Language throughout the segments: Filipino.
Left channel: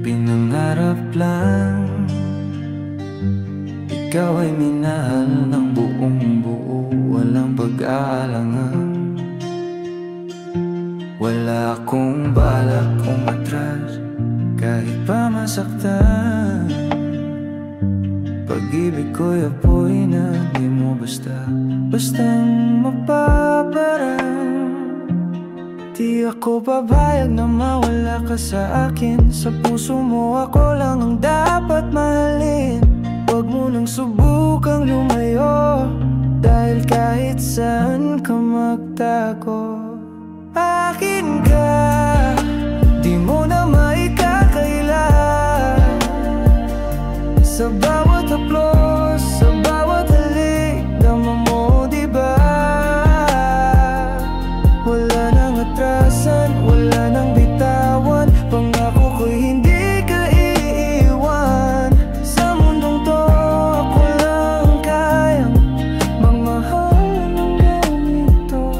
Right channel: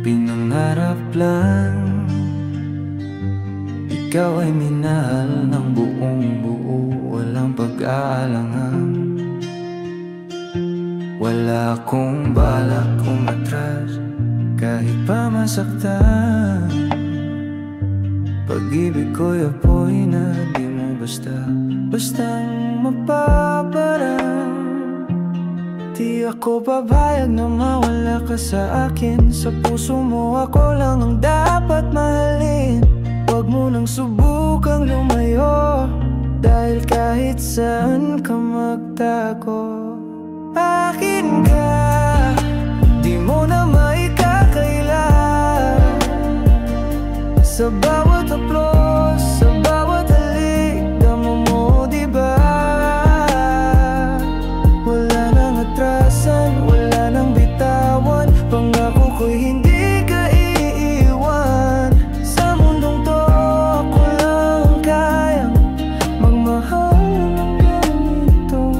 pinangarap lang. Ikaw ay minahal ng buong buo, walang pag-aalangan. Wala akong balak umatras, kahit pa masaktan. Pag-ibig ko'y apoy na di mo bastang mapaparang. Di ako papayag na mawala ka sa akin. Sa puso mo ako lang ang dapat mahalin. Huwag mo nang subukang lumayo, dahil kahit saan ka magtago, akin ka, di mo na maikakaila. Sa bawat haplos, sa bawat halik, dama mo diba? Wala nang atrasan, wala nang bitawan. Pangako ko'y hindi ka iiwan. Sa mundong to, ako lang kayang magmahal ng ganito.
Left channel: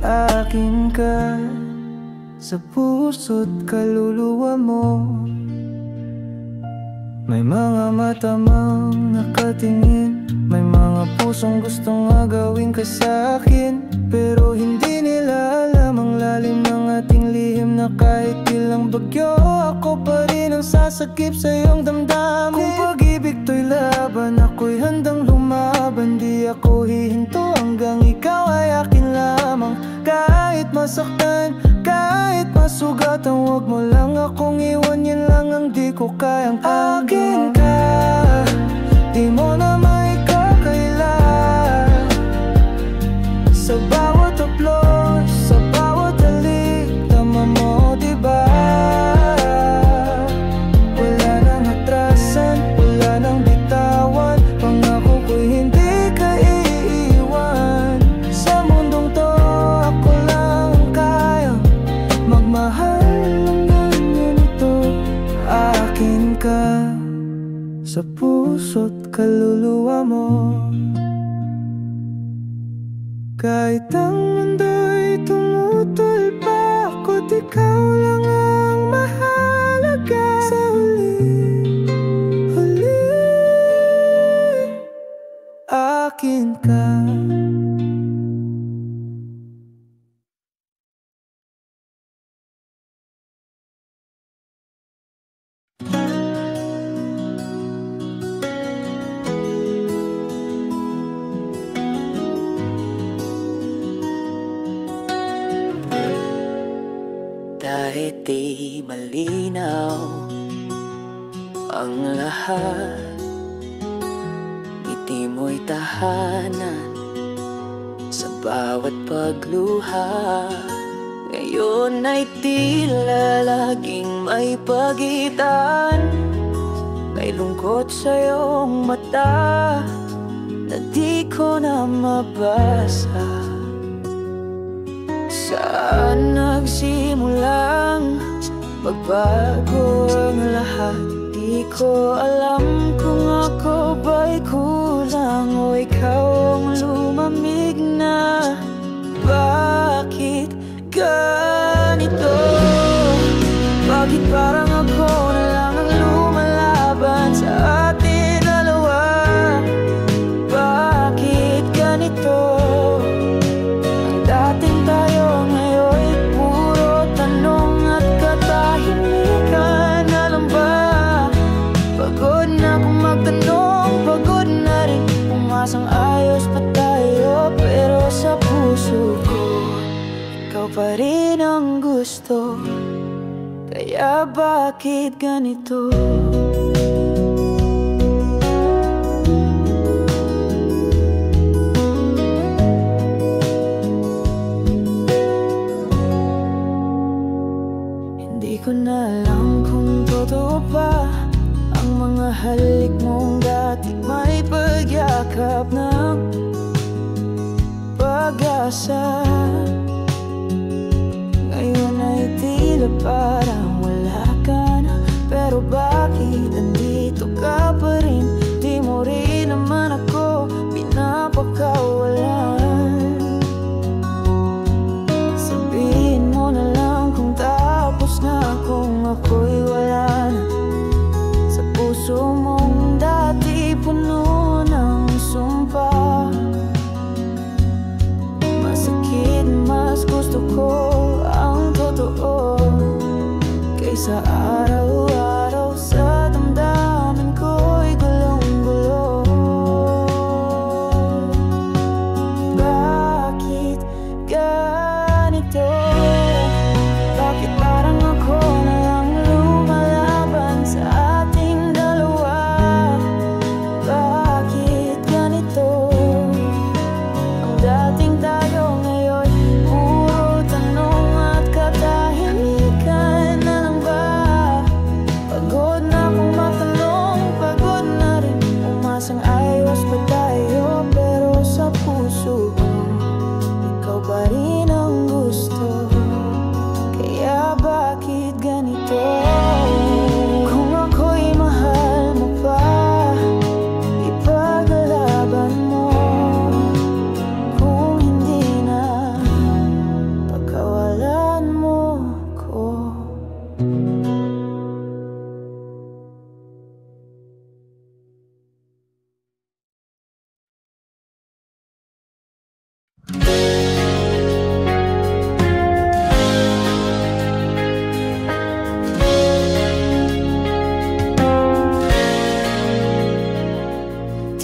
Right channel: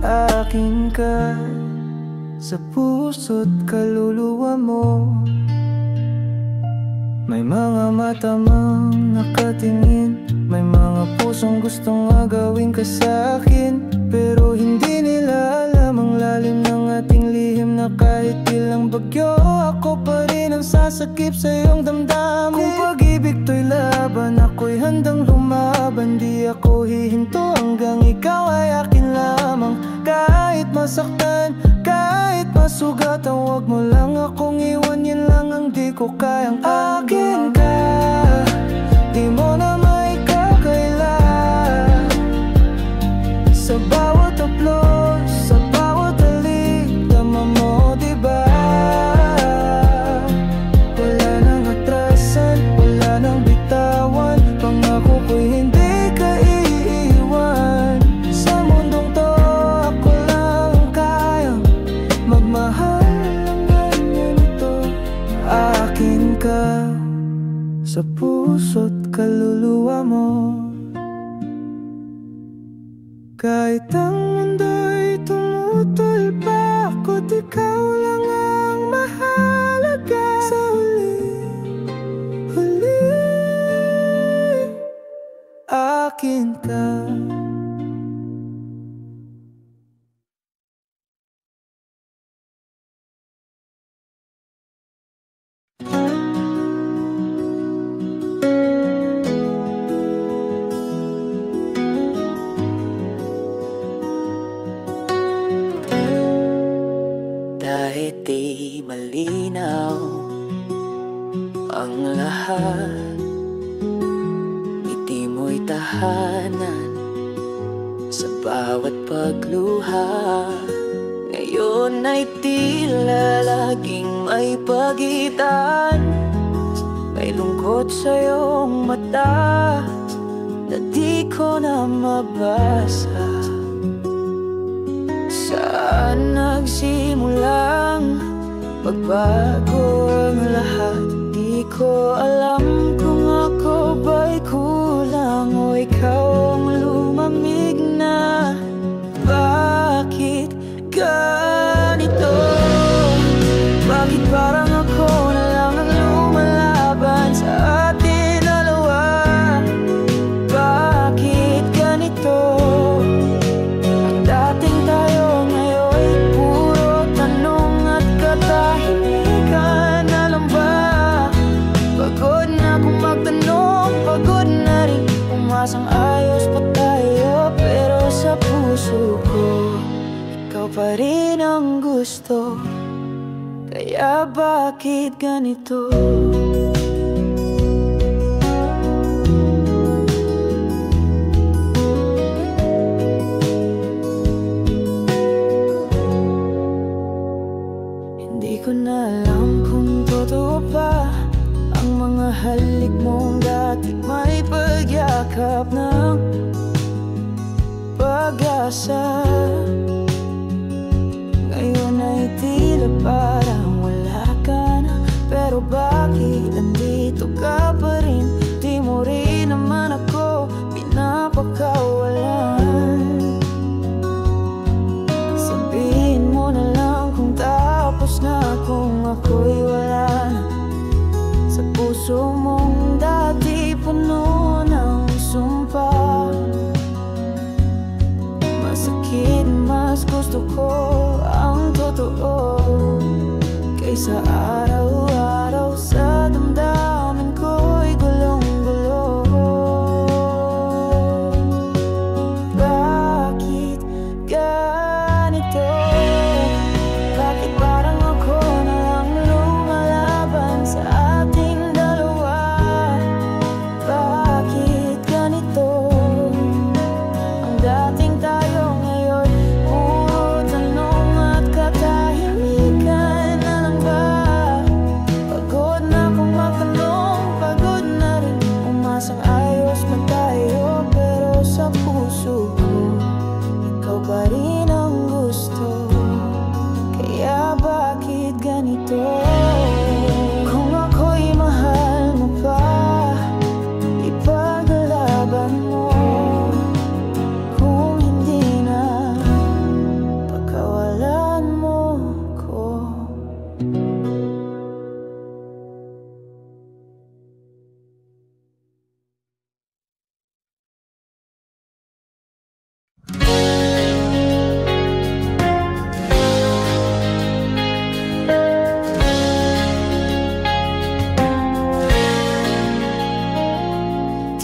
Akin ka, sa puso't kaluluwa mo. May mga mata mang nakatingin, may mga pusong gustong agawin ka sa'kin. Pero hindi nila alam ang lalim ng ating lihim, na kahit ilang bagyo, ako pa rin ang sasakip sa iyong damdamin. Kung pag-ibig to'y laban, ako'y handang lumaban. Di ako hihinto hanggang ikaw ay akin lamang. Kahit masaktan, kahit masugatan, huwag mo lang akong iwan. Yan lang ang di ko kayang akin ka, di mo na maikakaila. Sa bawat haplos, sa bawat halik, dama mo diba? Wala nang atrasan, wala nang bitawan. Pangako ko'y hindi ka iiwan. Sa mundong to, ako lang kayang magmahal ng ganito. Akin ka, sa puso't kaluluwa mo. Kahit ang mundo'y tumutol pa, ako't ikaw lang ang mahalaga. Sa huli, akin ka. Kahit di malinaw ang lahat, ngiti mo'y tahanan sa bawat pagluha. Ngayon ay tila laging may pagitan, may lungkot sa iyong mata na di ko na mabasa. Saan nagsimulang magbago ang lahat? Di ko alam kung ako ba'y kulang o ikaw ang lumamig na. Bakit ganito? Bakit parang ako na lang ang lumalaban sa atin dalawa? Bakit ganito? Dating tayo ngayon'y puro tanong at katahimikan. Alam ba, pagod na akong magtanong, pagod na rin umasang ayos pa tayo. Pero sa puso ko, ikaw pa rin ang gusto. Kaya bakit ganito? Di ko na alam kung totoo pa ang mga halik mong dati may pagyakap ng pag-asa. Ngayon ay tila parang wala ka na. Pero bakit andito ka pa rin? Di mo rin naman ako pinapakawalan. Sabihin mo na lang kung tapos na akong ako'y wala na. Sa puso mong dati puno ng sumpa. Masakit, mas gusto ko ang totoo kaysa araw-araw sa damdamin ko'y gulong-gulo. Bakit ganito? Bakit parang ako na lang lumalaban sa ating dalawa? Bakit ganito? Ang dating tayo ngayon puro tanong at katahimikan na lang ba? Pagod na akong magtanong, pagod na rin umasang ayos pa tayo. Pero sa puso ko, ikaw pa rin ang gusto. Kaya bakit ganito? Kung ako'y mahal mo pa, ipaglalaban mo. Kung hindi na, pagkawalan mo ko.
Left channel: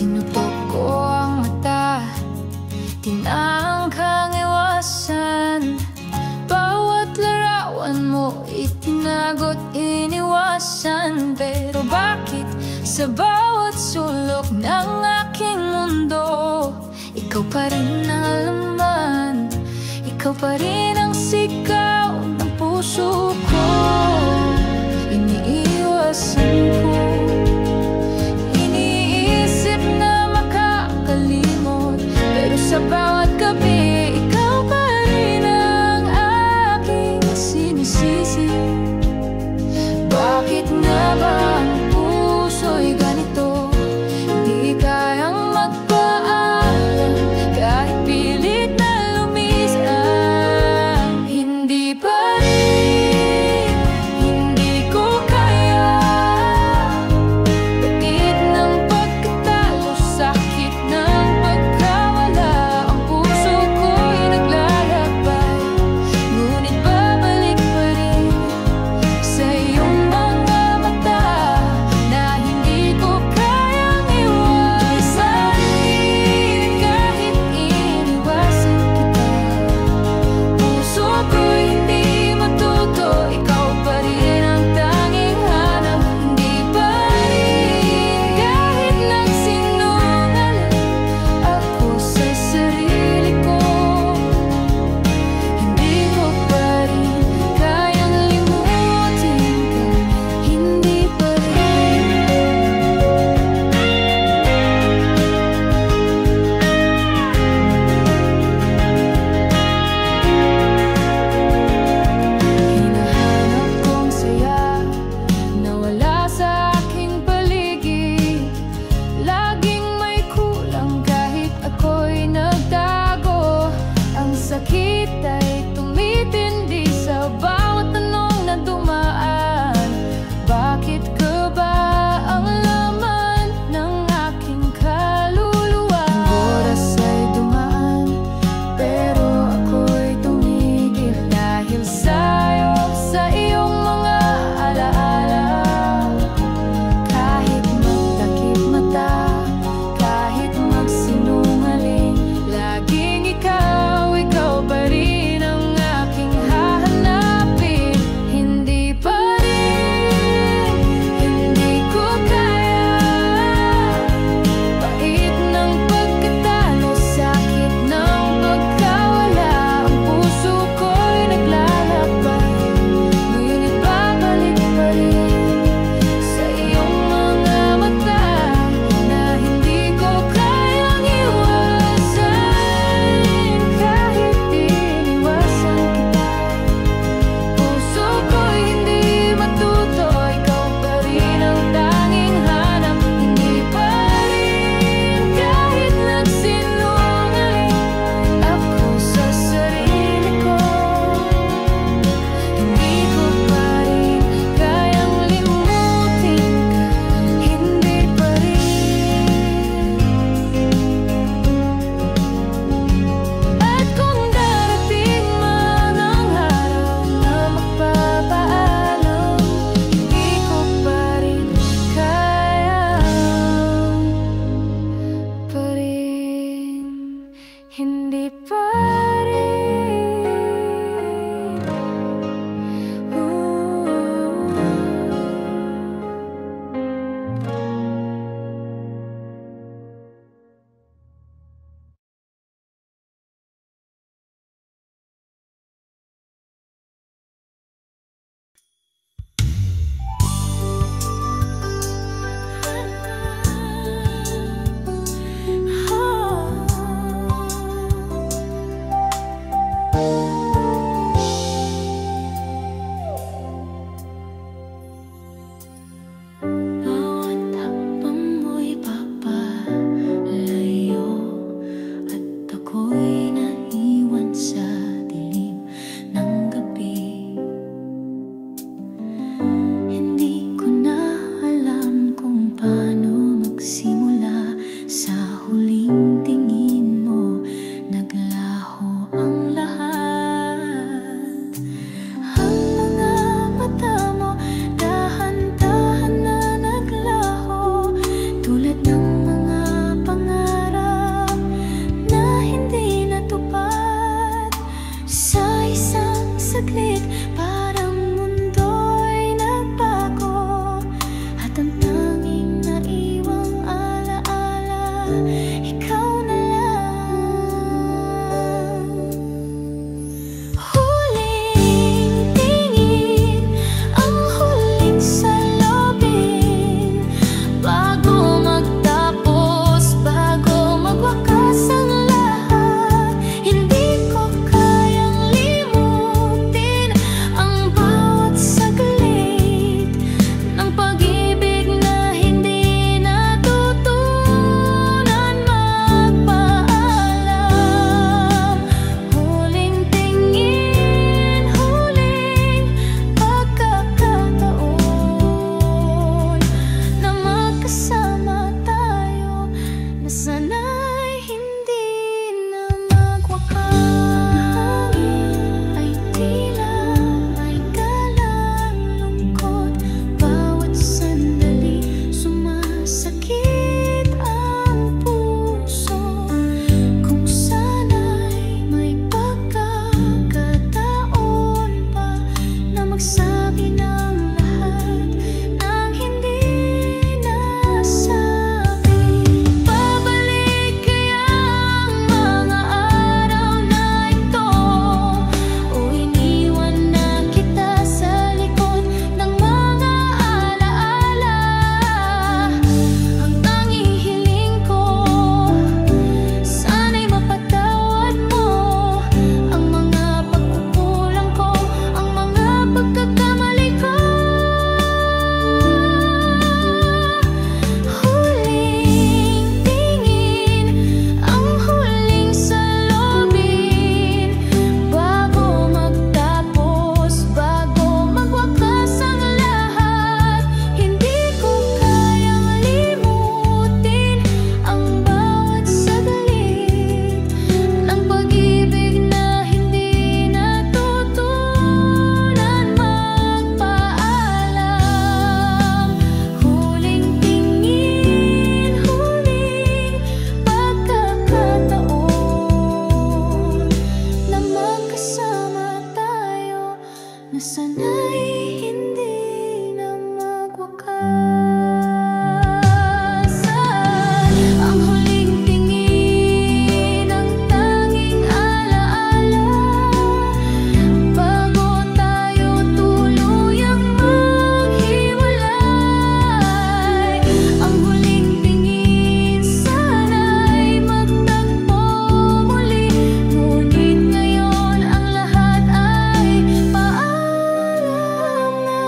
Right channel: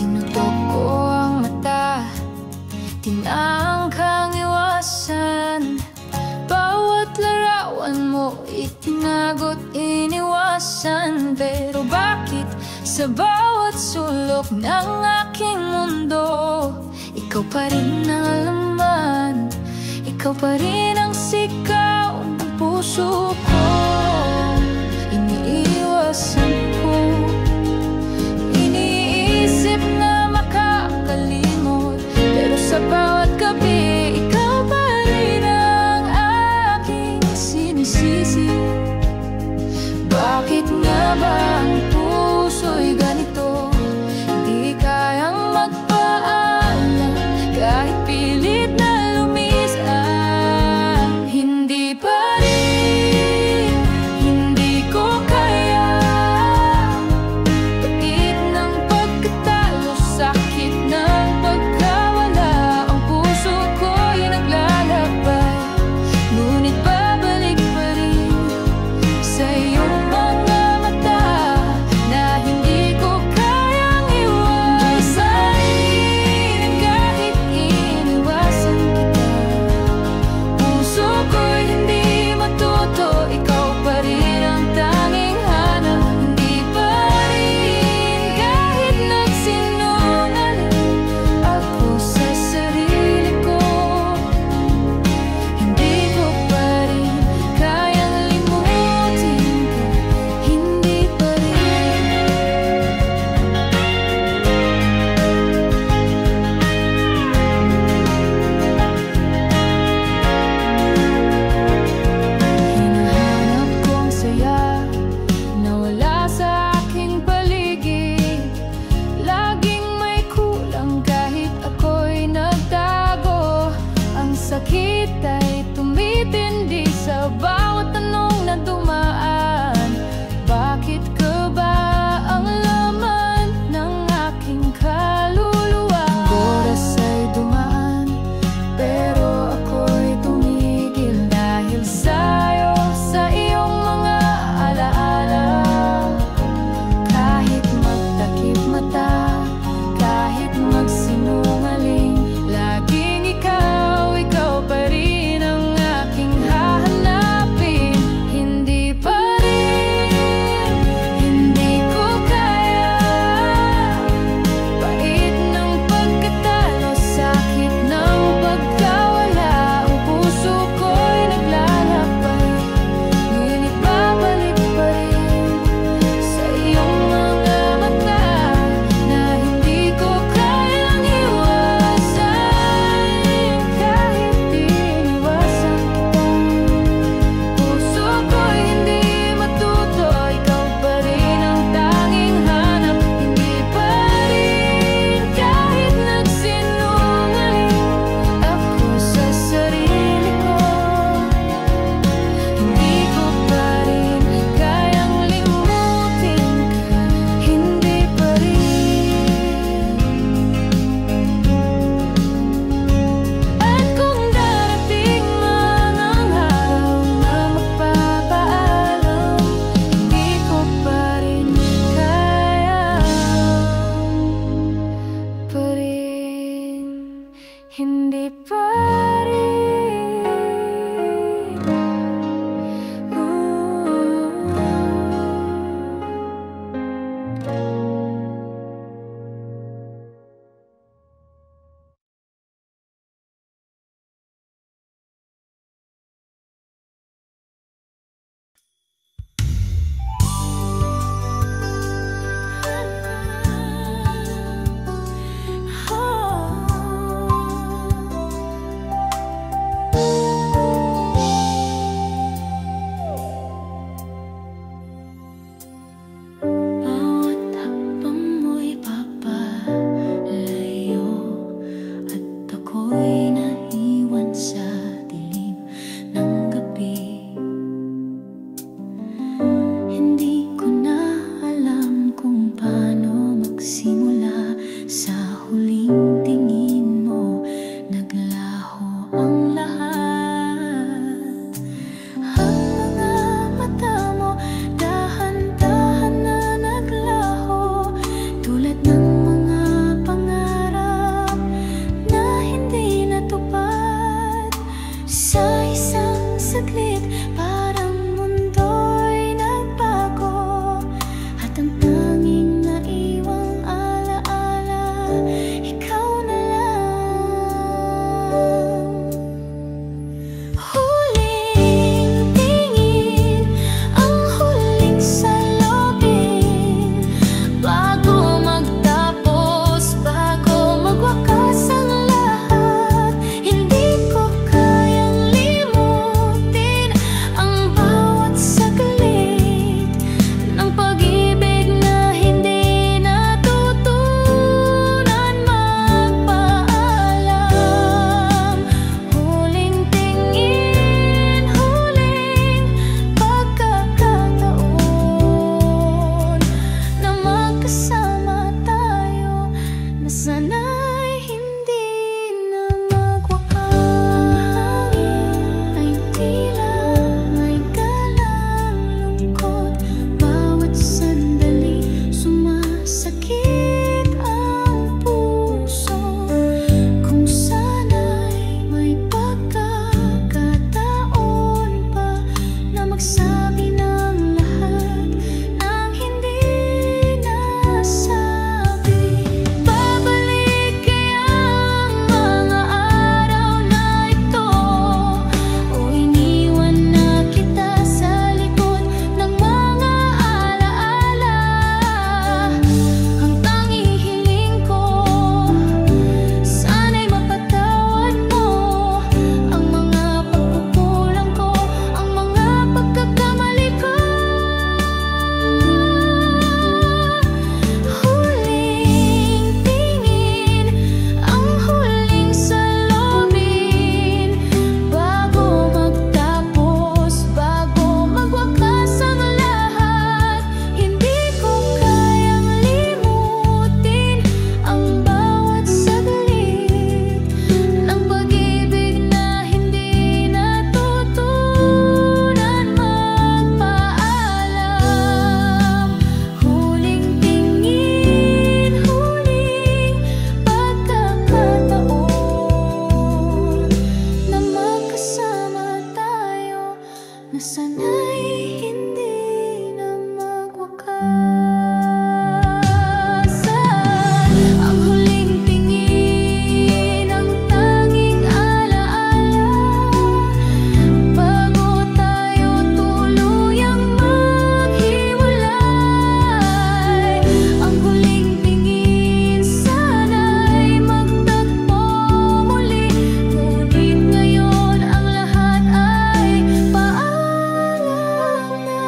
Tinutok ko ang mata, tinangkang iwasan. Bawat larawan mo itinagot, iniwasan. Pero bakit sa bawat sulok ng aking mundo, ikaw pa rin ang laman, ikaw pa rin ang sigaw ng puso ko. Iniiwasan ko, iniisip na makakalimot, pero sa bawat gabi, ikaw pa rin ang aking sinisisi. Bakit nga ba ang puso'y ganito? Hindi kayang magpaalam kahit pilit na lumisan. Hindi pa rin, hindi ko kaya. Pagit ng pagkatalo, sakit ng pagkawala, ang puso ko'y naglalakbay, ngunit babalik pa rin sa iyong mga mata na hindi ko kayang iwasan. Kahit iniwasan kita, puso ko'y hindi matuto. Ikaw pa rin ang tanging hanap. Hindi pa rin, kahit nagsinungaling ako sa sarili ko, hindi ko pa rin kayang limutin ka. Hindi pa rin. Hinahanap kong saya na wala sa aking paligid. Laging may kulang kahit ako'y nagtago. Ang sakit ay tumitindi sa bawat tanong na dumaan. Bakit ka ba ang laman ng aking kaluluwa? Ang oras ay dumaan, pero ako'y tumigil dahil sa'yo, sa iyong mga alaala. Kahit magtakip mata, kahit magsinungaling, laging ikaw, ikaw pa rin ang aking hahanapin. Hindi ko na alam kung paano magsimula. Sa huling tingin mo, naglaho ang lahat. Ang mga mata mo, dahan-dahan na naglaho, tulad ng mga pangarap na hindi natupad. Sa isang saglit, parang mundo'y nagbago, at ang tanging naiwang alaala, ikaw na lang. Huling tingin, ang huling salubin, bago magtapos, bago magwakas ang lahat. Hindi ko kayang limutin ang bawat saglit ng pag-ibig na hindi natutunan magpaalam. Huling tingin, huling pagkakataon na magkasama tayo, na sana'y hindi na magwakas. Ang hangin ay tila may galang lungkot, bawat sandali sumasakit ang puso. Kung sana'y may pagkakataon pa na magsabi ng lahat ng hindi nasabi. Babalik kaya ang mga araw na ito, o iniwan na kita sa likod ng mga alaala? Ang tanging hiling ko, sana'y mapatawad mo ang mga pagkukulang ko, ang mga pagkakamali ko. Huling tingin, ang huling salubin, bago magtapos, bago magwakas ang lahat. Hindi ko kayang limutin ang bawat saglit ng pag-ibig na hindi natutunan magpaalam. Huling tingin, huling pagkakataon na magkasama tayo, na sana'y hindi na magwakasan. Ang huling tingin, ang tanging alaala, bago tayo tuluyang maghiwalay. Ang huling tingin, sana'y magtagpo muli, ngunit ngayon ang lahat ay paalam na.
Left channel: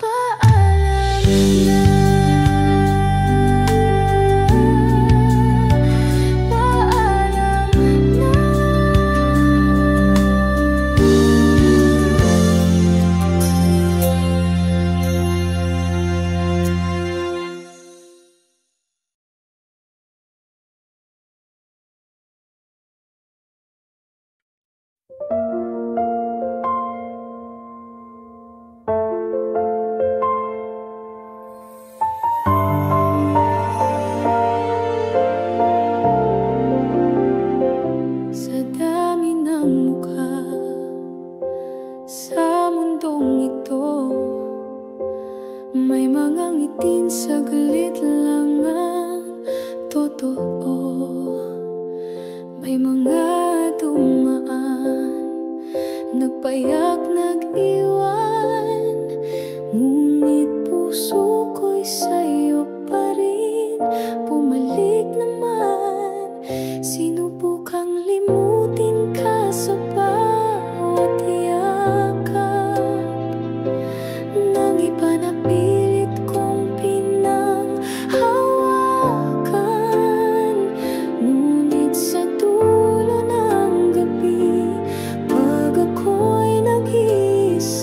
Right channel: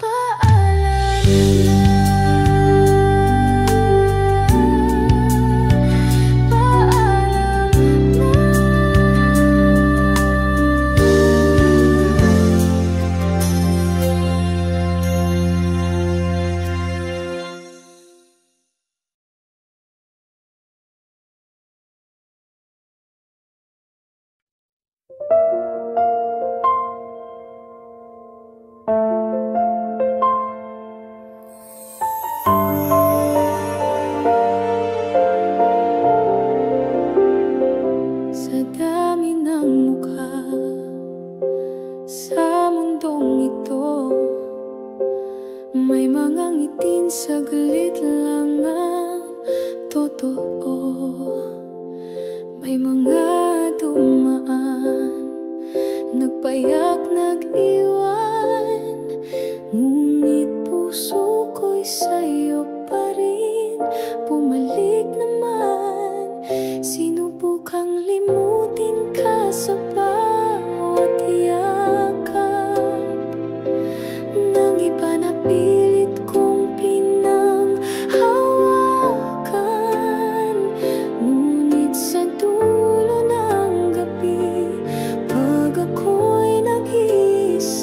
Paalam na. Paalam na. Sa dami ng mukha sa mundong ito, may mga ngiting saglit lang ang totoo. May mga dumaan, nagpayak, nag-iwan, ngunit puso ko'y sa'yo pa rin bumalik naman. Sinubukang limutin ka sa bawat yakap ng iba, na pilit kong pinanghawakan. Ngunit sa dulo ng gabi, pag ako'y nag-iisa,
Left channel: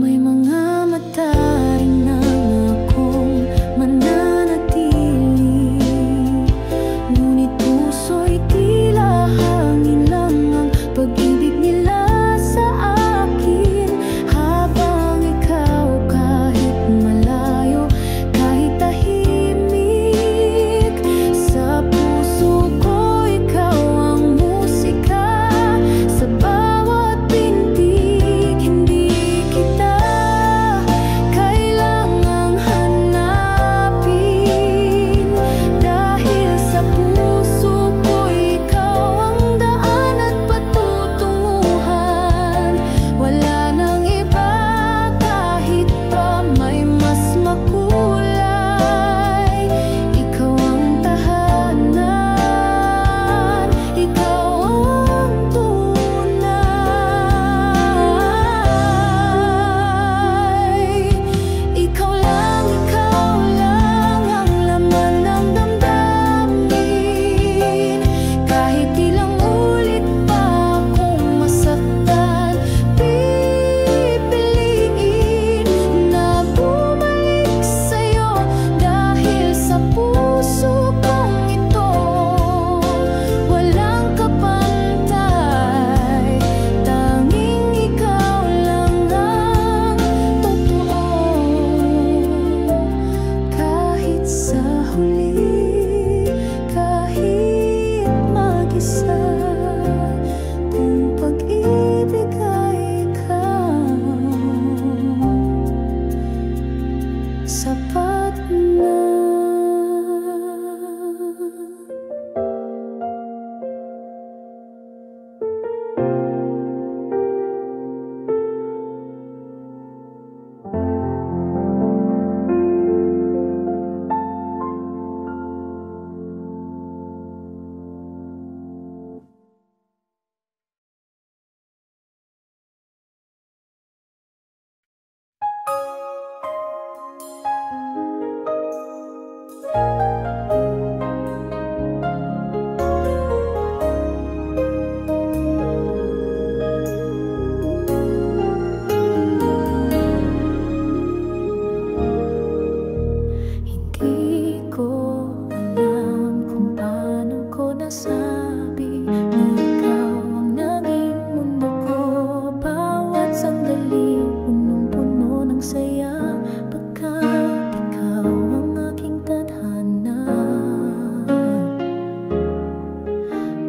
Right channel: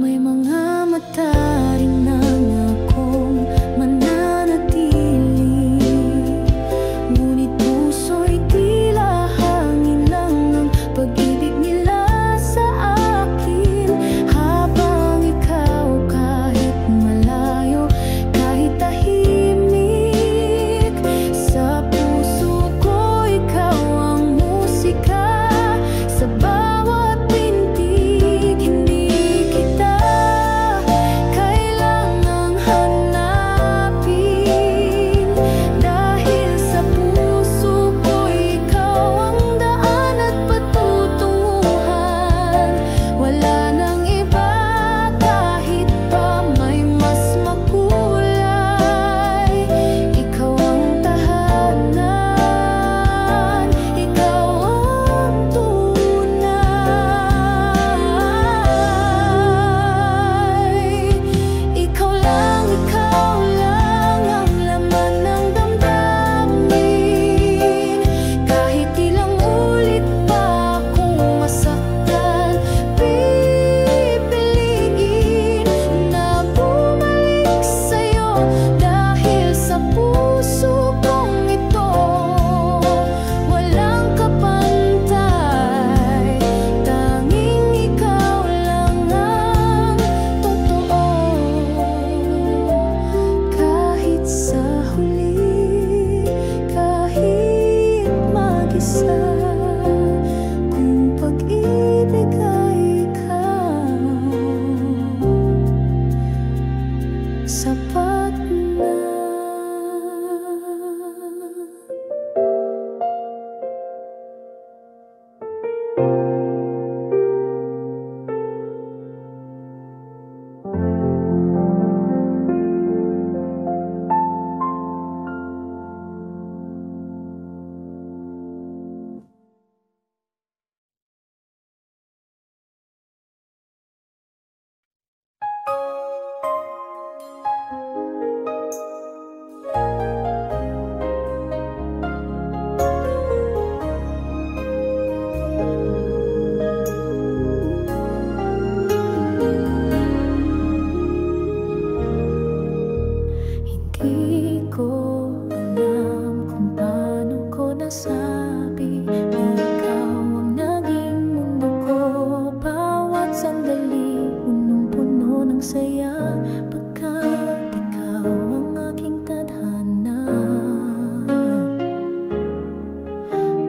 May mga mataring nang akong mananatili, ngunit puso'y tila hangin lang ang pag-ibig nila sa akin. Habang ikaw kahit malayo, kahit tahimik, sa puso ko ikaw ang musika. Sa bawat pintig, hindi kita kailangang hanapin, dahil sa puso ko ikaw ang daan at patutunguhan. Wala nang iba kahit pa may mas makulay. Ikaw ang tahanan, ikaw ang tunay. Ikaw lang ang laman ng damdamin. Kahit ilang ulit pa akong masaktan, pipiliin na bumalik sa'yo, dahil sa puso kong ito walang kapantay. Tanging ikaw lang ang totoo. Kahit sa huli, kahit mag-isa, kung pag-ibig ay ikaw, sapat na. Hindi ko alam kung paano ko nasabi na ikaw ang naging mundo ko. Bawat sandali punong-puno ng saya, pagkat ikaw ang aking tadhana.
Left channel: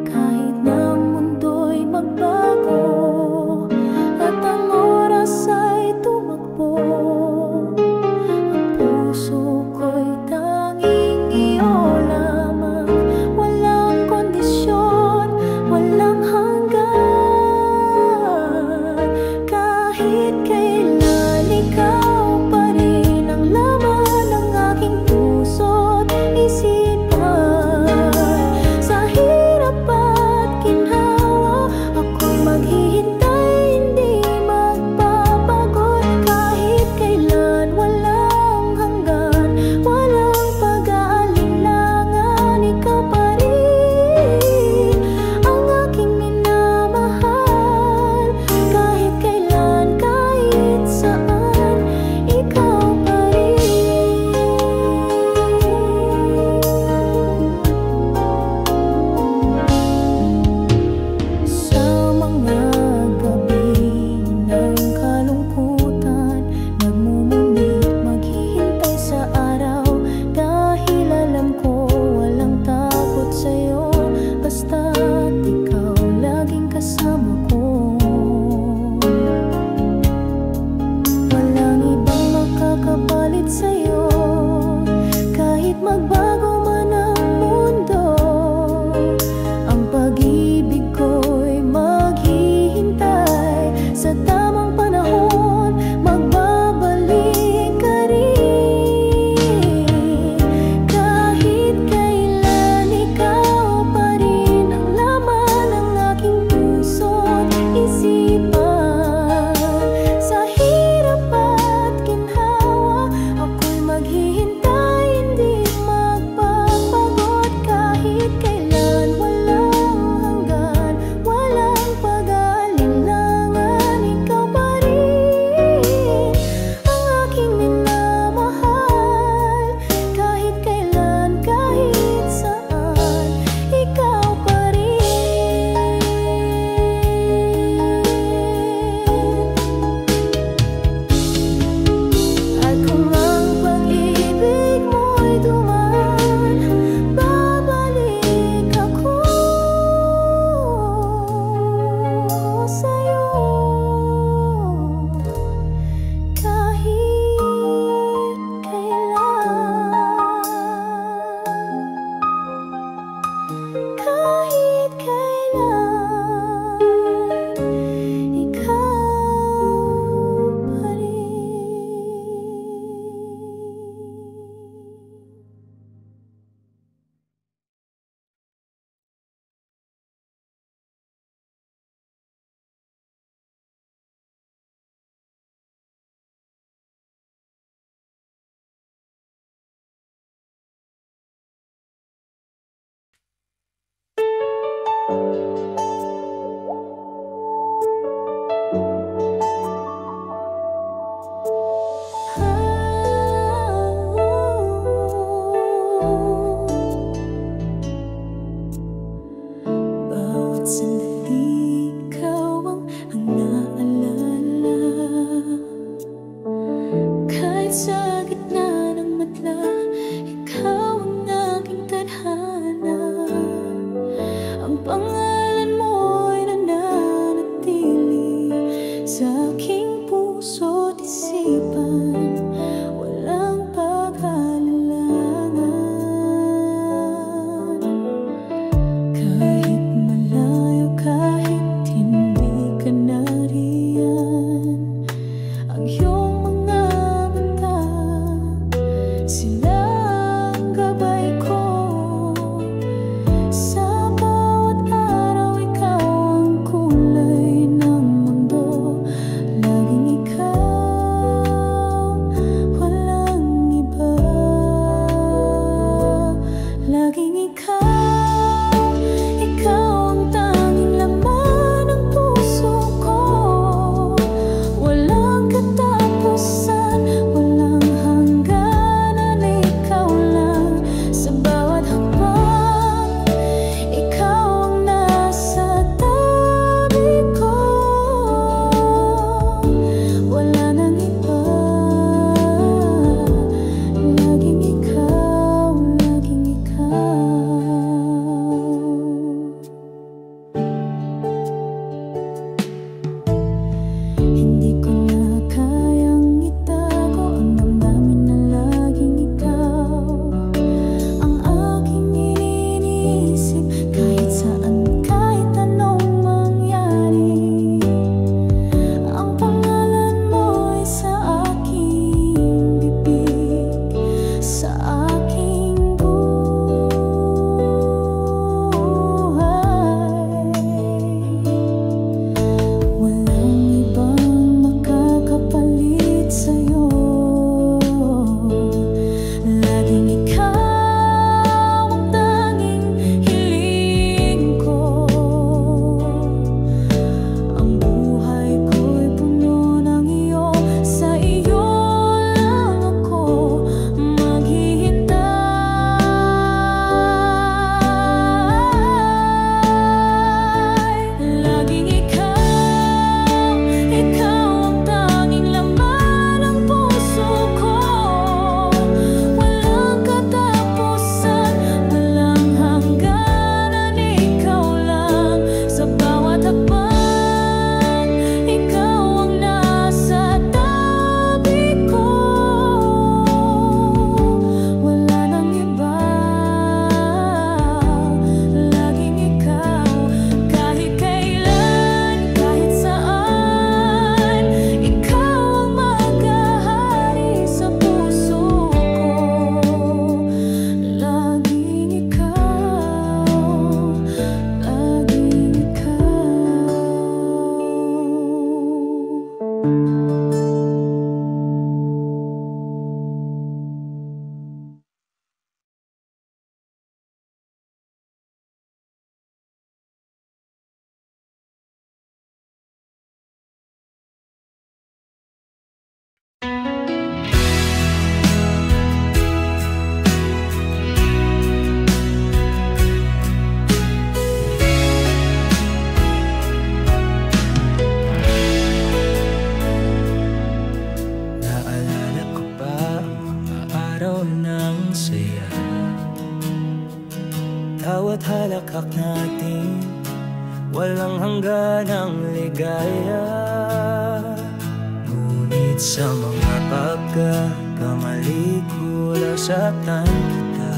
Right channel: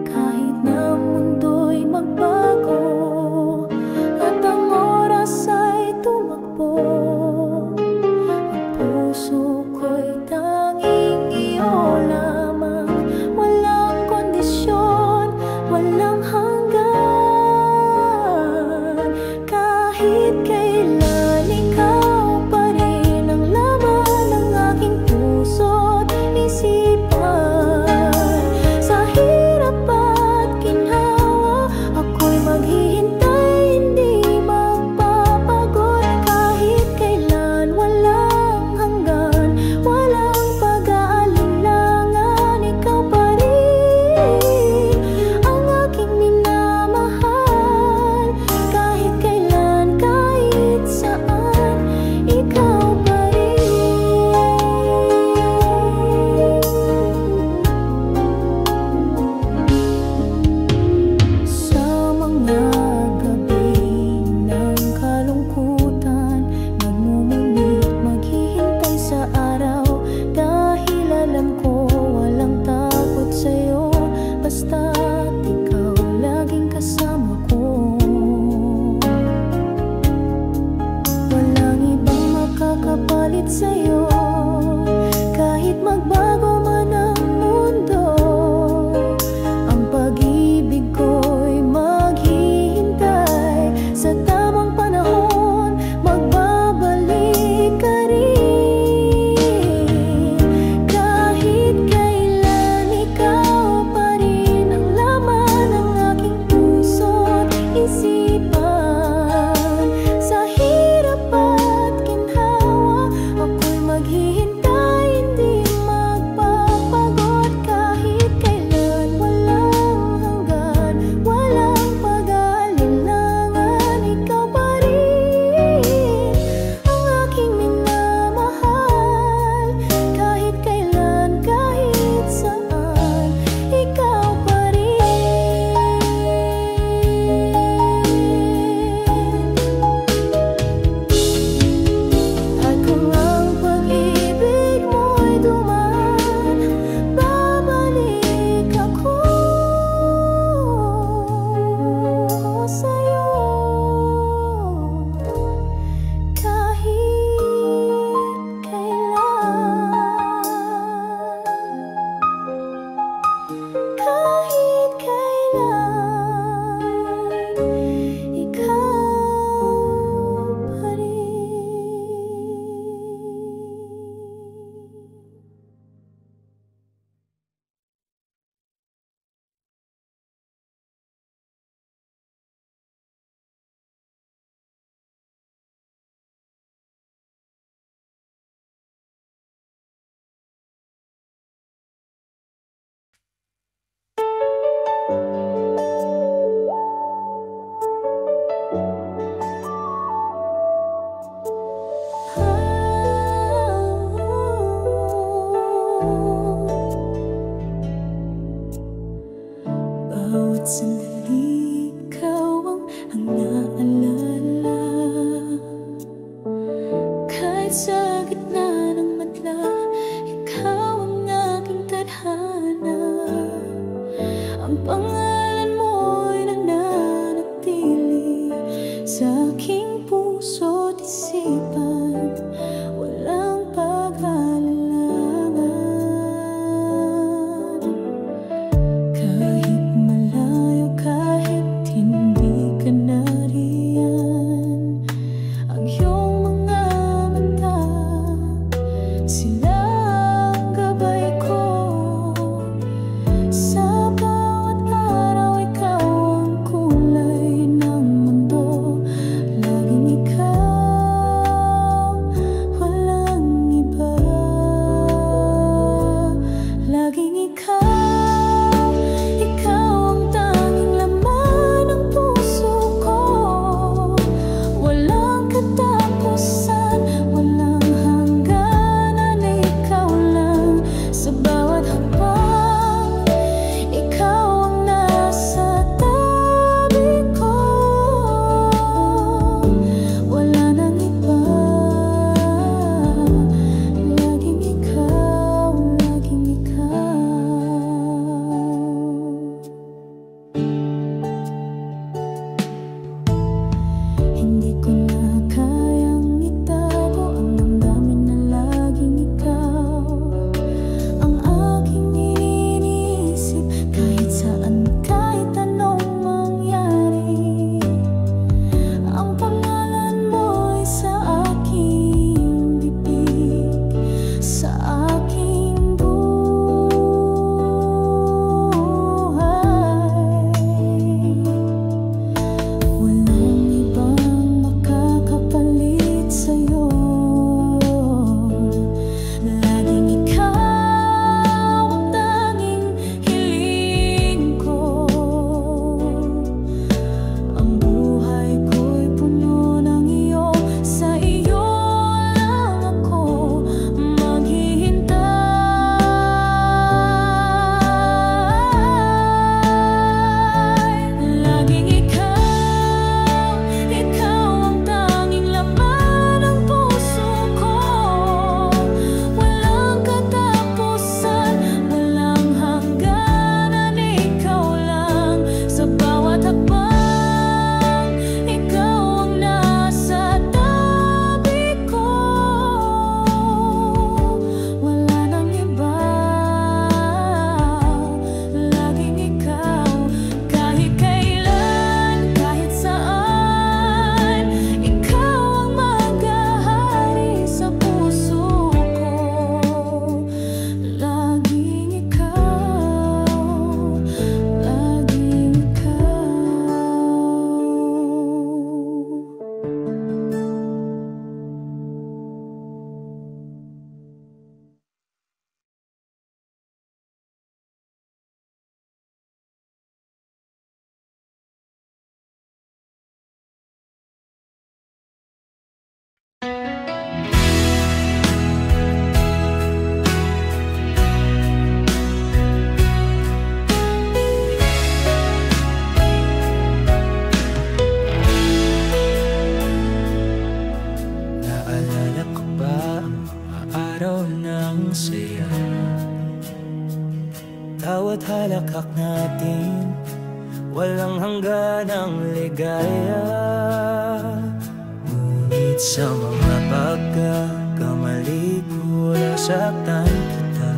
Kahit na ang mundo'y magbago at ang oras ay tumakbo, ang puso ko'y tanging iyo lamang. Walang kondisyon, walang hanggan. Kahit kailan ikaw pa rin ang laman ng aking puso't isip. Kahit sa gitna ng madla, ikaw ang aking tadhana. Ang pangalan mo'y nananatili sa aking puso't isipan, walang pag-aalilangan. Kahit malayo, kahit hindi ka nariyan, ang iyong mga mata, silang gabay ko. Sa bawat araw, ikaw ang kulay ng mundo. Laging ikaw, walang iba. Laging ikaw, ikaw ang tanging laman ng puso ko. Walang katapusan, walang hangganan, ikaw lang. Sa bawat hakbang, ikaw ang nasa tabi ko. Wala nang iba. Laging ikaw, laging ikaw. Hindi ko na kayang itago ang damdamin na laging ikaw ang aking iniisip. Kahit saan, kahit anong mangyari, ang pangalan mo'y sa aking bibig, sa aking buhay. Walang ibang makakapalit sa'yo. Laging ikaw ang tanging hiling ko. Ang buhay ko'y puno ng iyo, sa iyo lang ako maghihintay. Laging ikaw, ikaw ang tanging laman ng puso ko. Walang katapusan, walang hangganan, ikaw lang. Sa bawat hakbang, ikaw ang nasa tabi ko. Wala nang iba. Laging ikaw, kahit kailan, kahit saan, ikaw ang maghahari sa puso ko. Laging ikaw, laging ikaw. Naalala ko pa ang mga araw ng saya, bawat halakhak natin, walang hangganang ligaya. Ngunit sa mga pagkakamali ko, nasaktan kita.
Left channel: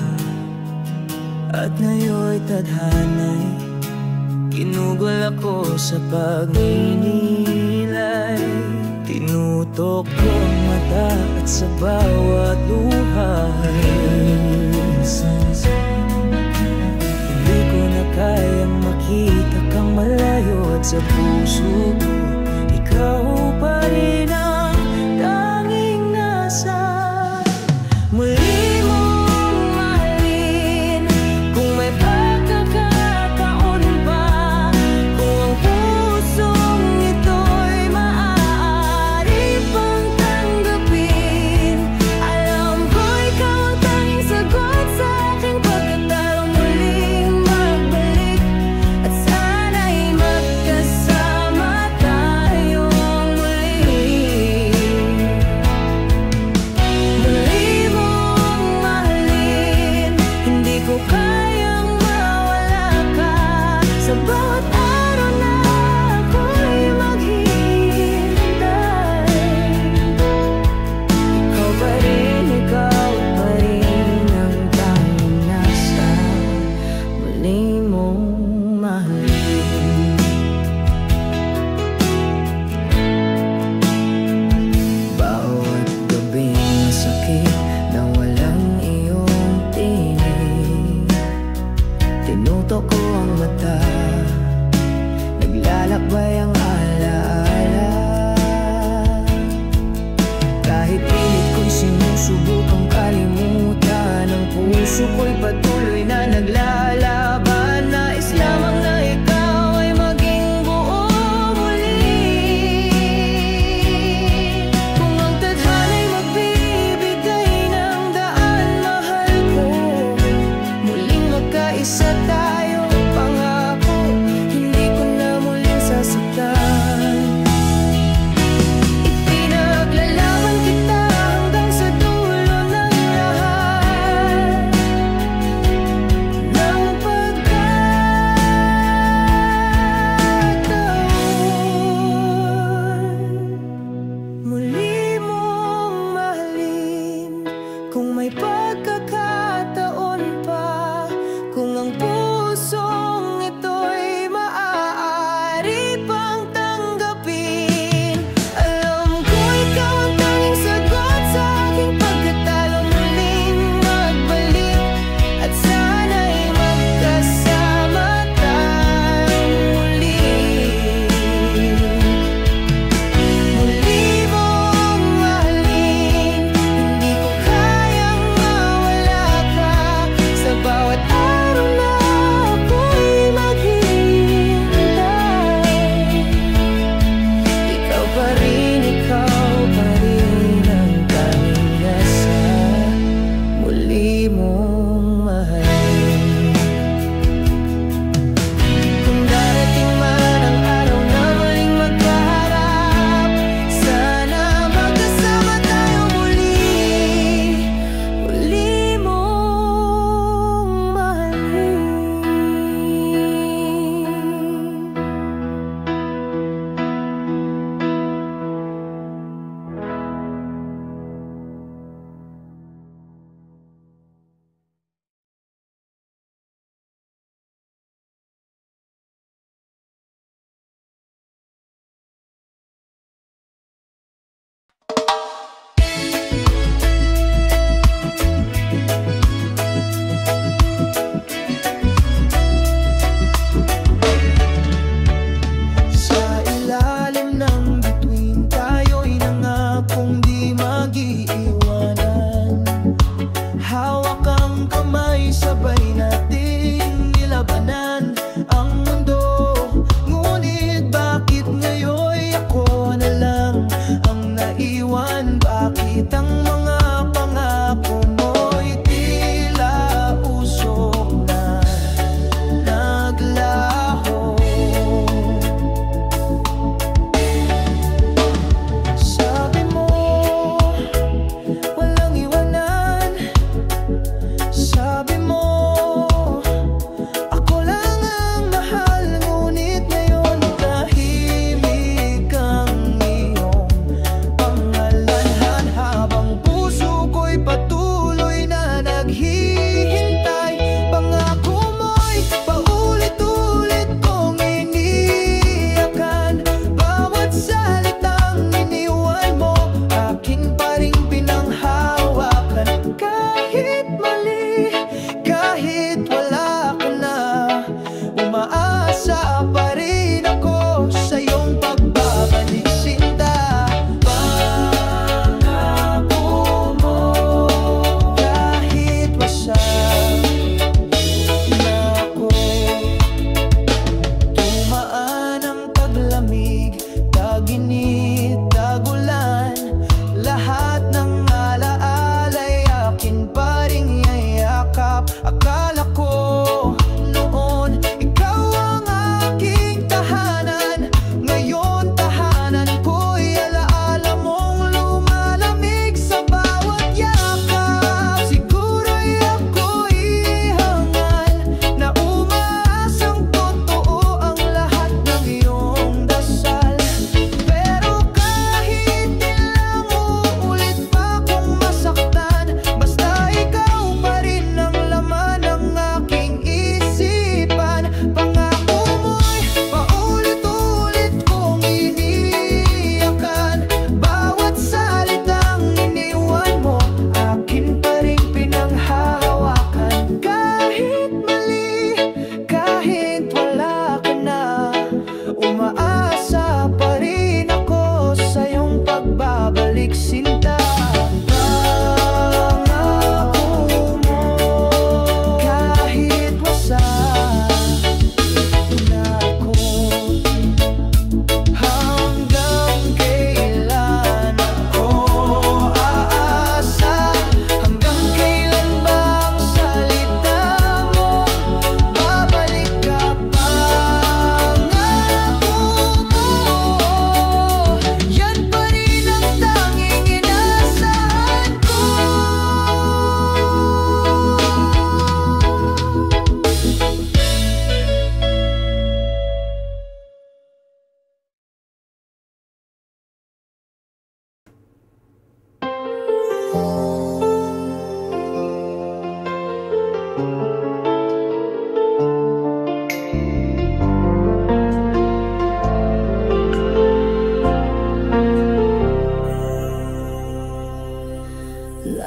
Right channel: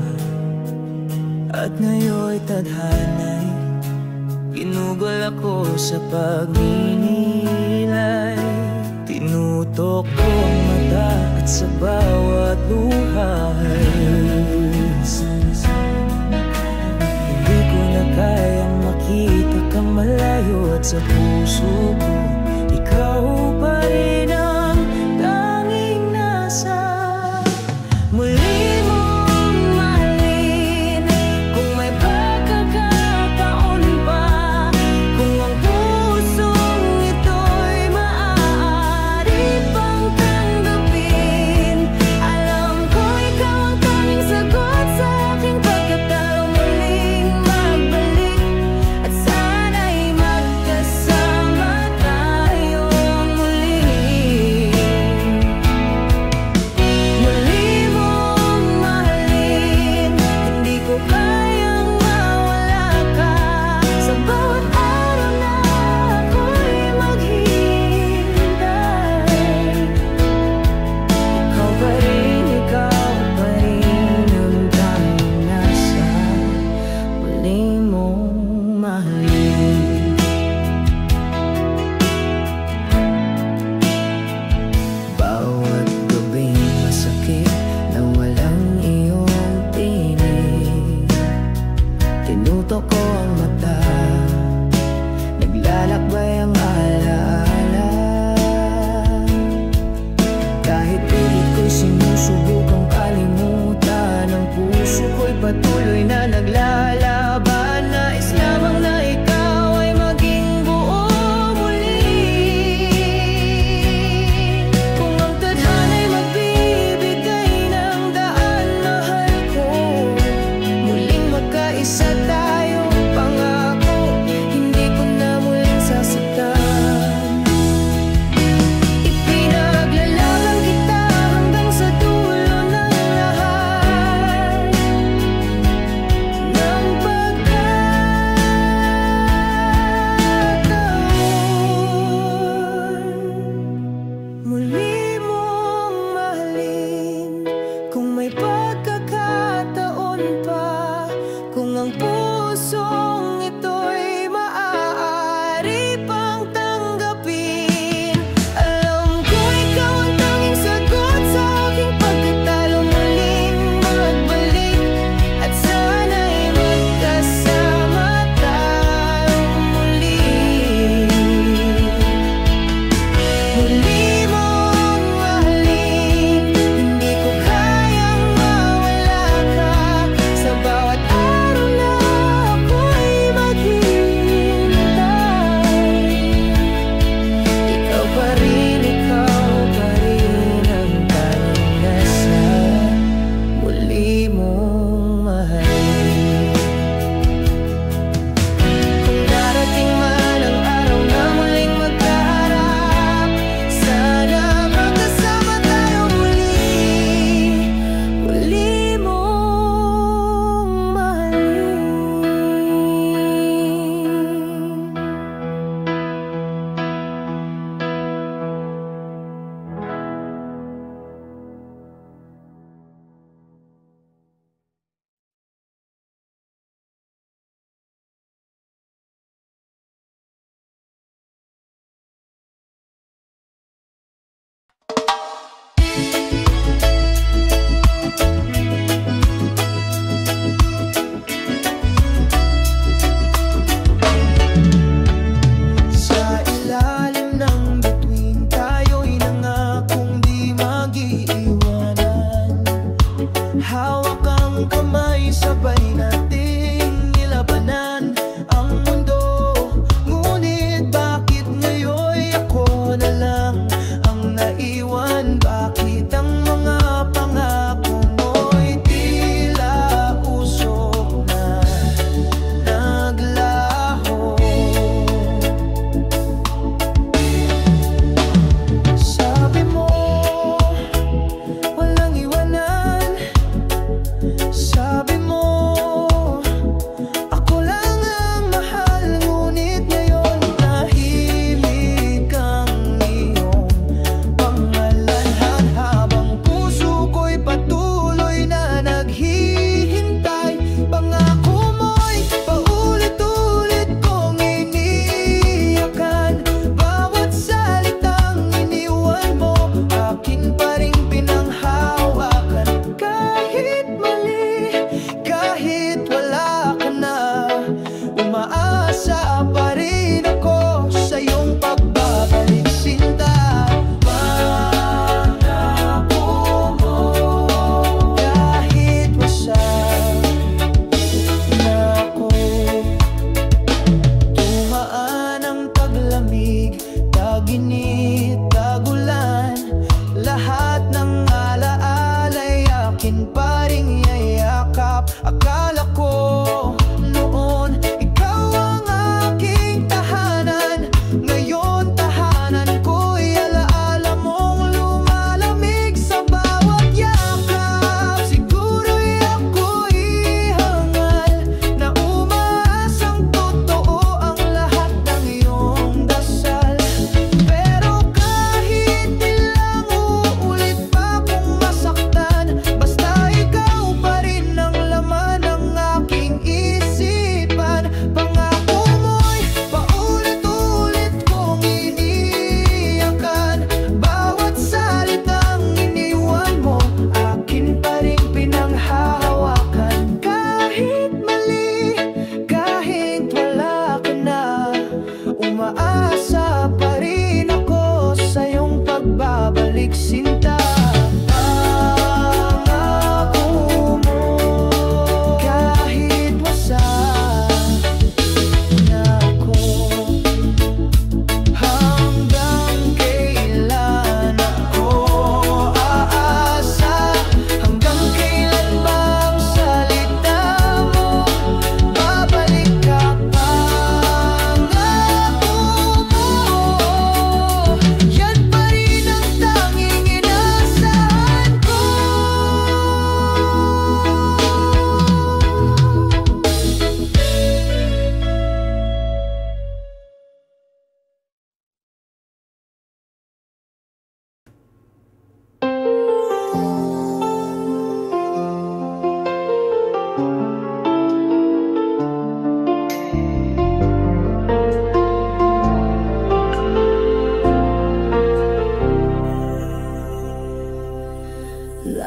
At ngayon'y tadhana'y ginugol ako sa pagninilay. Tinutok ko ang mata at sa bawat luhay, hindi ko na kayang makita kang malayo. At sa puso ko, ikaw pa rin ang tanging nasa. Muli mong mahalin kung may pagkakataon pa, kung ang pusong ito'y maaari pang tanggapin. Alam ko ikaw ang tanging sagot sa aking pagkatalo. Muling magbalik at sana'y magkasama tayong muli. sakit na walang iyong tinig. Tinutok ko ang mata, naglalakbay ang alaala. Kahit pilit ko'y sinusubukang kalimutan, ang puso ko'y patuloy na naglalaban. Nais lamang na ikaw ay maging buo muli. Kung ang tadhana'y magbibigay ng daan, mahal ko, muling magkaisa tayo. Pangako, hindi ko na muling sasaktan. Ipinaglalaban kita hanggang sa dulo ng lahat ng pagkakataon. Muli mong mahalin kung may pagkakataon pa, kung ang pusong ito'y maaari pang tanggapin. Alam ko ikaw ang tanging sagot sa aking pagkatalo. Muling magbalik at sana'y magkasama tayong muli. Muli mong mahalin, hindi ko kayang mawala ka. Sa bawat araw na ako'y maghihintay, ikaw pa rin ang tanging nasa muli mong mahalin. Kung darating man ang araw na muling magkaharap, sana magkasama tayo muli. Muli mong mahalin. Sa ilalim ng bituin, tayo'y nangakong di mag-iiwanan. Hawak ang kamay, sabay nating nilabanan ang mundo. Ngunit bakit ngayon'y ako na lang ang naiwan? Bakit ang mga pangako mo'y tila usok na naglaho? Sabi mo, walang iwanan. Sabi mo, ako lang ang mahal. Ngunit ngayon tahimik ang iyong pangalan. Habang puso ko'y patuloy na naghihintay, pangako mo'y paulit-ulit kong iniyakan. Bawat salitang iniwan mo, akin pa ring pinanghawakan. Kahit mali, kahit wala ka na, umaasa pa rin ako sa iyong pagbabalik, sinta. Pangako mo, kahit wasak na ako. Tumaan ang taglamig, taginit, tagulan, lahat ng alaala'y akin pa ring yayakap. Akala ko noon ikaw ang aking tahanan, ngayon tahanan ko'y alaala mong lumalamig sa bawat yakap. Siguro'y ako'y hangal na umaasang totoo ang lahat ng iyong dasal. Pero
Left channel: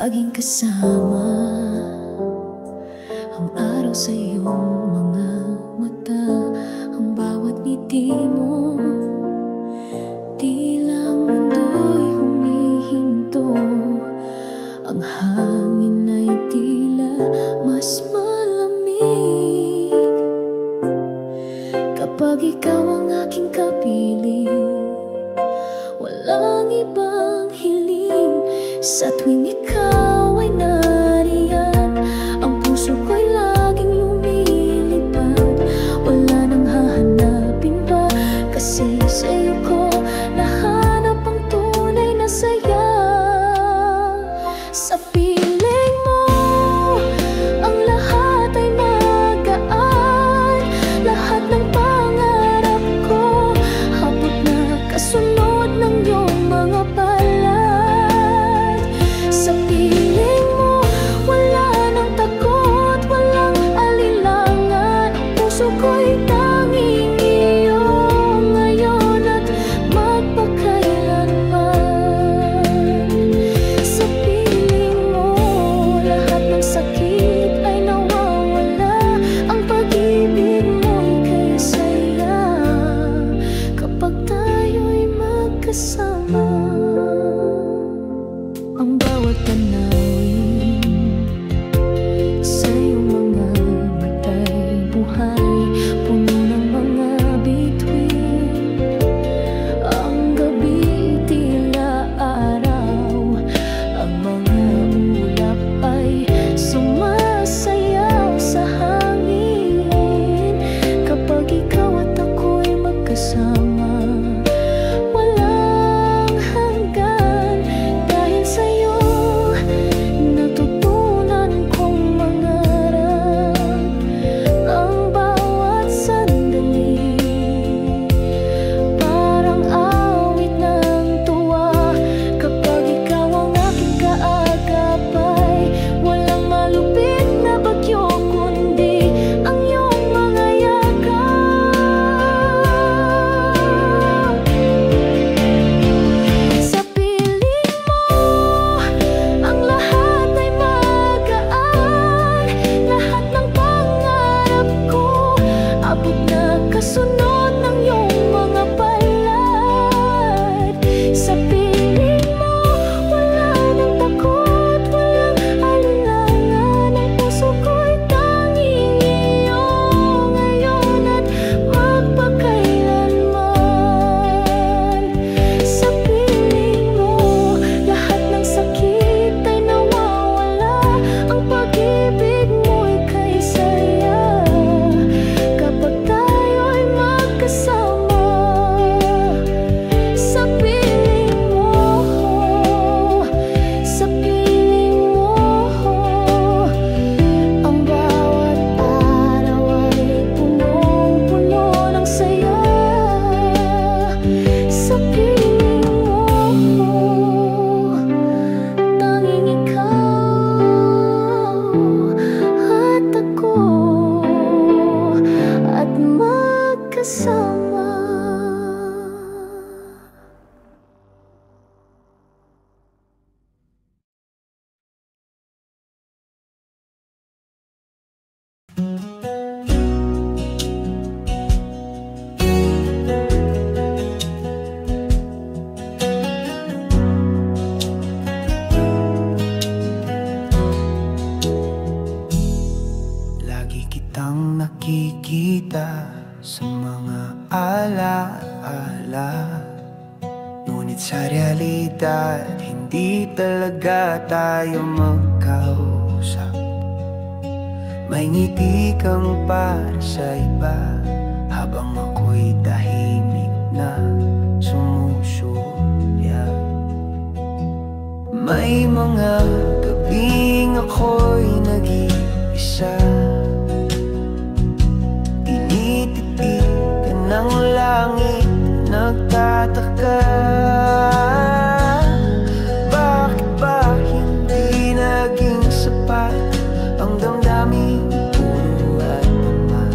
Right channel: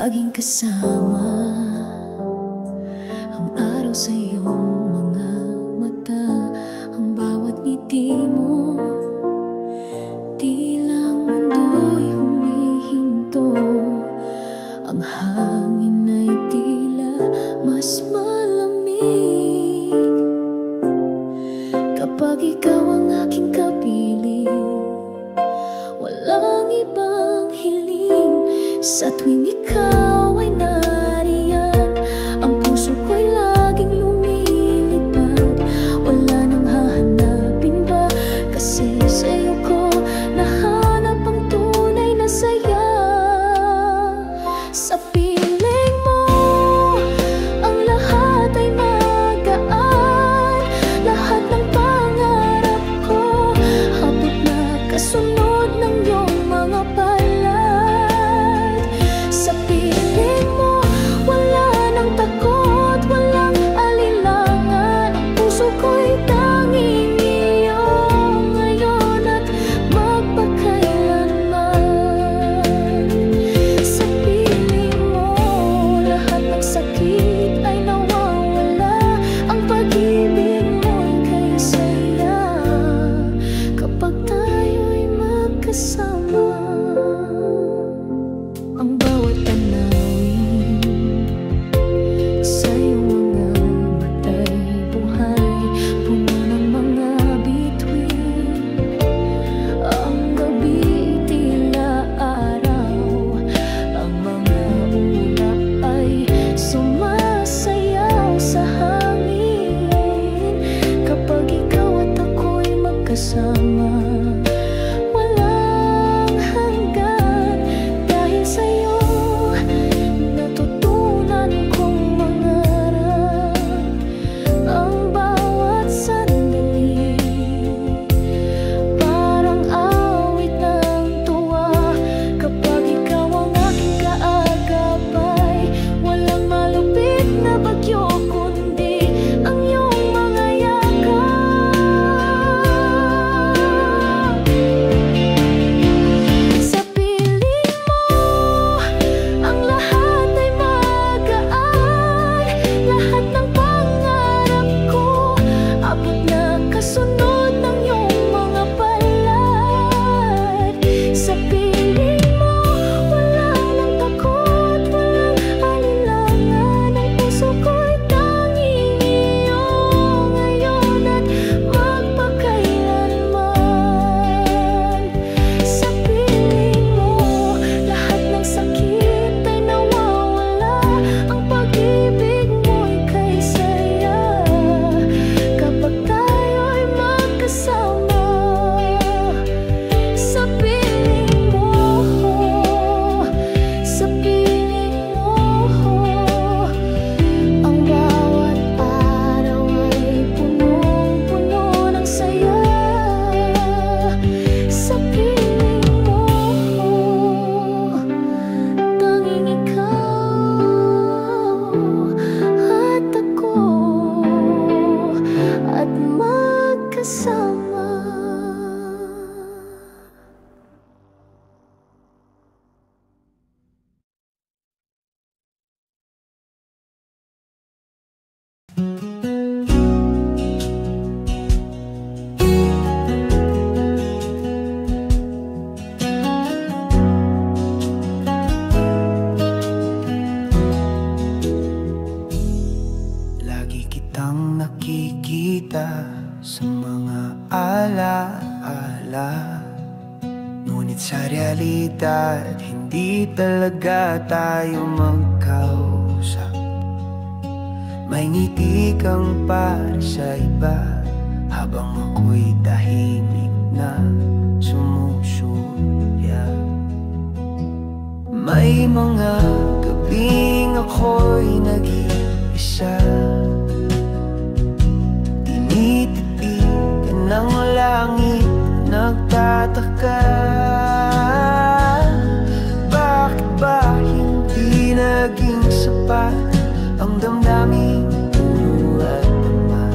laging kasama ang araw sa iyong mga mata. Ang bawat ngiti mo, tila mundo'y humihinto. Ang hangin ay tila mas malamig kapag ikaw ang aking kapiling. Walang ibang hiling sa tuwing ikaw ay nariyan. Ang puso ko'y laging lumilipad. Wala nang hahanapin pa, kasi sa'yo ko nahanap ang tunay na saya. Sa piling mo, ang lahat ay magaan. Lahat ng pangarap ko, abot na kasunod ng iyong mga palad. Sa piling mo, wala nang takot, walang alinlangan. Ang puso ko'y tanging iyo ngayon at magpakailanman. Sa piling mo, lahat ng sakit ay nawawala. Ang pag-ibig mo'y kay saya kapag tayo'y magkasama. Ang bawat tanawin sa iyong mga mata'y buhay, puno ng mga bituin. Ang gabi tila araw, ang mga ulap ay sumasayaw sa hangin. Kapag ikaw at ako'y magkasama, walang hanggan. Dahil sa'yo natutunan kong mangarap. Ang bawat sandali parang awit ng tuwa. Kapag ikaw ang aking kaagapay, walang malupit na bagyo kundi ang iyong mga yakap. Sa piling mo, ang lahat ay magaan. Lahat ng pangarap ko, abot na kasunod ng iyong mga palad. Sa piling mo, wala nang takot, walang alinlangan. Ang puso ko'y tanging iyo ngayon at magpakailanman. Sa piling mo, lahat ng sakit ay nawawala. Ang pag-ibig mo'y kay saya kapag tayo'y magkasama. Sa piling mo, sa piling mo, ang bawat araw ay punong-puno ng saya. Sa piling mo, tanging ikaw at ako at magkasama. Lagi kitang nakikita sa mga alaala, ngunit sa realidad hindi talaga tayo magkausap. May ngiti kang para sa iba, habang ako'y tahimik na sumusulya. May mga gabing ako'y nag-iisa, tinititigan ng langit, nagtataka. Bakit ba hindi naging sapat ang damdaming puro at tama?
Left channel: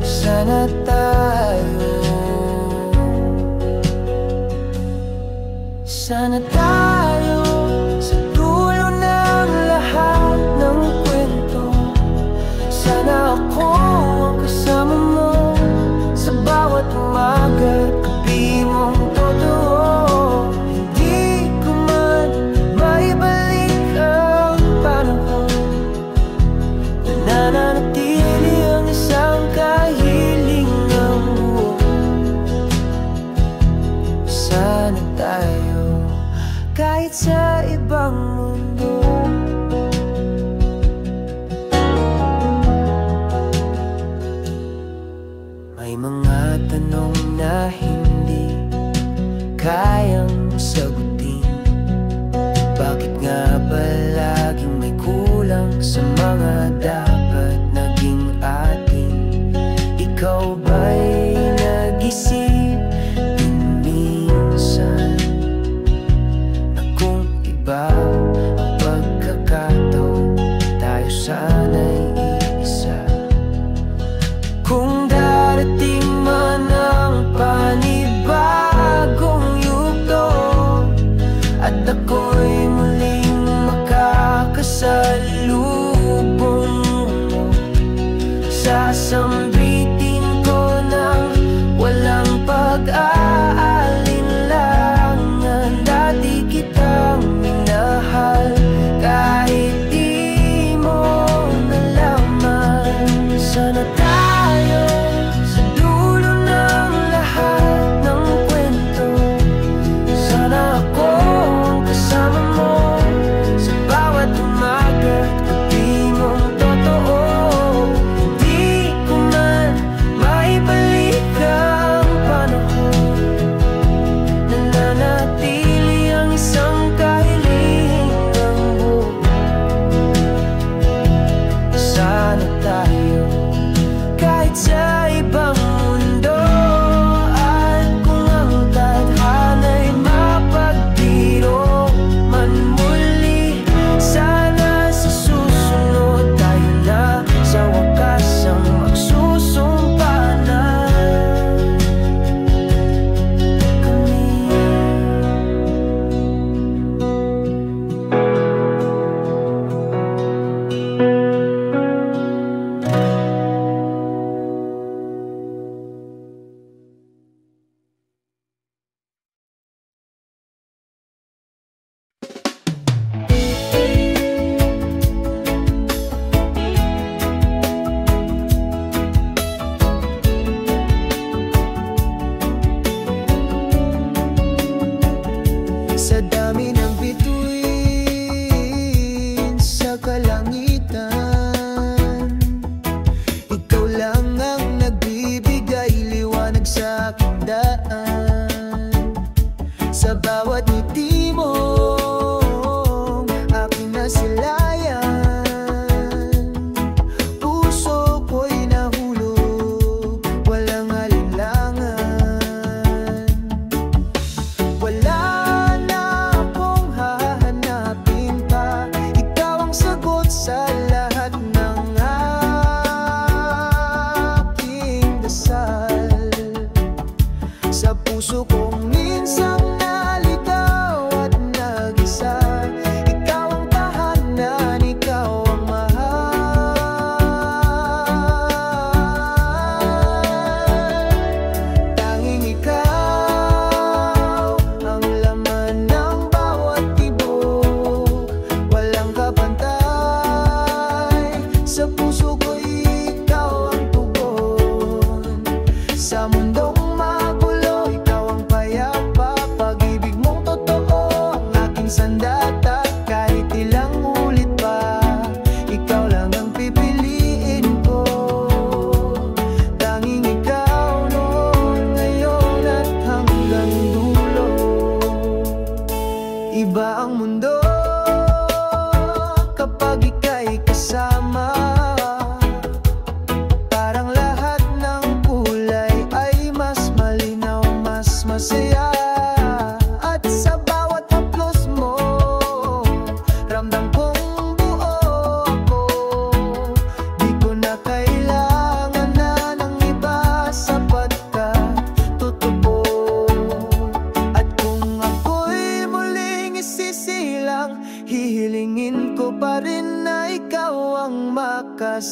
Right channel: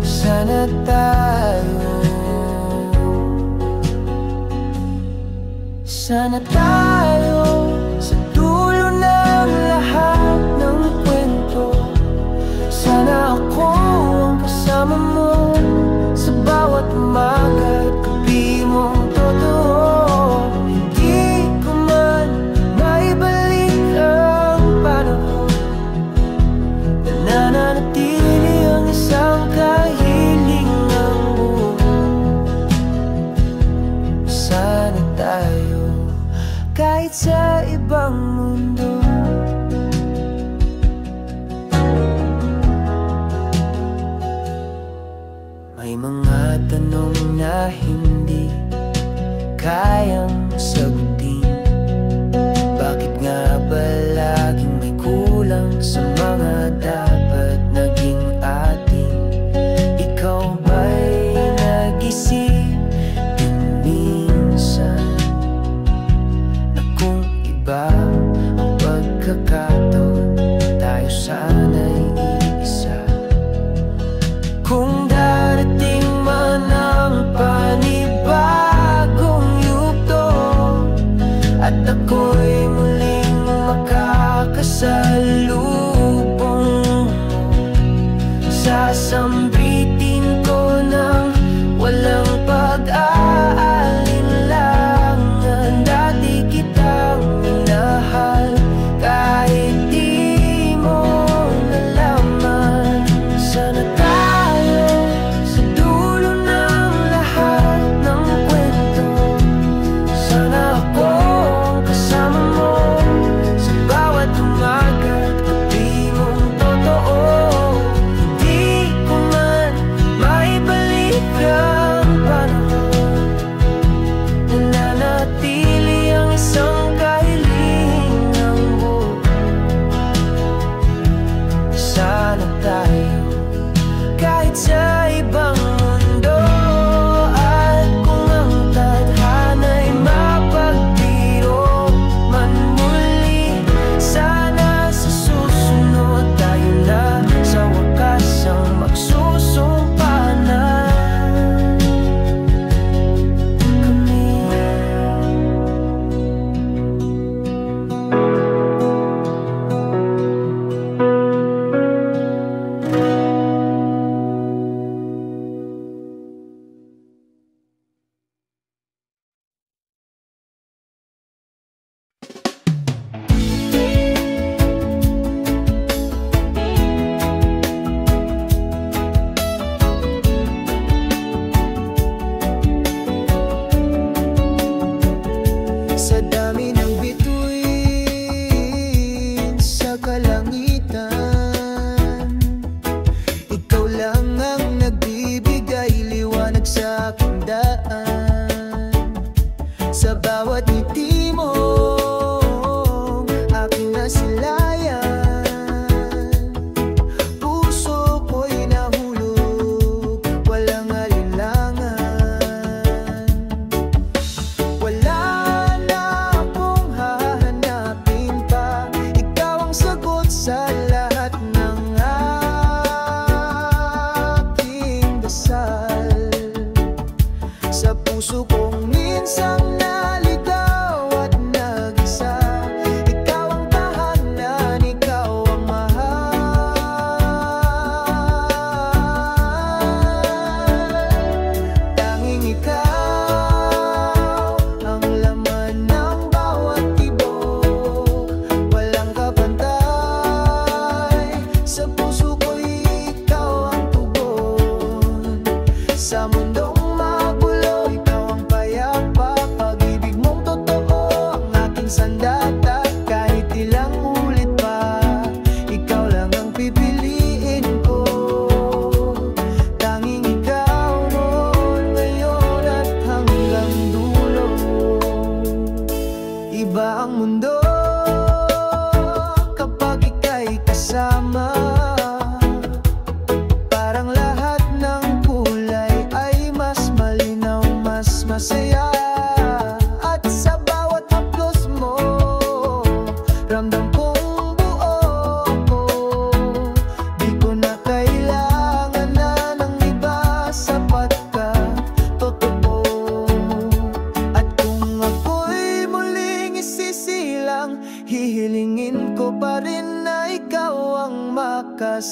Sana tayo Sana tayo sa dulo ng lahat ng kwento. Sana ako ang kasama mo sa bawat umaga't gabi mong totoo. Hindi ko man maibalik ang panahon, nananatili ang isang kahilingang buo. Sana tayo kahit sa ibang mundo. May mga tanong na hindi kayang sagutin. Bakit nga ba laging may kulang sa mga dapat naging atin? Ikaw ba'y nag-isip din minsan na kung iba ang pagkakataon, tayo sana'y iisa? Kung darating man ang panibagong yugto at ako'y muling makakasalubong mo, sasambitin ko ng walang pag-aalinlangan. Dati kitang minahal kahit di mo nalaman. Sana tayo sa dulo ng lahat ng kwento. Sana ako ang kasama mo sa bawat umaga't gabi mong totoo. Hindi ko man maibalik ang panahon, nananatili ang isang kahilingang buo. Sana tayo kahit sa ibang mundo. At kung ang tadhana'y mapagbiro man muli, sana sa susunod tayo na sa wakas ang magsusumpanan kami. Sa dami ng bituin sa kalangitan, ikaw lang ang nagbibigay liwanag sa aking daan. Sa bawat ngiti mo aking nasilayan, puso ko'y nahulog, walang alinlangan. Wala sa lahat ng aking dasal. Sa puso kong minsang naligaw at nag-isa, ikaw ang tahanan, ikaw ang mahal. Tanging ikaw ang laman ng bawat tibok, walang kapantay. Sa puso ko'y ikaw ang tugon. Sa mundong magulo, ikaw ang payapa. Pag-ibig mong totoo ang aking sandata. Kahit ilang ulit pa, ikaw lang ang pipiliin ko. Tanging ikaw noon, ngayon at hanggang dulo. Iba ang mundo kapag ika'y kasama. Parang lahat ng kulay ay mas malinaw, mas masaya. At sa bawat haplos mo, ramdam kong buo ako. Di ko na kailangan na ng iba, sapat ka, totoo. At kung ako'y muli ko pa rin na ikaw ang makasama.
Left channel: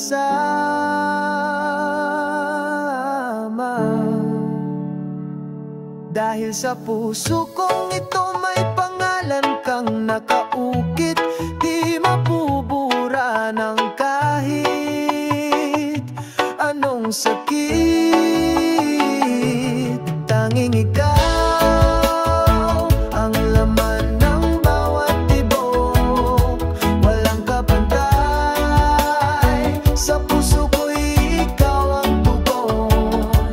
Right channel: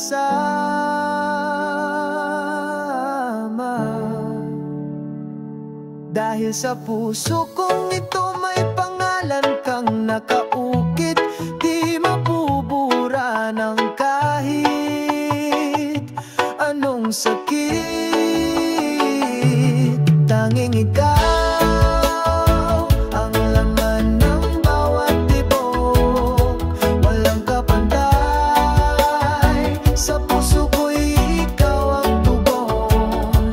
Dahil sa puso kong ito may pangalan kang nakaukit, di mabubura ng kahit anong sakit. Tanging ikaw ang laman ng bawat tibok, walang kapantay. Sa puso ko'y ikaw ang tugon.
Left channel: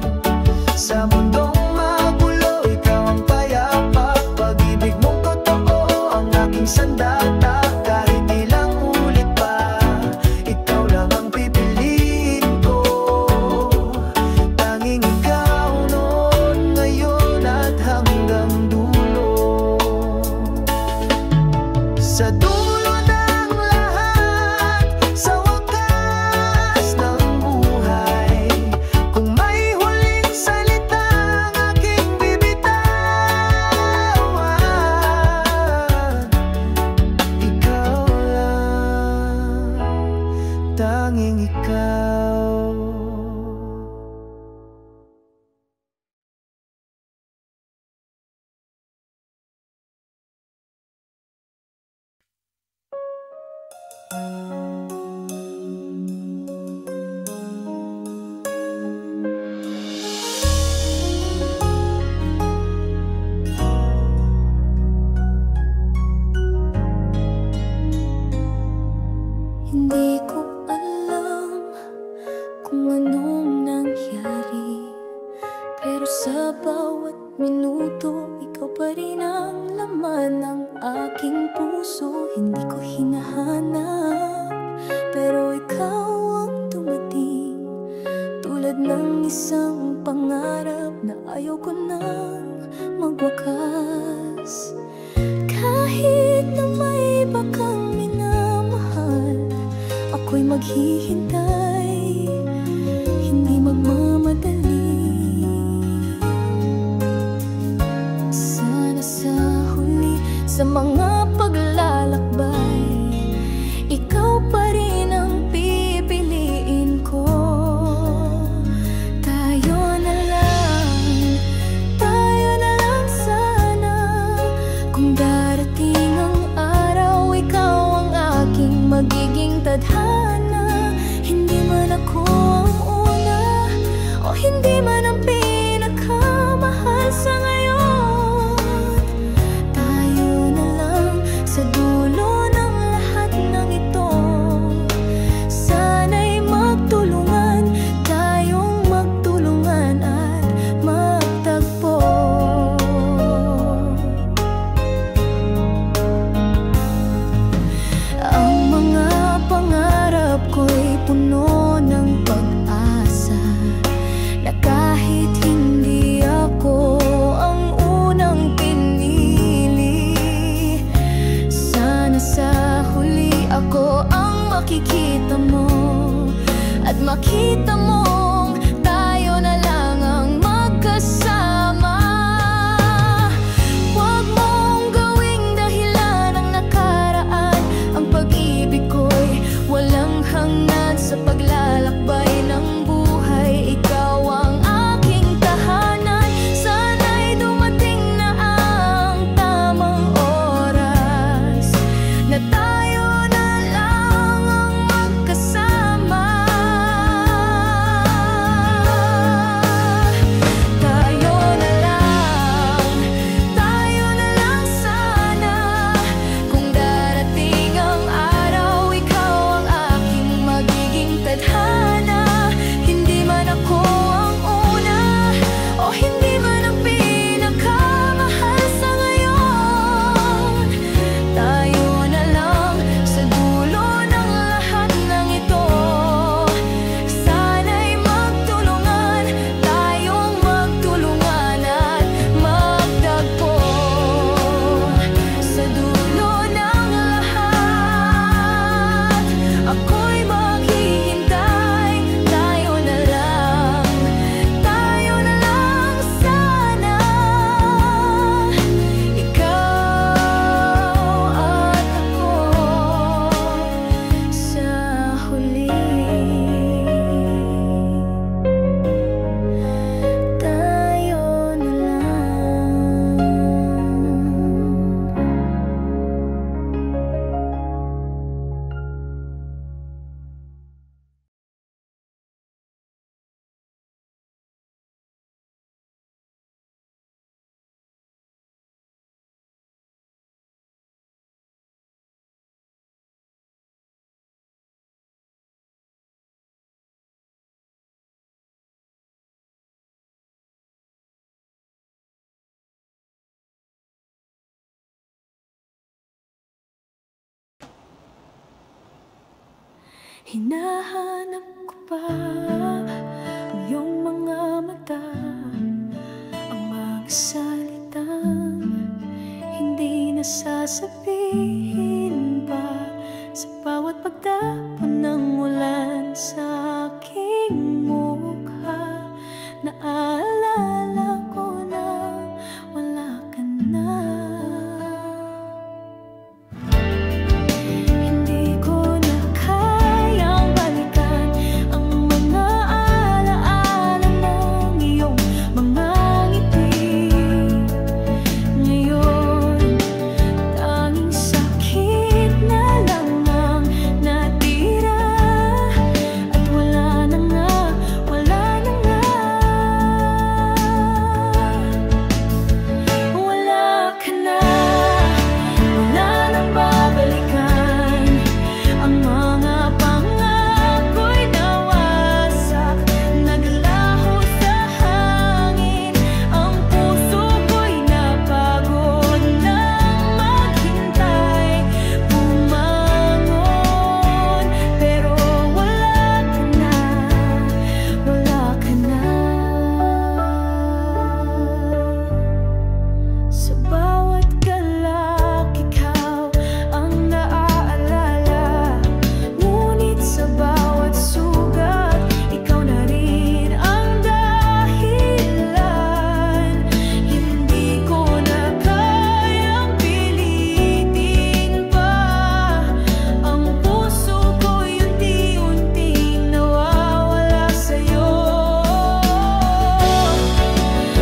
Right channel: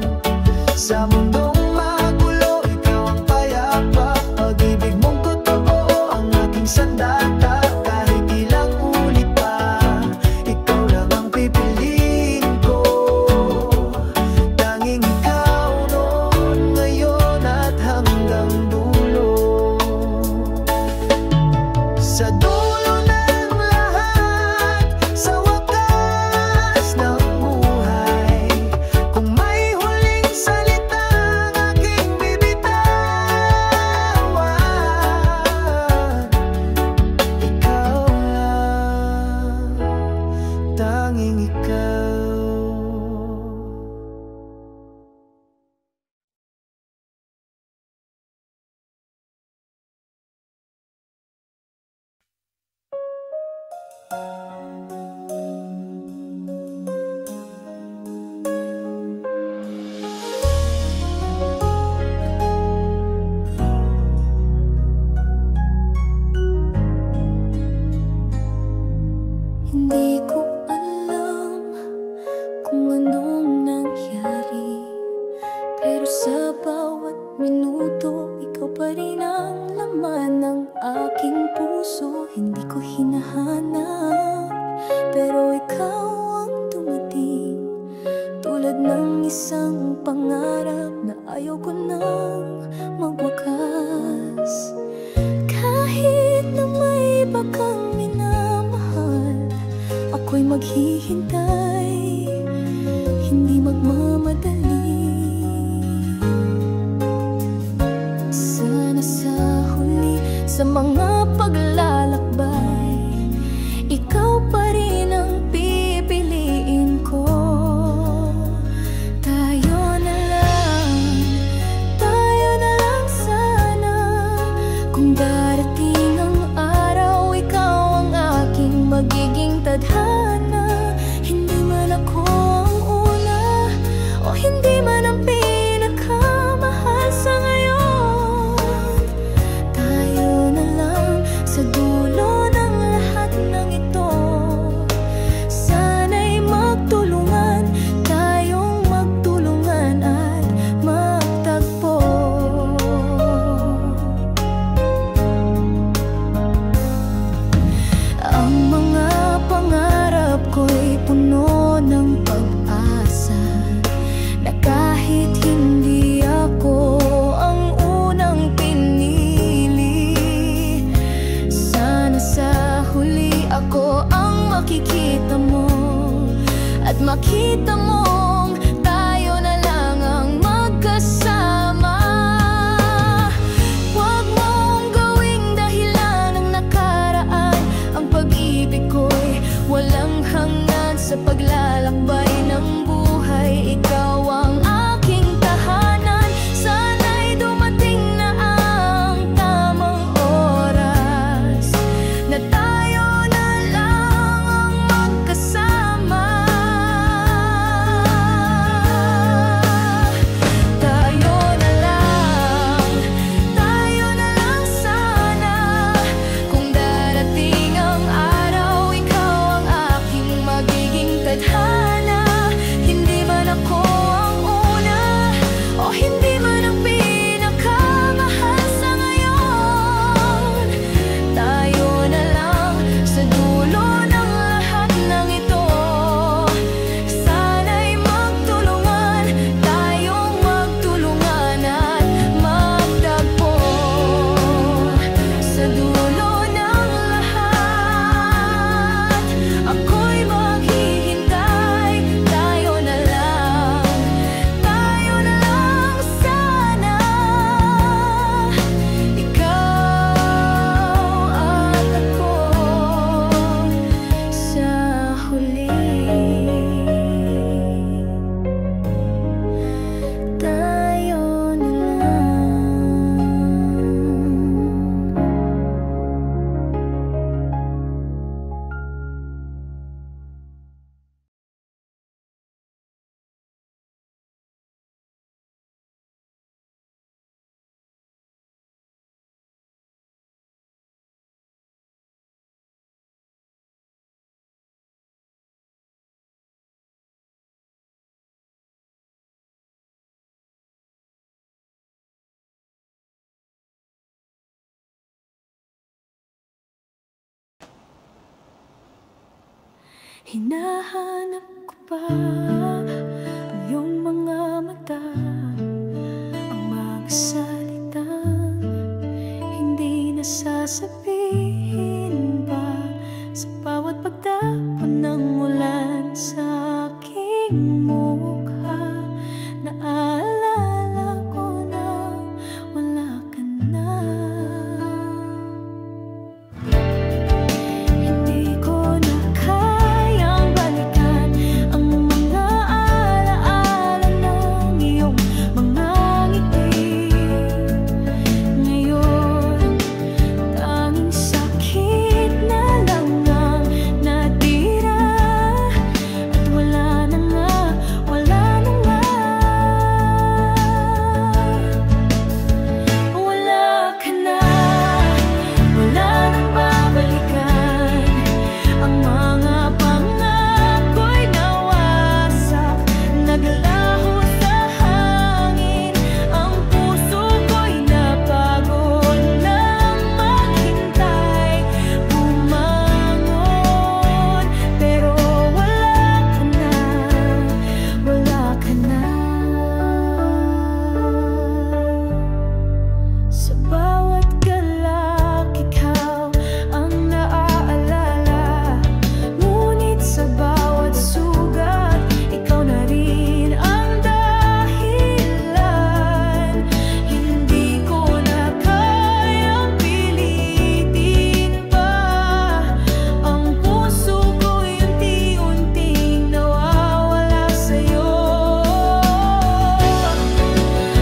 Sa mundong magulo, ikaw ang payapa. Pag-ibig mong totoo ang aking sandata. Kahit ilang ulit pa, ikaw lang ang pipiliin ko. Tanging ikaw noon, ngayon at hanggang dulo. Sa dulo ng lahat, sa wakas ng buhay, kung may huling salitang aking bibitawan, ikaw lang, tanging ikaw. Hindi ko alam kung anong nangyari, pero sa bawat minuto, ikaw pa rin ang laman ng aking puso. Hindi ko hinahanap, pero ikaw ang dumating, tulad ng isang pangarap na ayaw ko nang magwakas. Kahit na may iba kang minamahal, ako'y maghihintay, hindi magmamadali. Sana sa huli, sa mga paglalakbay, ikaw pa rin ang pipiliin ko. Tayo na lang sana. Kung darating ang araw, ikaw ang aking magiging tadhana. Hindi man ako ang una, o hindi man ang pinakamahal sa ngayon. Tayo na lang sa dulo ng lahat ng ito. Sana'y magtulungan, tayong magtulungan at magtagpo. Ang mga pangarap ko'y puno ng pag-asa, na kahit hindi ako ang unang pinili, sana sa huli ako ang makikita mo, at makita mong tayo na lang ang magkasama. Huwag mong gawing dahilan ang nakaraan. Ang pag-ibig ko'y walang hanggan. Sa paglalakbay ng buhay, ikaw ang aking tahanan. Sana'y dumating na ang tamang oras, na tayo na lang ang magkasama. Hinahanap ko pa ang iyong mga mata, ang mga salitang hindi nasasabihin pa. Sa bawat pagtapon ng ulan sa aking mukha, naalala ko na wala ka na. Hindi ko na kayang balikan ang mga alaala ng iyong mga ngiti. Ngayon, tanging sakit na lang ang natira, at wala na nga, wala na nga. Wala ka na, wala nang babalikan. Ang mga pangako'y nawasak, naglaho sa hangin. Ang puso ko'y napagod nang maghintay, bumangon. Pero wala ka na, wala ka na. Sa bawat galak, ikaw ang naaalala. Ngunit sa bawat sugat, ikaw na rin ang dahilan. Hindi ko na kayang pilitin pa. Ang puso ko'y unti-unting nawawala sa'yo.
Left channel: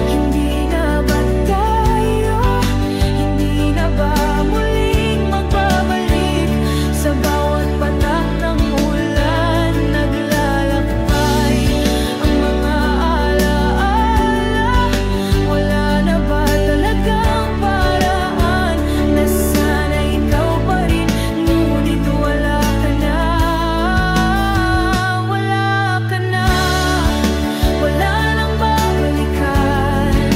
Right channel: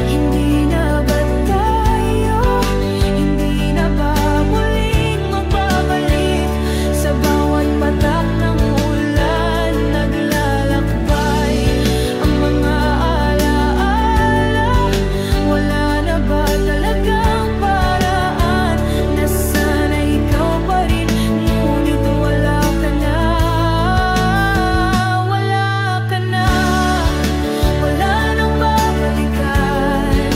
Hindi na ba tayo, hindi na ba muling magbabalik? Sa bawat patak ng ulan, naglalakbay ang mga alaala. Wala na ba talagang paraan na sana ikaw pa rin? Ngunit wala ka na, wala ka na. Wala nang babalikan.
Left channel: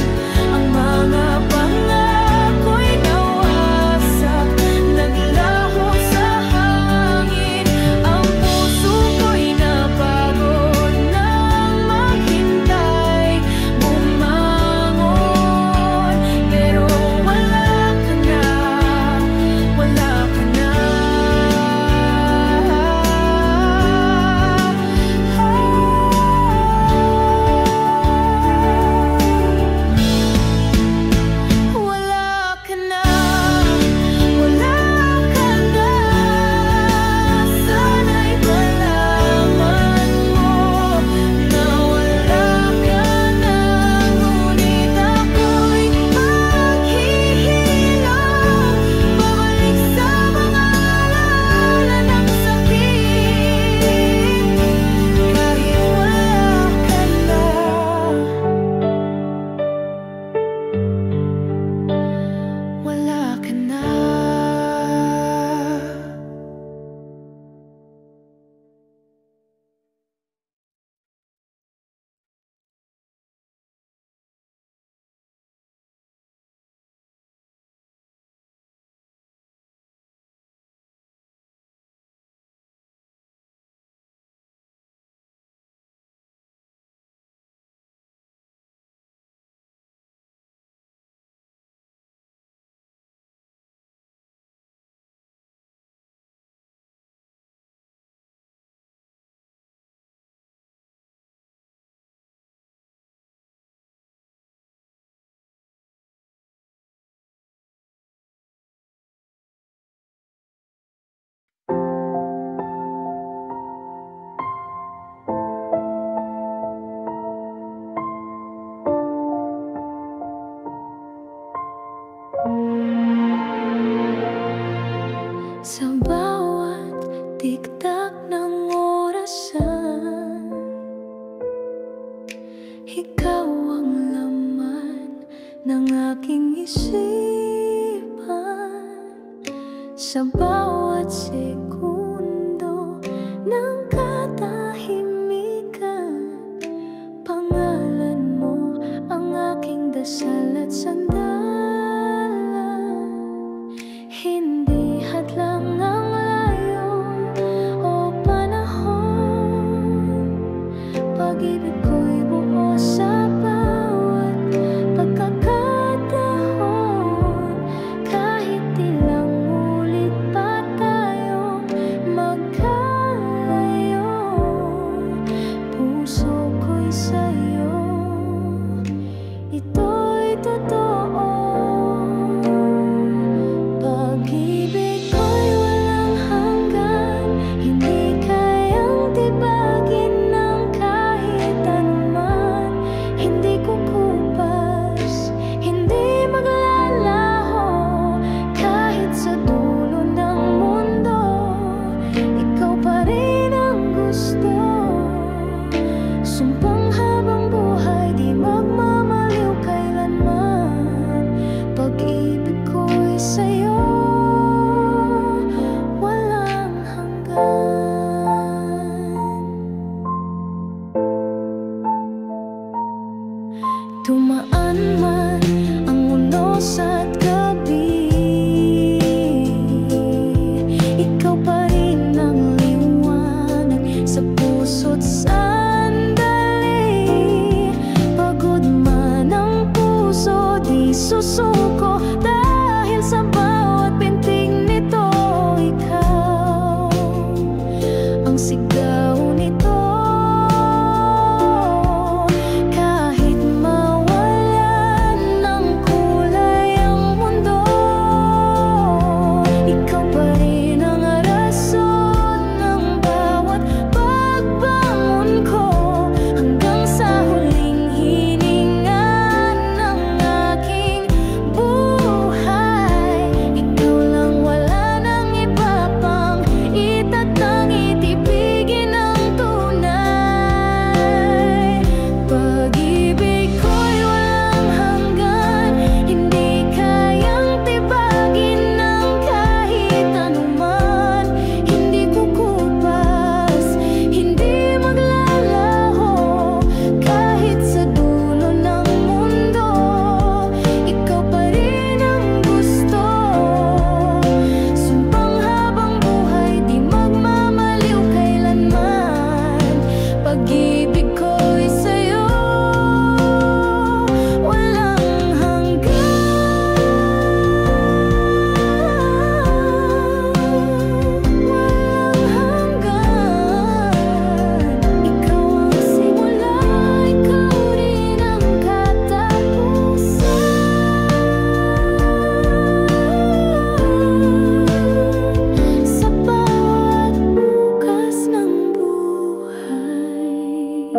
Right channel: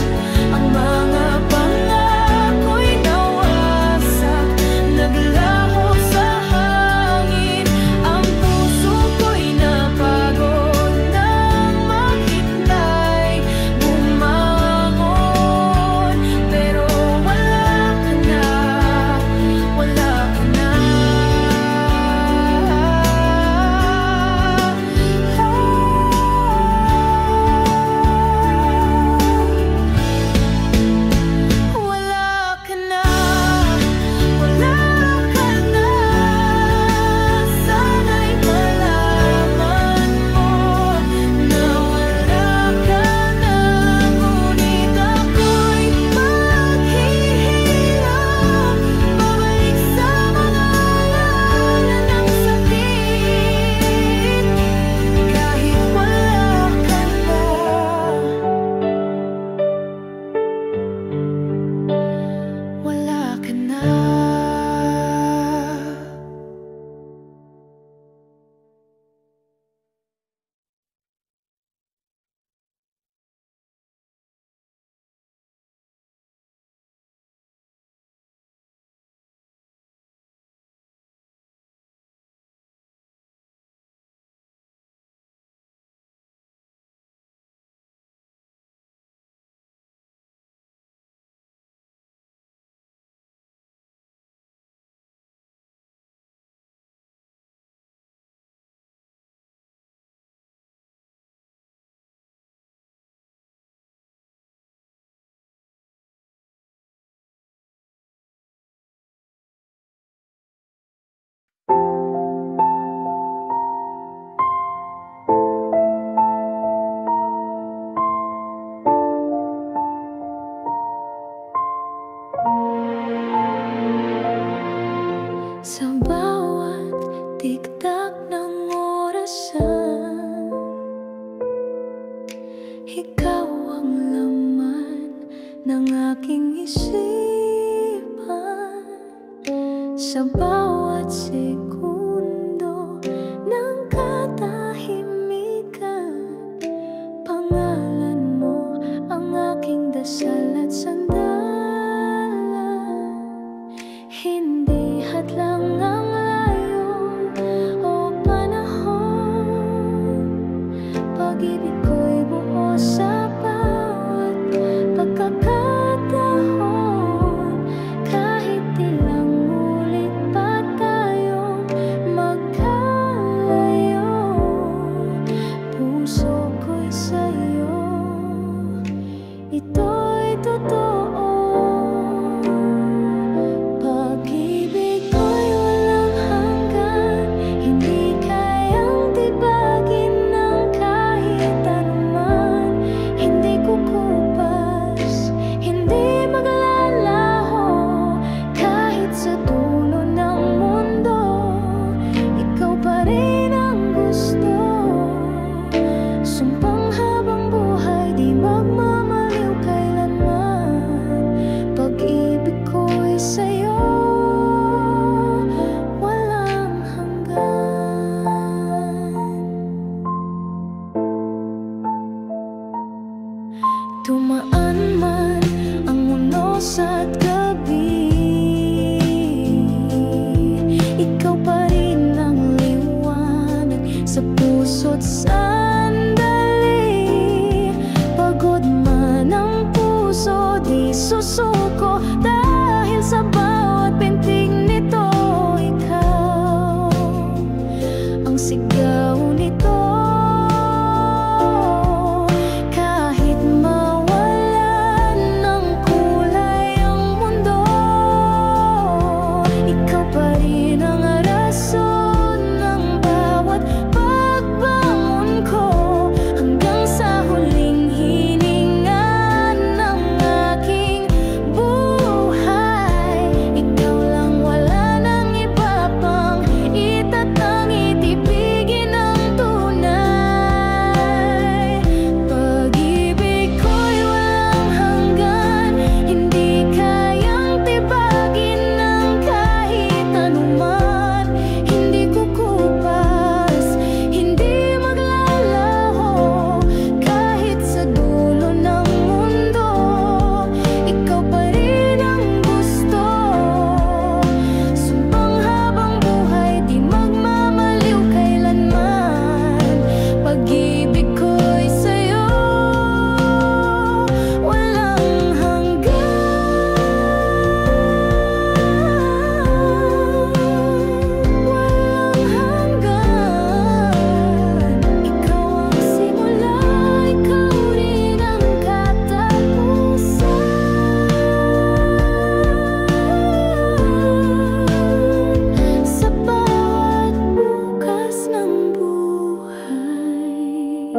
Ang mga pangako'y nawasak, naglaho sa hangin. Ang puso ko'y napagod nang maghintay, bumangon. Pero wala ka na, wala ka na. Wala ka na, wala ka na. Sana'y malaman mo na wala ka na. Ngunit ako'y maghihilom, babalik sa mga alaala ng sakit. Kahit wala ka na, wala ka na. Sa bawat tiktak ng orasan, ikaw ang laman ng aking isipan. Sa bawat segundo ng katahimikan, pangalan mo ang aking dasal at sandalan. Hindi hadlang ang layo o panahon pag-ibig ko'y buo sa bawat pagkakataon. Kahit ilang ulit pa tayong magkalayo, puso ko'y sa'yo, ito'y totoo. Pag-ibig ko'y walang hanggan, hindi kayang tibagin ng kahit anuman. Hindi kukupas, hindi maglalaho, kahit sa dulo ng mundo, ikaw pa rin ang gusto. Sumpang habang buhay, di magmamaliw kailanman. Pag-ibig ko'y sa'yo, walang hanggan. Tumaan man ang unos at gabi, ikaw pa rin ang liwanag sa puso't sandali. Pagod man ang puso, di susuko, dahil sa bawat pintig nito, ikaw ang sigaw nito. Kahit mawalan ng kulay ang mundo, ikaw pa rin ang rason ng bawat pagbangon ko, hanggang sa huling hininga ng aking buhay. Ikaw lang, wala nang iba pang itatangi, tibigin ang tunay. Pag-ibig ko'y walang hanggan, hindi kayang tibagin ng kahit anuman. Hindi kukupas, hindi maglalaho, kahit sa dulo ng mundo, ikaw pa rin ang gusto. Sumpang habang buhay, di magmamaliw kailanman. Pag-ibig ko'y sa'yo, walang hanggan. Walang hanggan. Ikaw ang simula, ikaw rin ang katapusan. Sa bawat bukas ng buhay,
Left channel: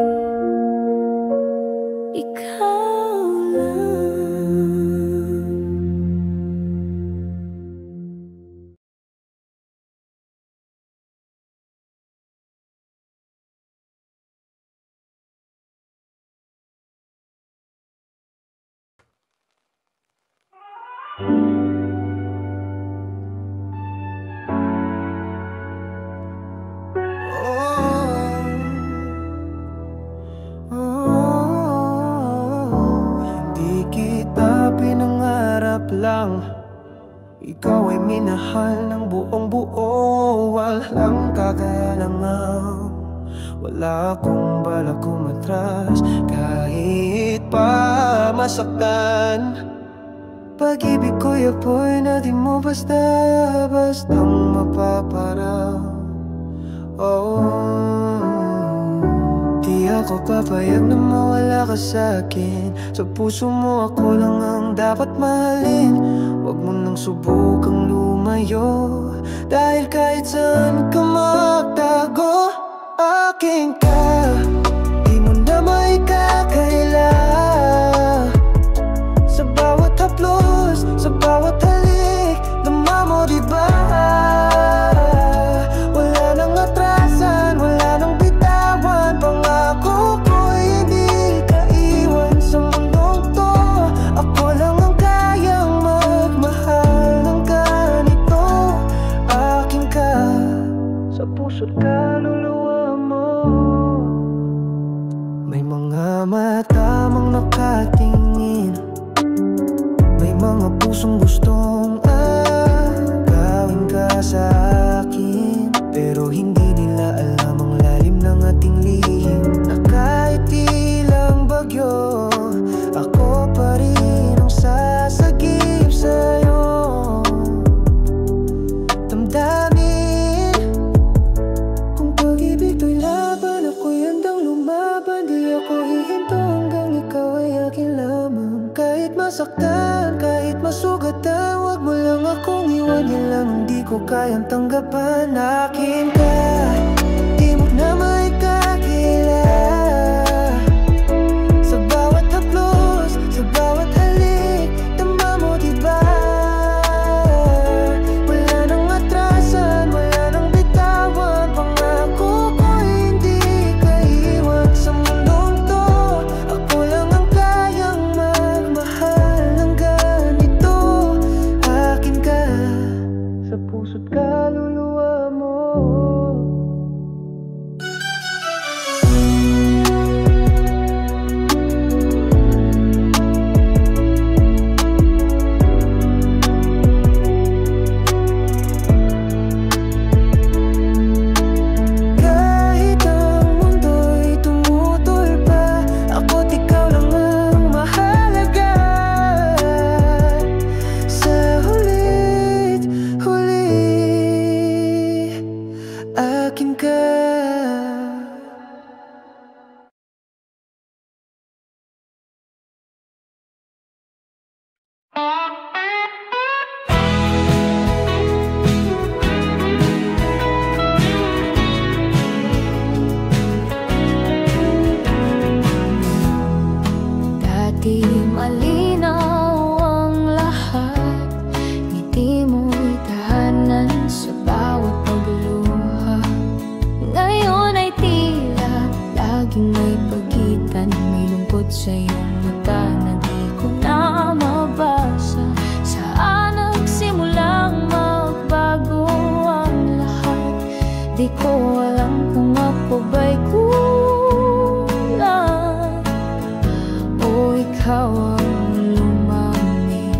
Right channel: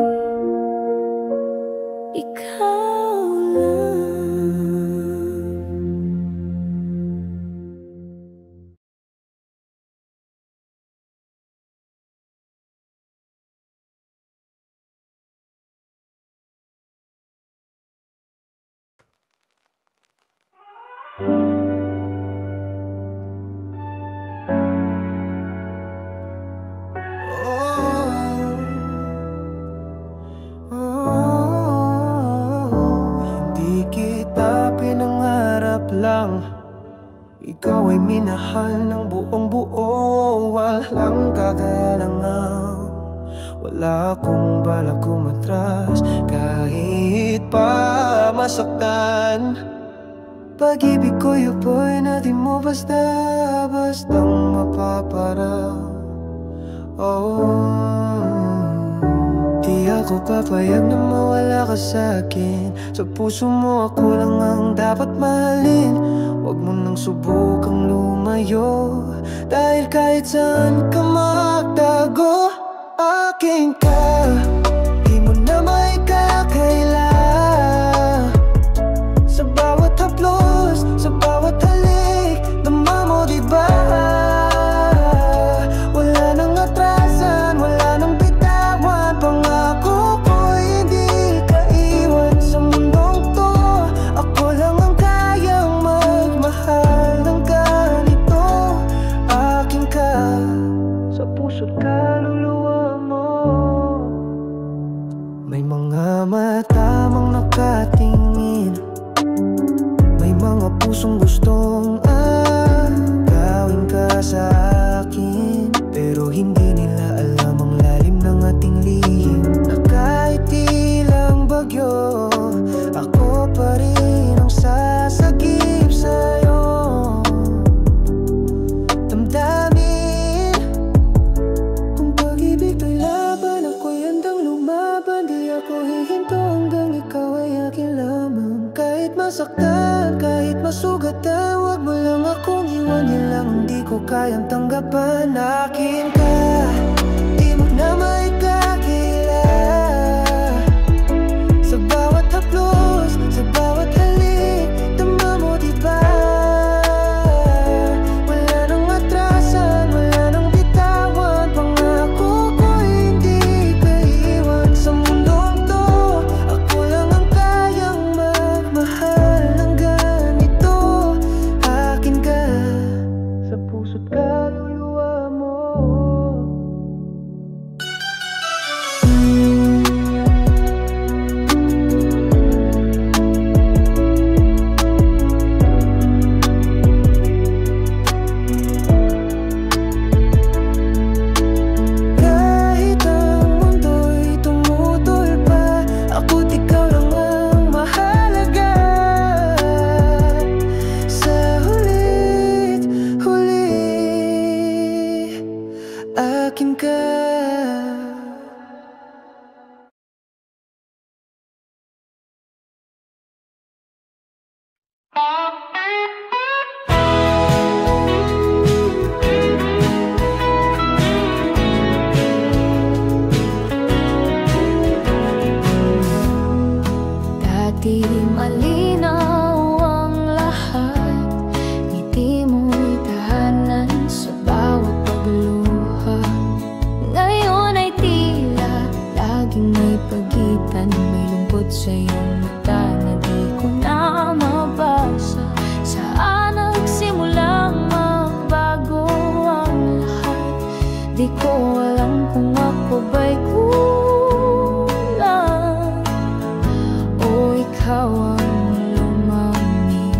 ikaw lang. Hindi kita pinangarap lang, ikaw ay minahal ng buong buo. Walang kagalangan, wala akong balak kumatras, kahit pa masaktan. Pag-ibig ko'y apoy na di mo basta-bastang mapaparang. Di ako papayag na mawala ka sa'kin. Sa puso mo ako lang ang dapat mahalin. Huwag mo nang subukang lumayo, dahil kahit saan ka magtago, akin ka, di mo na may kakaila. Sa bawat haplos, sa bawat halik, dama mo diba? Wala nang atrasan, wala nang bitawan. Pangako ko'y hindi ka iwan sa mundong to. Ako lang ang kayang magmahal ng ganito. Akin ka, sa puso't kaluluwa mo. May mga mata mang nakatingin, may mga pusong gustong agawin. gagawin ka sa akin, pero hindi nila alam ang lalim ng ating lihim. Na kahit ilang bagyo, ako pa rin ang sasagip sa'yo. Damdamin kung pag-ibig to'y laban, ako'y handang lumaban. Di ako hihinto hanggang ikaw ay akin lamang. Kahit masaktan, kahit masugatan, wag mo lang akong iwan. Yan lang ang di ko kayang tanggapan. Akin ka, di mo na maikakila. Sa bawat haplos, sa bawat halik, tama mo diba? Wala nang atrasan, wala nang bitawan. Pangako ko hindi ka iwan. Sa mundong to, ako lang ang kayang magmahal ng ganito. Akin ka, sa puso't kaluluwa mo. Ako't ikaw lang ang mahalaga. Sa hulit huli, akin ka. Di malinaw ang lahat, ngiti mo'y tahanan sa bawat pagluha. Ngayon ay tila laging may pagitan, may lungkot sa iyong mata na di ko na mabasa. Saan nagsimulang magbago ang lahat? Di ko alam kung ako ba'y ikaw ang lumamig.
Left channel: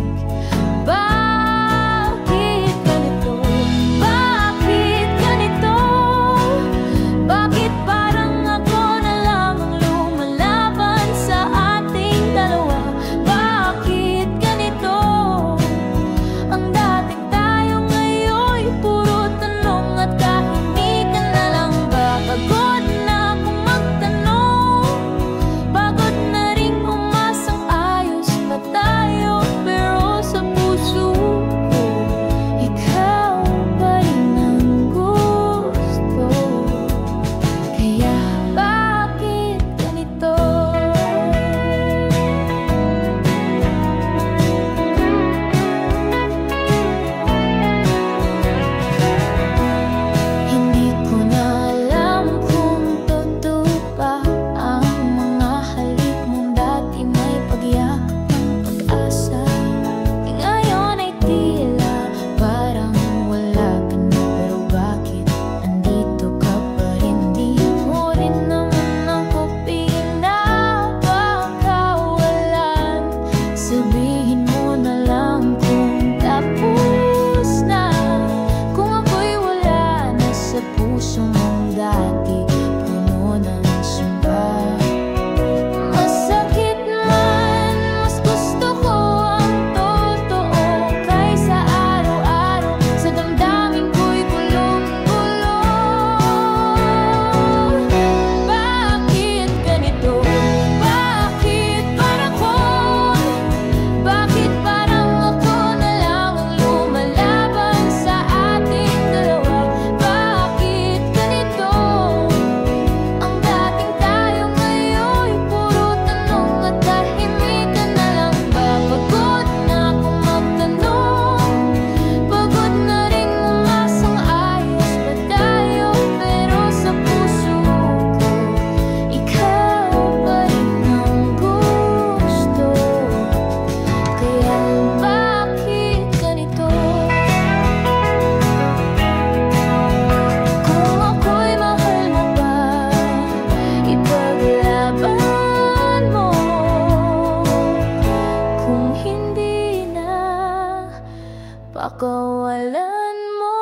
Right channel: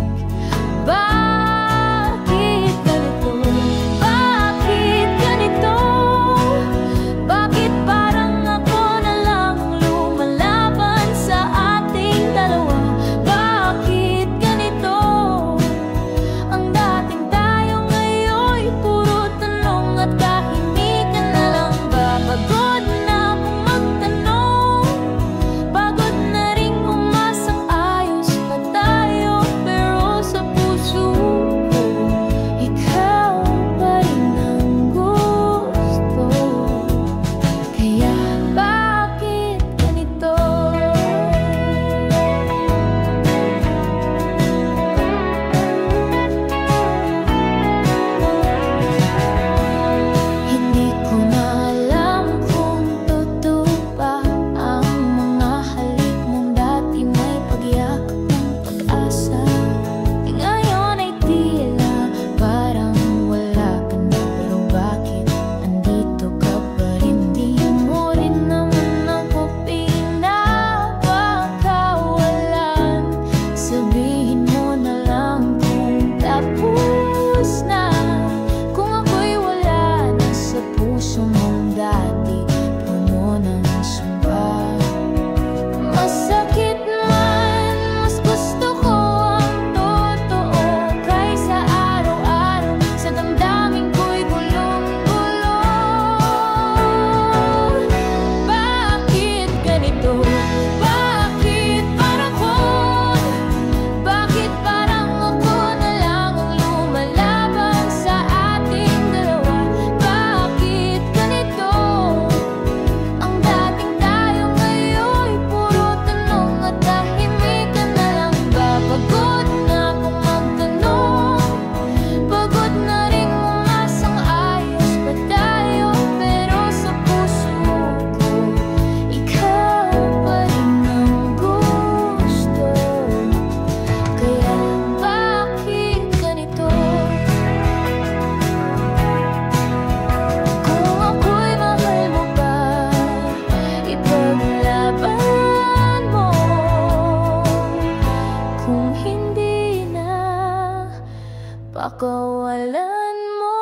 Bakit ganito? Bakit ganito? Bakit parang ako na lang ang lumalaban sa ating dalawa? Bakit ganito? Ang dating tayo ngayon'y puro tanong at kahimikan na lang ba? Pagod na akong magtanong, pagod na rin tayo, pero sa puso ko, ikaw pa rin ang gusto. Kaya bakit ganito? Hindi ko na alam kung totoo ba ang mga halik mong dati may pagyakap. Ngayon ay tila parang wala ka na, pero bakit andito ka pa rin? Di mo rin naman ako pinapakawalan. Sabihin mo na lang kung tapos na, kung ako'y wala na sa puso mong dati, puno ng sumpa. Masakit man, mas gusto ko pakawalan mo.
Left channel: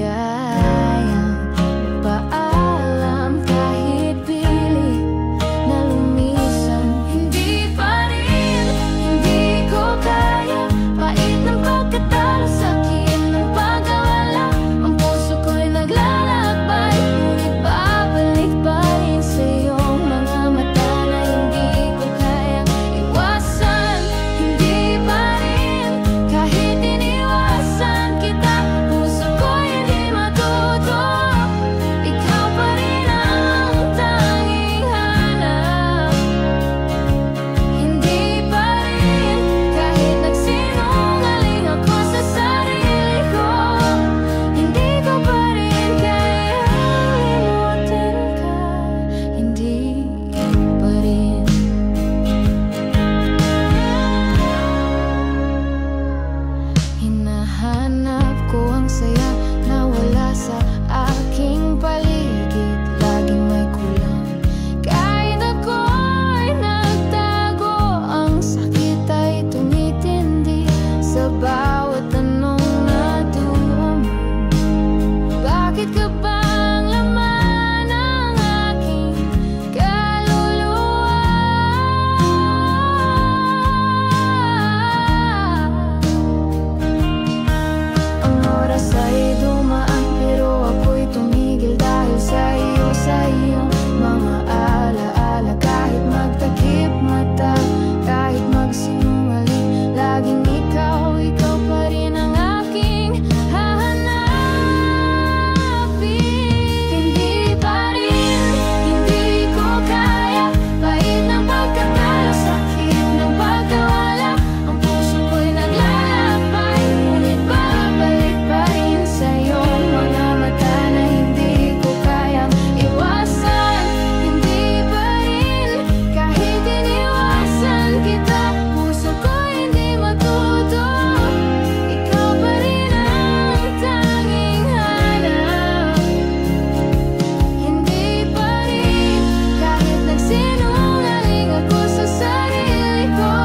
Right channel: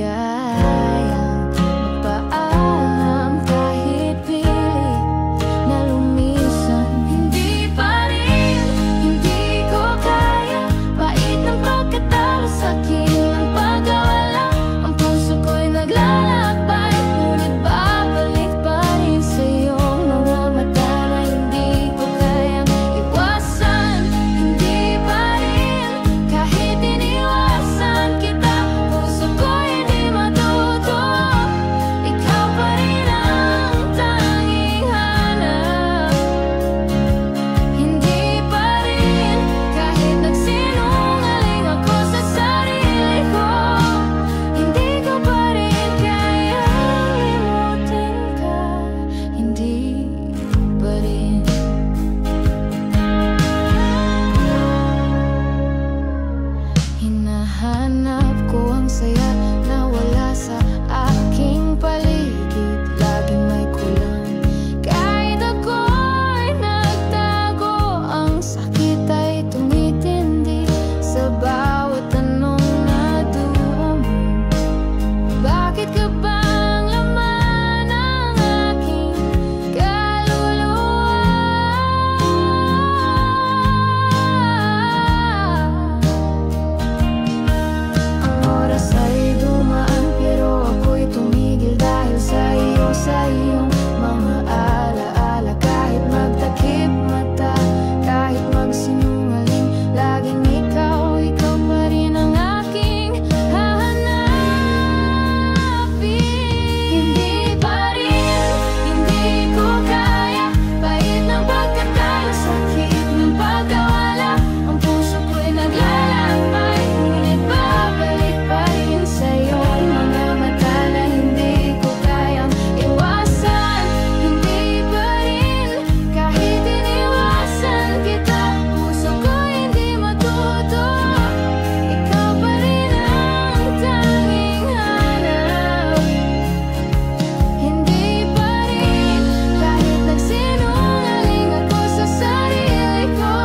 kayang magpaalam kahit pilit na lumisan. Hindi pa rin, hindi ko kaya. Pait ng pagkatalo, sakit ng pagkawala. Ang puso ko'y naglalakbay, ngunit babalik pa rin sa iyong mga mata na hindi ko kayang iwasan. Hindi pa rin, kahit iniwasan kita, puso ko'y hindi matuto. Ikaw pa rin ang tanging hanap. Hindi pa rin, kahit nagsinungaling ako sa sarili ko, hindi ko pa rin kayang limutin ka. Hindi pa rin. Hinahanap ko ang saya na wala sa aking paligid. Laging may kulang kahit ako'y nagtago. Ang sakit ay tumitindi sa bawat tanong na duman. Bakit ka bang laman ng aking kaluluwa? Ang oras ay dumaan pero ako'y tumigil dahil sa iyo, sa iyong mga alaala. Kahit magtakip mata, kahit magsinungaling, laging ikaw, ikaw pa rin ang aking hahanapin. Hindi pa rin, hindi ko kaya. Pait ng pagkatalo, sakit ng pagkawala. Ang puso ko'y naglalakbay, ngunit babalik pa rin sa iyong mga mata na hindi ko kayang iwasan. Hindi pa rin, kahit iniwasan kita, puso ko'y hindi matuto. Ikaw pa rin ang tanging hanap. Hindi pa rin, kahit nagsinungaling ako sa sarili ko,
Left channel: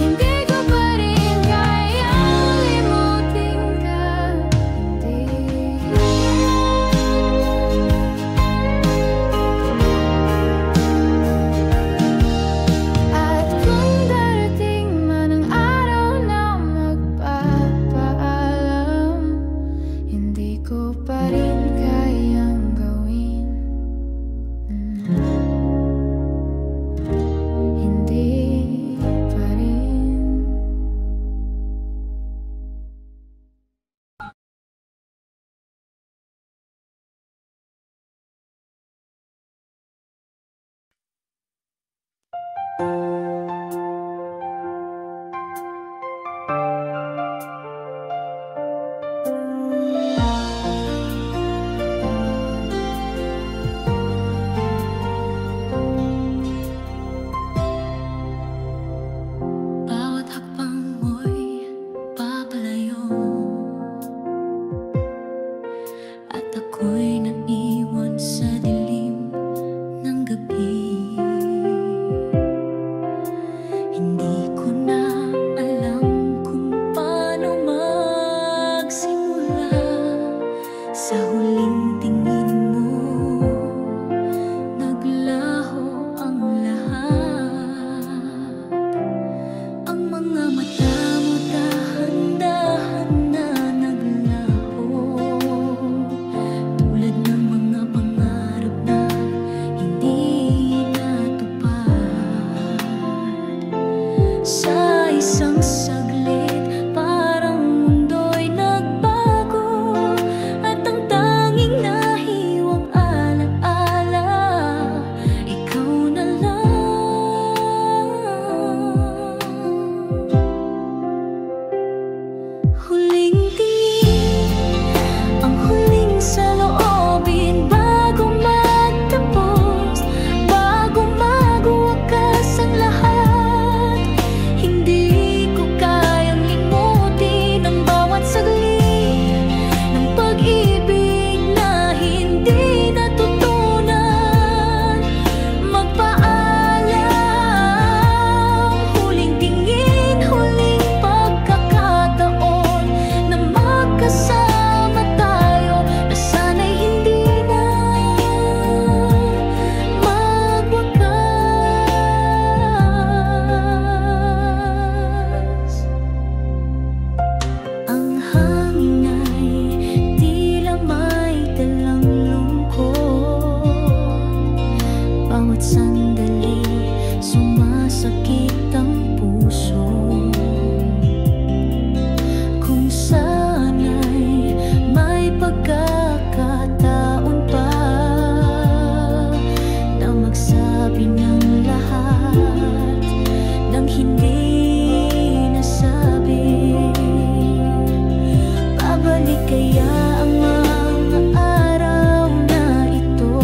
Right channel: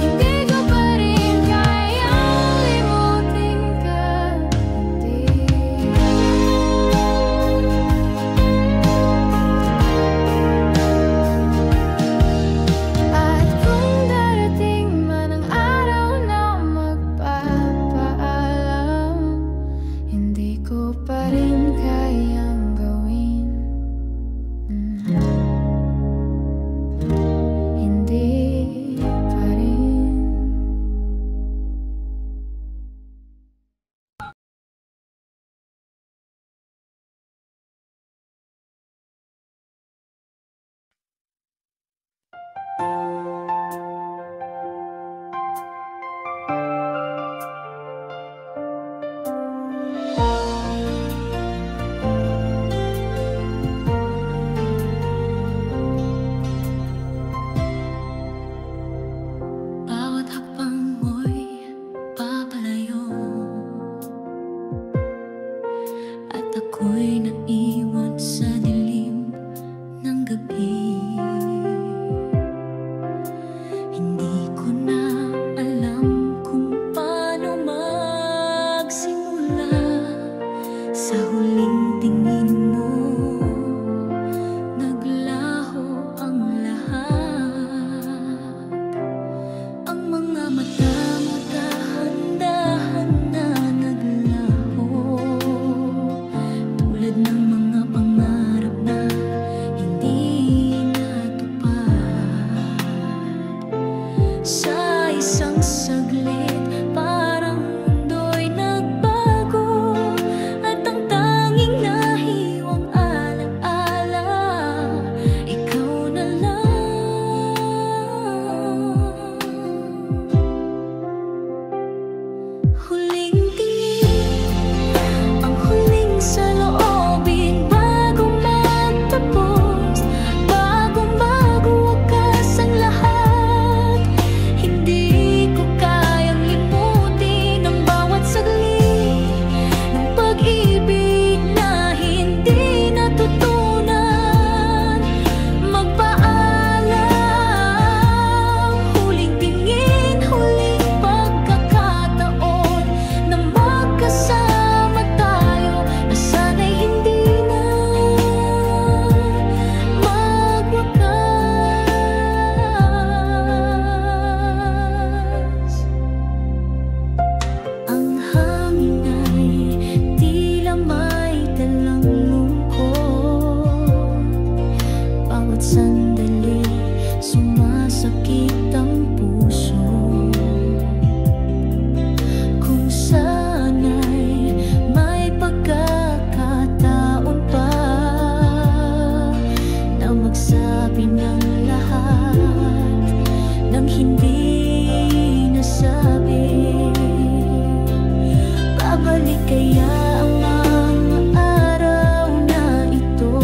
hindi ko pa rin kayang limutin ka. Hindi. At kung darating man ang araw na magpapaalam, hindi ko pa rin kayang gawin. Hindi pa rin. Bawat hakbang mo'y papalayo, at ako'y naiwan sa dilim ng gabi. Hindi ko na alam kung paano magsimula. Sa huling tingin mo, naglaho ang lahat. Ang mga mata mo dahan-dahan na naglaho, tulad ng mga pangarap na hindi natupad. Sa isang saglit, parang mundo'y nagbago, at ang tanging nahiwang alaala, ikaw na lang. Huling tingin, ang huling saloobin bago magtapos, bago magwakas ang lahat. Hindi ko kaya sandali sumasakit ang puso. Kung sana'y may pagkakataon pa na magsabi ng lahat ng hindi nasabi, babalik kaya ang mga araw na ito,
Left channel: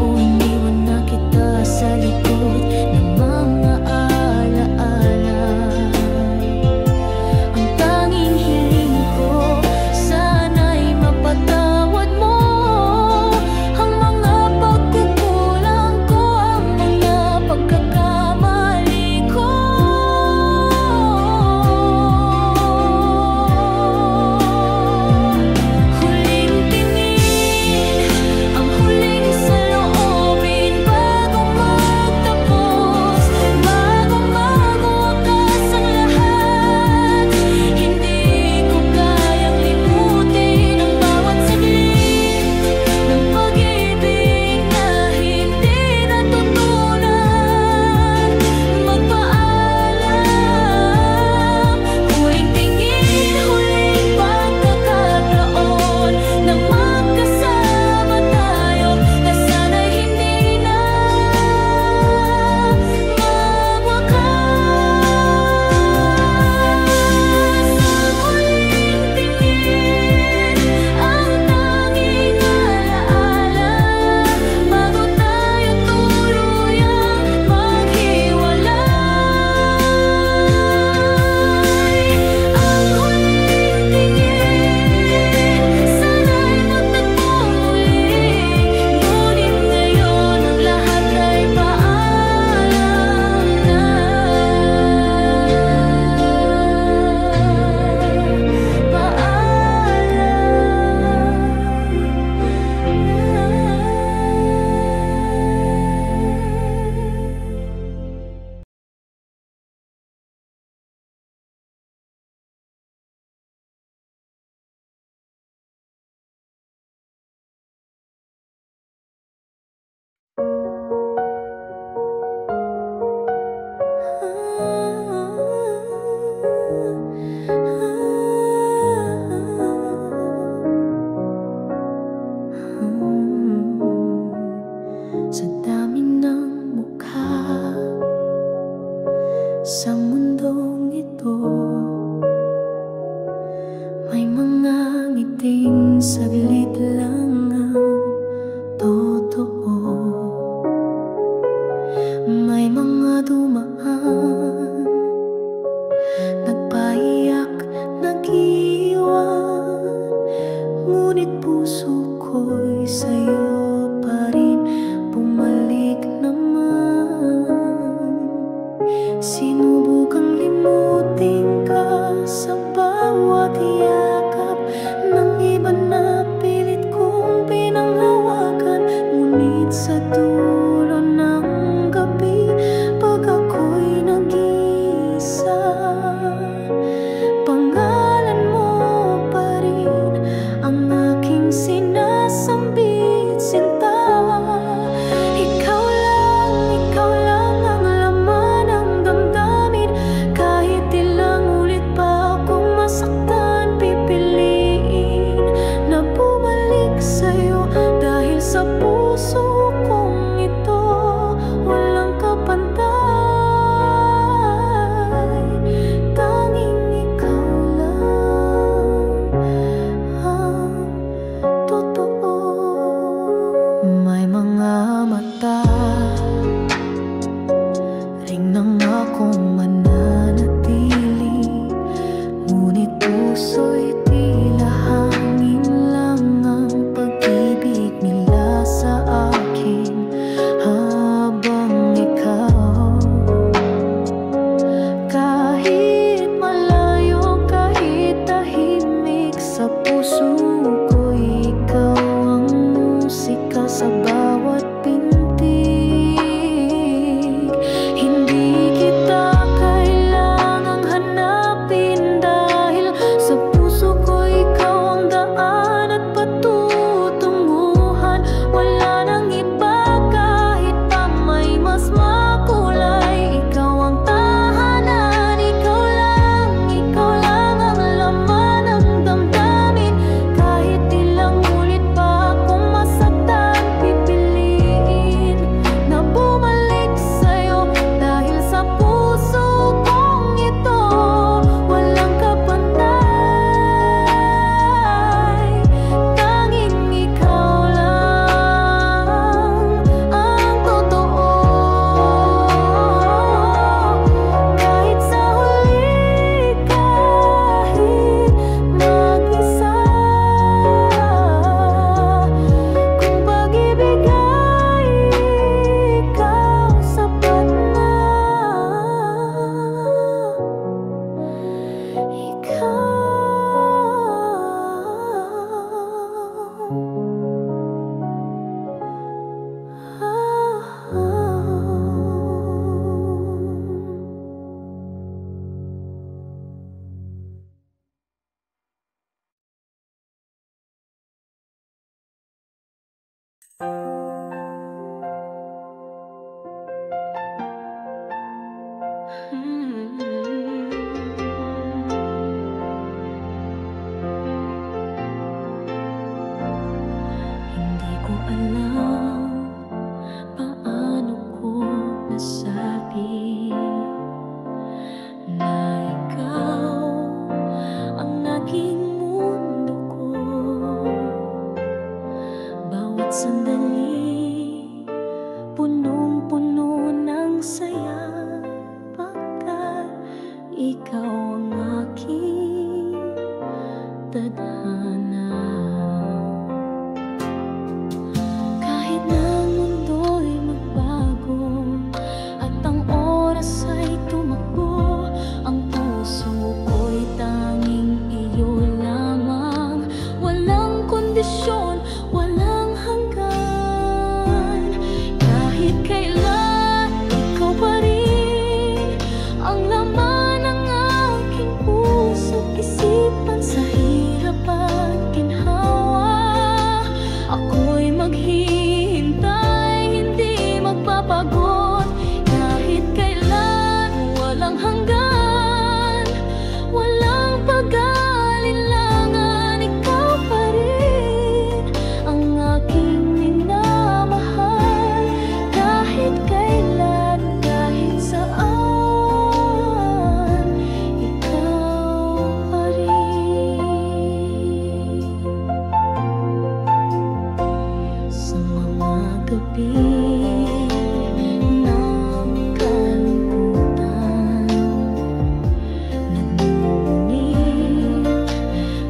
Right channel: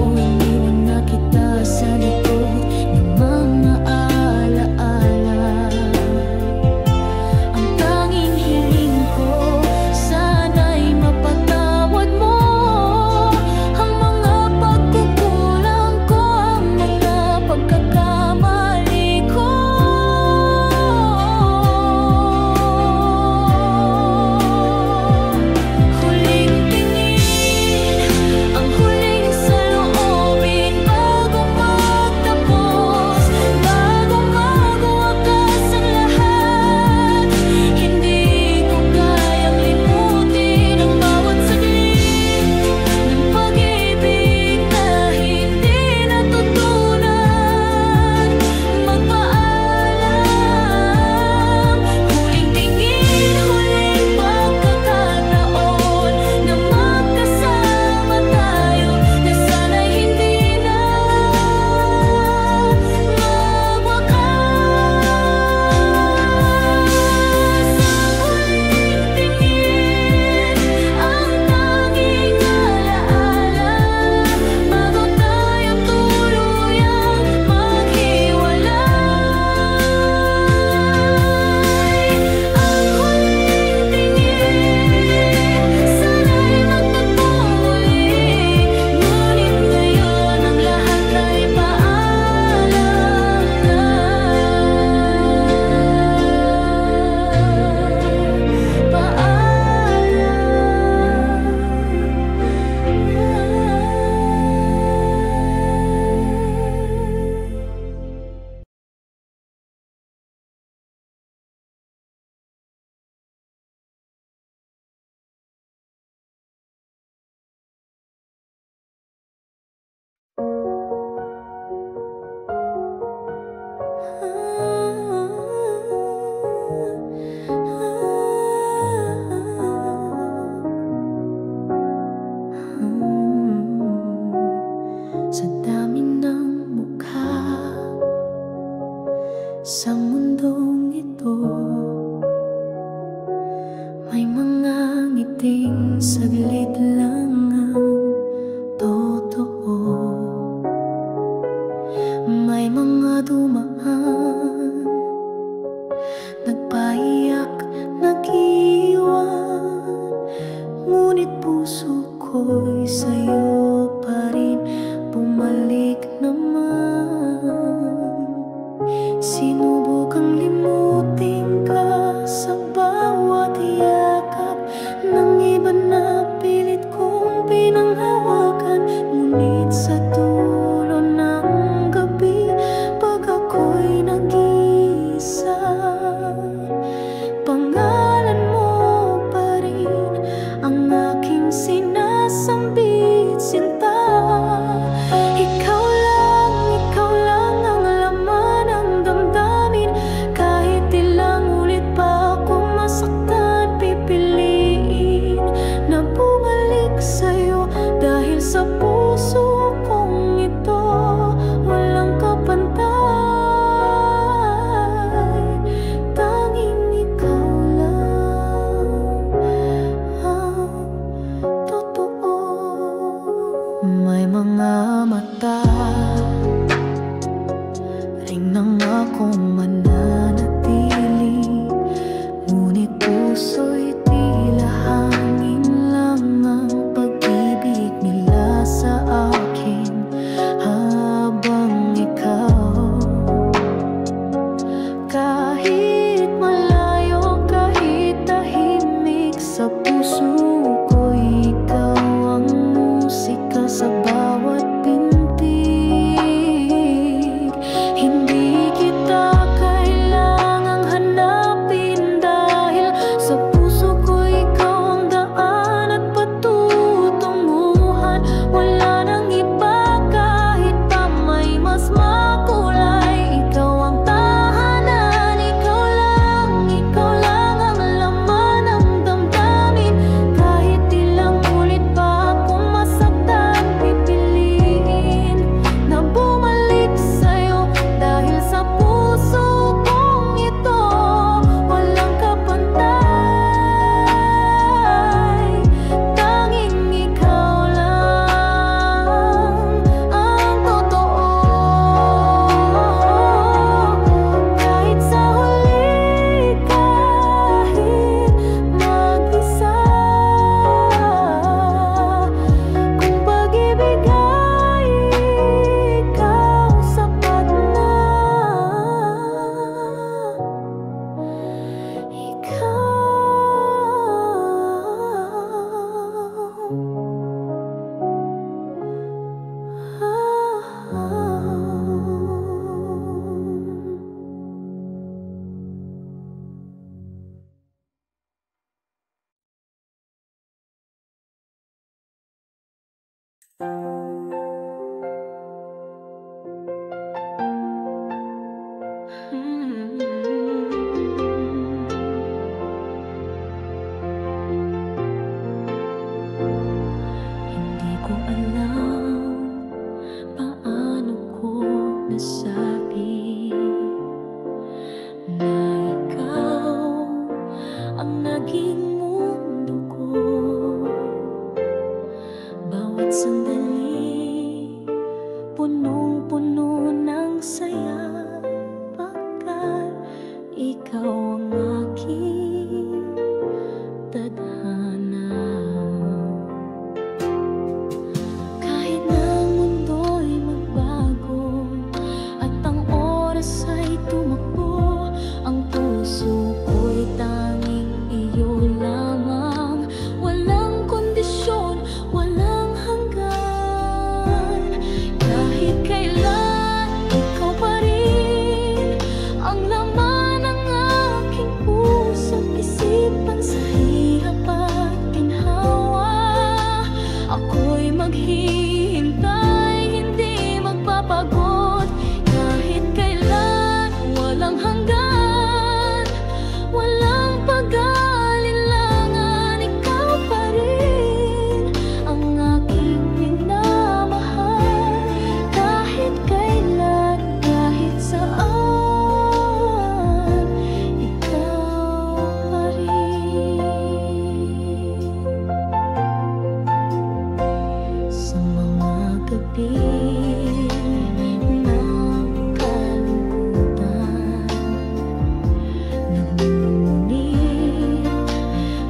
o iniwan na kita sa likod ng mga alaala. Ang tanging hiling ko, sana'y mapatawad mo ang mga pagkukulang ko, ang mga pagkakamali ko. Huling tingin, ang huling saloobin bago magtapos, bago magwakas ang lahat. Hindi ko kayang limutin ang bawat saglit ng pag-ibig na hindi natutunan. Magpaalam, huling tingin, huling pagkakataon na magkasama tayo, na sana'y hindi na magwakas. Ang huling tingin, ang tanging alaala bago tayo tuluyang maghiwalay. Ang huling tingin, sana'y magtagpo muli, ngunit ngayon ang lahat ay paalam na. Paalam na. Sa dami ng mukha sa mundong ito, may mga ngiting saglit lang ang totoo. May mga dumaan, nagpaiyak, nag-iwan, ngunit puso ko'y sa'yo pa rin bumalik naman. Sinubukang limutin ka sa bawat yakap ng iba na pilit kong pinanghawakan, ngunit sa dulo ng gabi, pag ako'y nag-iisa, pangalan mo pa rin ang aking sinasambit, sinta. Ikaw lang ang laman ng damdamin. Kahit ilang ulit pa akong masaktan, pipiliin na bumalik sa'yo, dahil sa puso kong ito walang kapantay. Tanging ikaw lang ang totoo. May mga mata ring nang akong mananatili, ngunit puso'y tila hangin lang ang pag-ibig nila sa akin. Habang ikaw, kahit malayo, kahit tahimik, sa puso ko'y ikaw ang musika sa bawat pintig. Hindi kita kailangang hanapin, dahil sa puso ko ikaw ang daan at patutunguhan. Wala nang iba saya pagkat ikaw ang aking tadhana. Kahit na ang mundo'y magbago at ang oras ay tumakbo, ang puso ko'y tanging iyo lamang. Walang kondisyon, walang hanggan. Kahit kailan, ikaw pa rin ang laman ng aking puso't isipan. Sa hirap at ginhawa, ako'y maghihintay, hindi magpapagod. Kahit kailan, walang hanggan, walang pag-alinlangan, ikaw pa rin ang aking minamahal. Kahit kailan, kahit saan, ikaw pa rin. Sa mga gabi na kalungkutan, nagmumungit,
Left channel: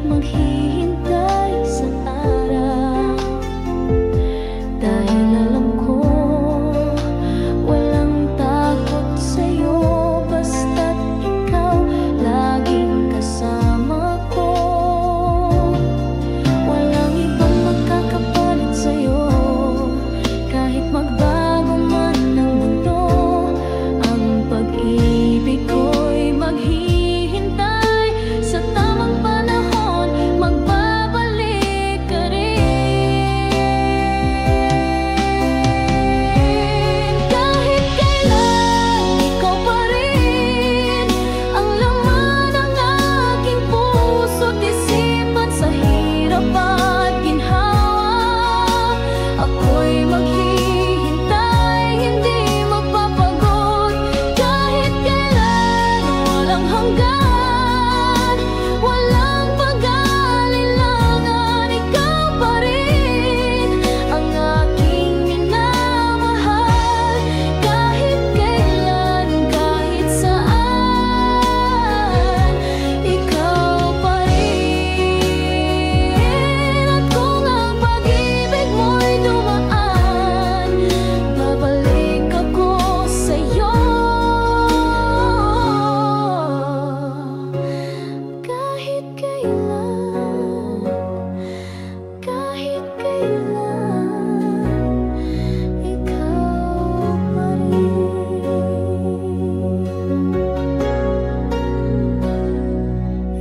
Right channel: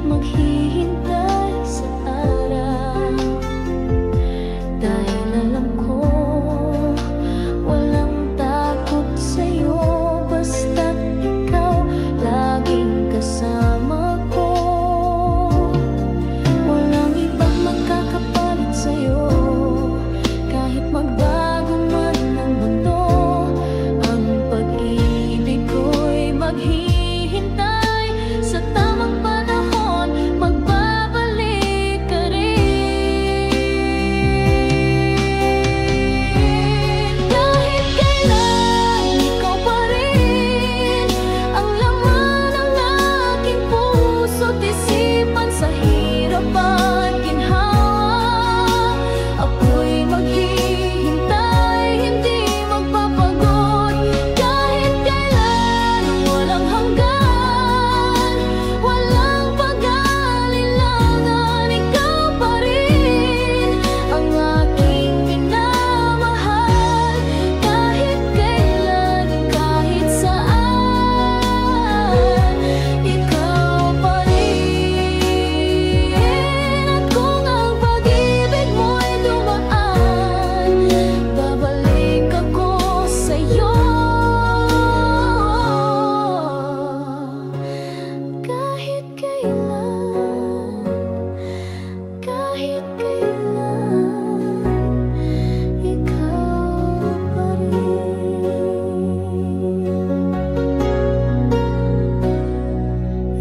maghihintay sa araw. Dahil alam ko, walang takot sa'yo, basta't ikaw laging kasama ko. Walang ibang makakapalit sa'yo, kahit magbago man ng mundo. Ang pag-ibig ko'y maghihintay, sa tamang panahon magbabalik ka rin. Kahit kailan, ikaw pa rin ang laman ng aking puso't isipan. Sa hirap at ginhawa, ako'y maghihintay, hindi magpapagod. Kahit kailan, walang hanggan, walang pag-alinlangan, ikaw pa rin ang aking minamahal. Kahit kailan, kahit saan, ikaw pa rin. At kung ang pag-ibig mo'y dumaan, babalik ako sa'yo. Kahit kailan, kahit kailan, ikaw pa rin.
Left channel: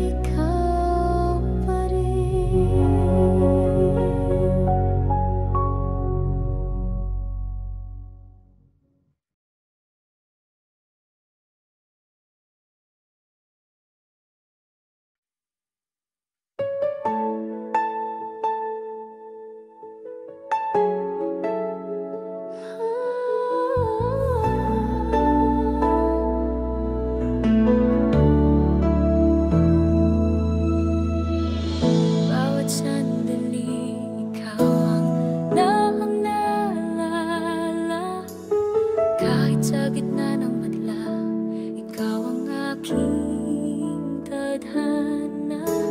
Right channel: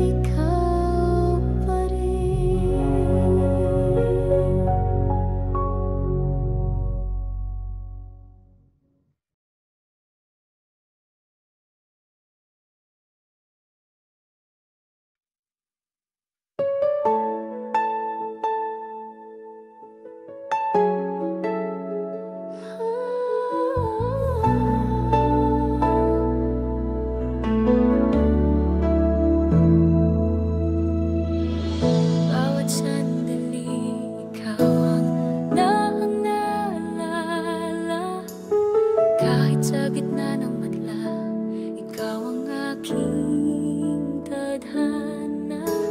Ikaw pa rin. Bawat sandali, ikaw ang naalala. Kahit sa gitna ng madla, ikaw ang aking tadhana.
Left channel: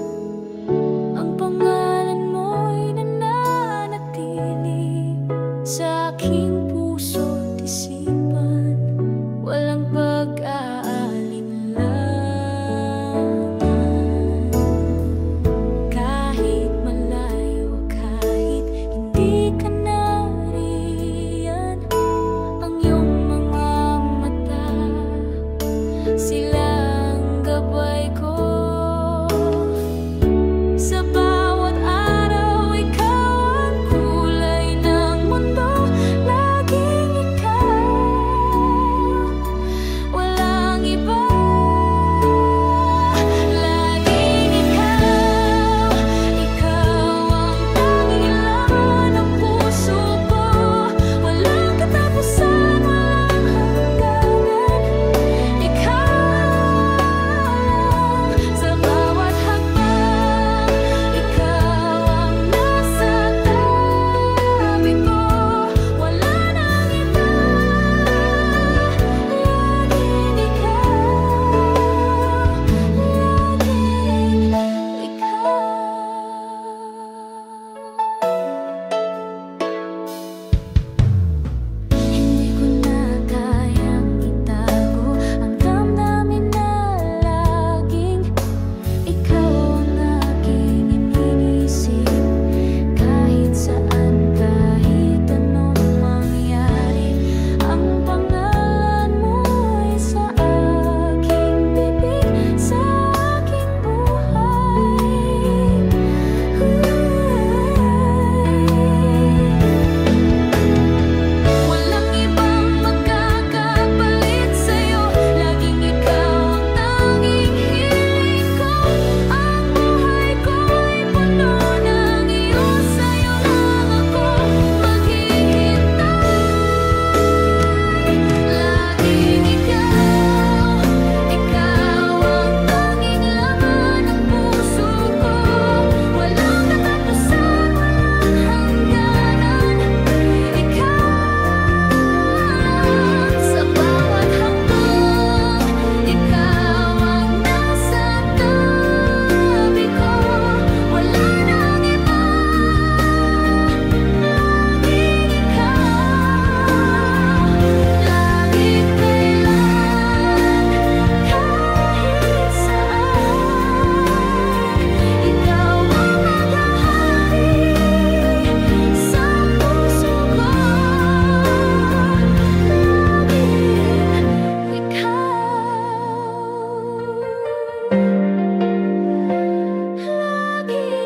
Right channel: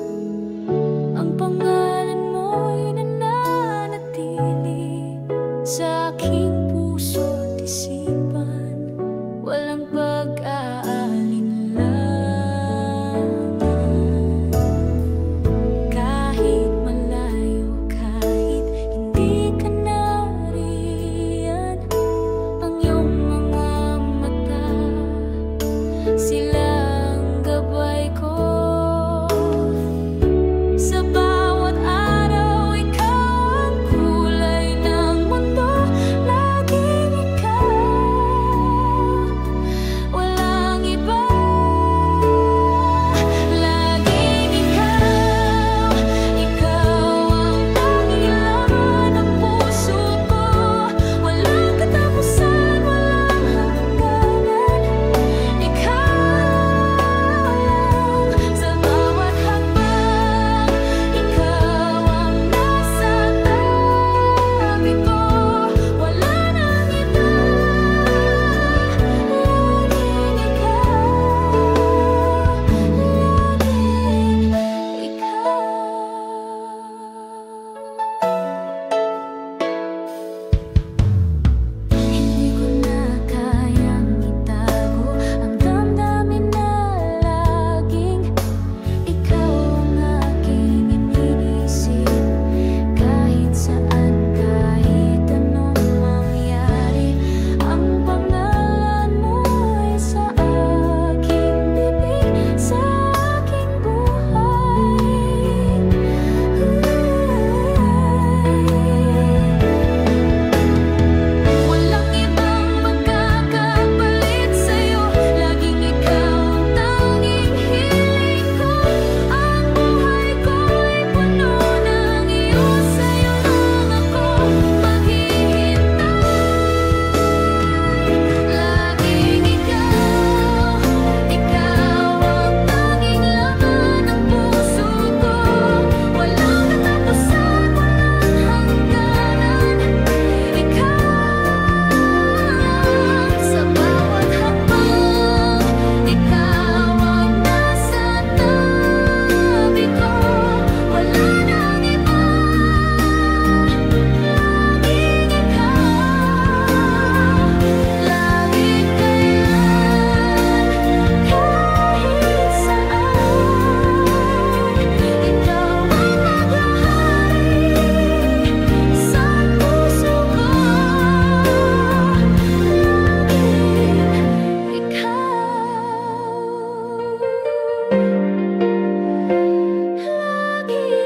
Ang pangalan mo'y nananatili sa aking puso't isipan. Walang pag-aalinlangan. Kahit malayo, kahit hindi ka nariyan, ang iyong mga mata, silang gabay ko. Sa bawat araw, ikaw ang kulay ng mundo, laging ikaw, walang iba. ko na kayang itago ang damdamin na laging ikaw ang aking iniisip. Kahit saan, kahit anong mangyari, ang pangalan mo ay sa aking bibig, sa aking buhay. Walang ibang magkakapalit sa'yo, laging ikaw ang tanging hiling ko. Ang buhay ko'y puno ng iyo, sa'yo lang ako maghihintay. Laging ikaw, ikaw ang tanging laman ng puso ko. Walang katapusan, walang hangganan, ikaw lang sa bawat hakbang. Ikaw ang nasa tabi ko, wala nang iba. Laging ikaw, lagi kailan, kahit saan. Ikaw ang maghahari sa puso ko. Laging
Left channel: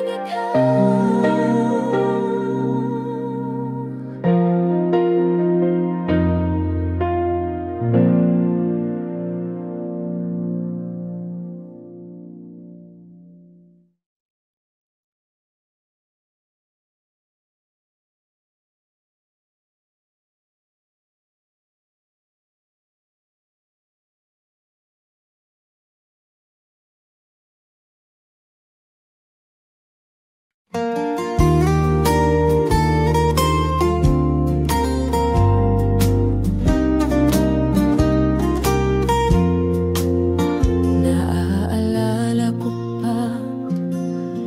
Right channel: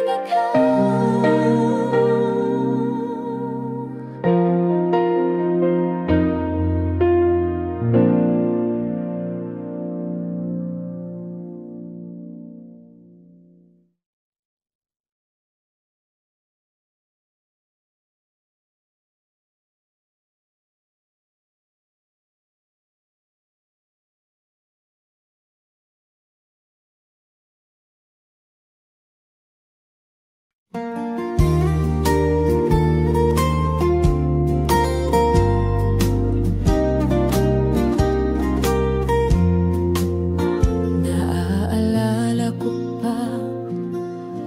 ikaw, naaalala ko pa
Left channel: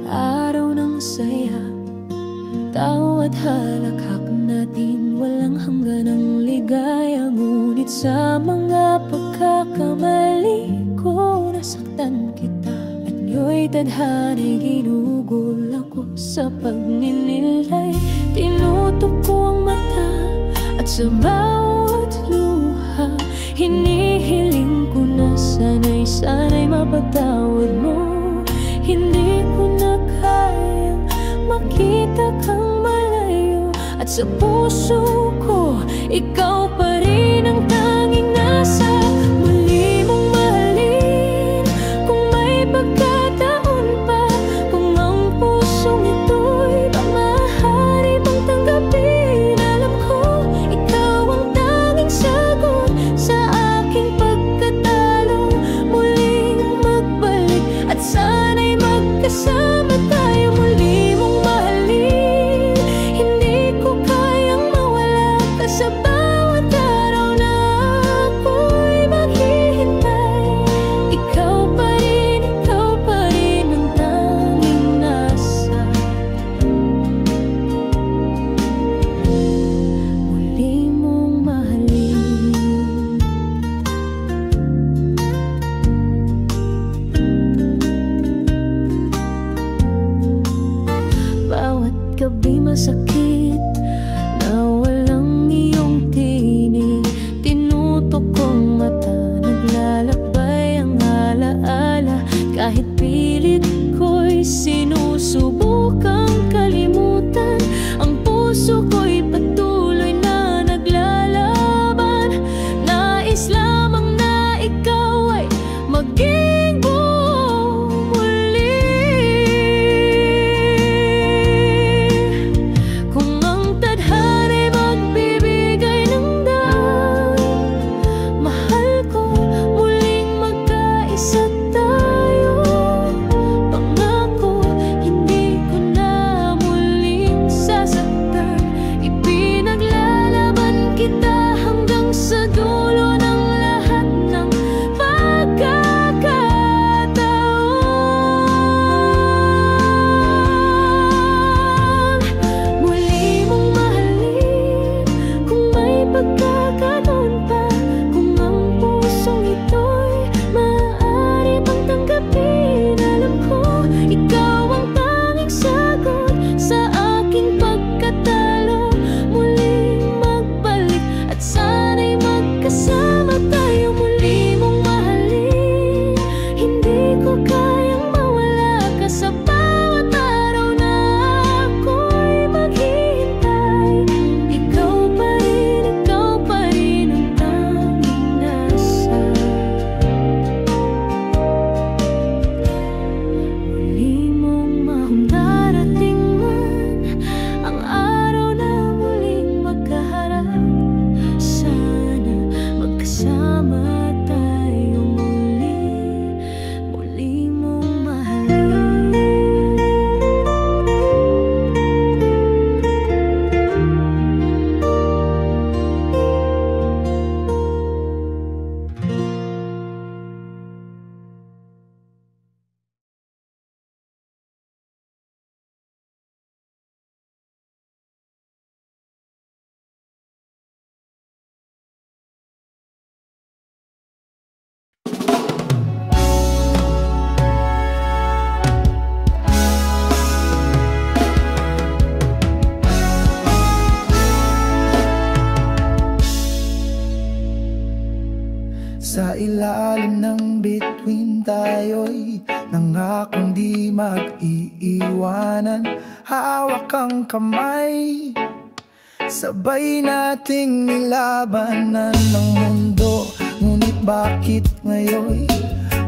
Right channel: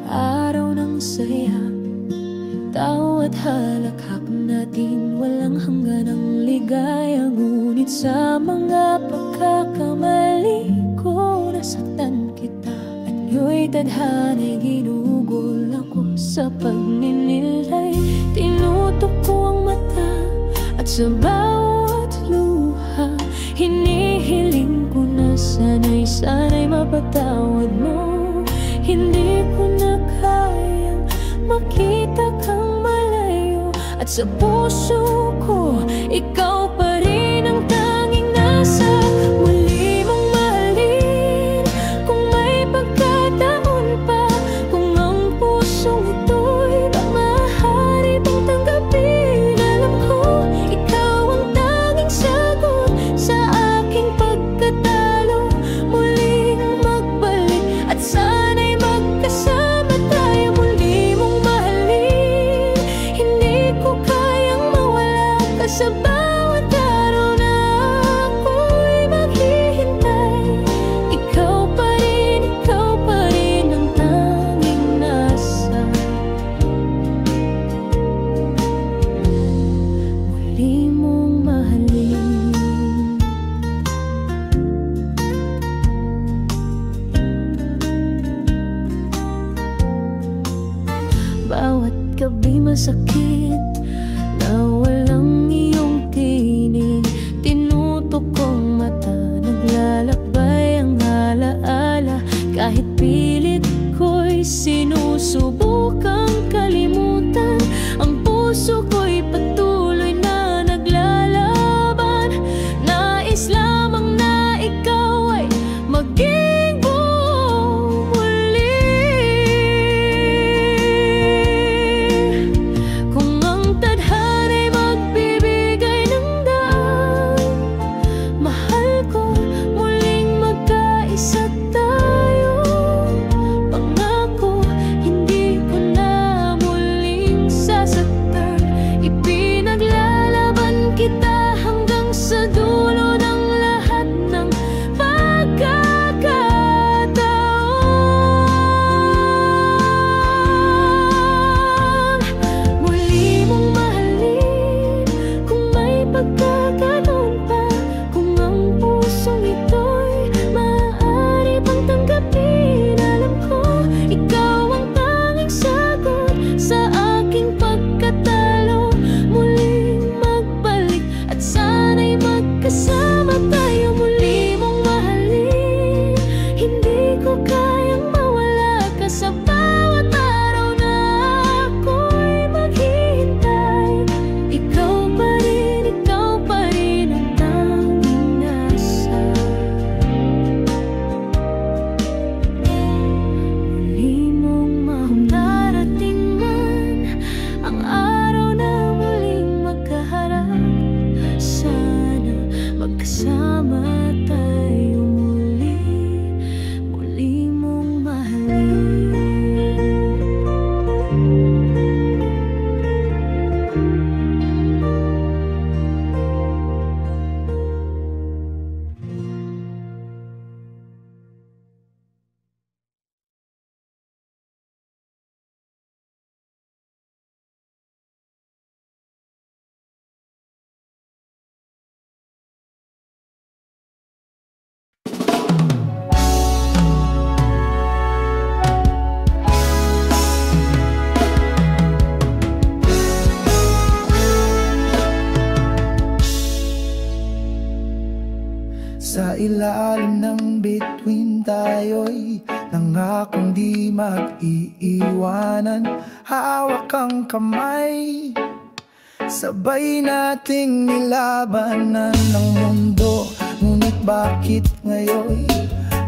araw ng saya, tawa at halakhak natin, walang hangganang ligaya. Ngunit sa mga pagkakamali ko, nasaktan kita at nga'y tadhana'y ginugol ako. Sa pagninilay, tinutok ko ang mata at sa bawat luha, hinihiling ko na sana'y mapatawad mo. Hindi ko na kayang makita kang malayo, at sa puso ko, ikaw pa rin ang tanging nasa. Muli mong mahalin kung may pagkataon pa, kung ang pusong ito'y maaari bang tanggapin. Alam ko, ikaw ang tanging sagot sa aking pagkatalo. Muling magbalik at sana'y magkasama tayo. Muli mong mahalin, hindi ko kayang mawala ka sa bawat araw na ako'y maghihintay. Ikaw pa rin ang tanging nasa. Muli mong mahalin. Bawat gabi masakit na walang iyong tinig, tinutok kong mata, naglalakbay ang alaala. Kahit pilit ko'y sinusubukang kalimutan, ang puso ko'y patuloy na naglalaban. Nais lamang na ikaw ay maging buo muli. Kung ang tadhana'y magbibigay ng daan, mahal ko, muling magkaisa tayo. Pangako, hindi magkasama tayo muli mong mahalin. Hindi ko kayang mawala ka sa bawat araw na ako'y maghihintay. Ikaw pa rin ang tanging nasa. Muli mong darating man ang araw na muling magkaharap. Sana magkasama tayo muli, muli mong mahalin. Sa ilalim ng bituin tayo'y nangakong di mag-iiwanan. Hawak ang kamay, sabay nating nilabanan ng mundo. Ngunit bakit ngayon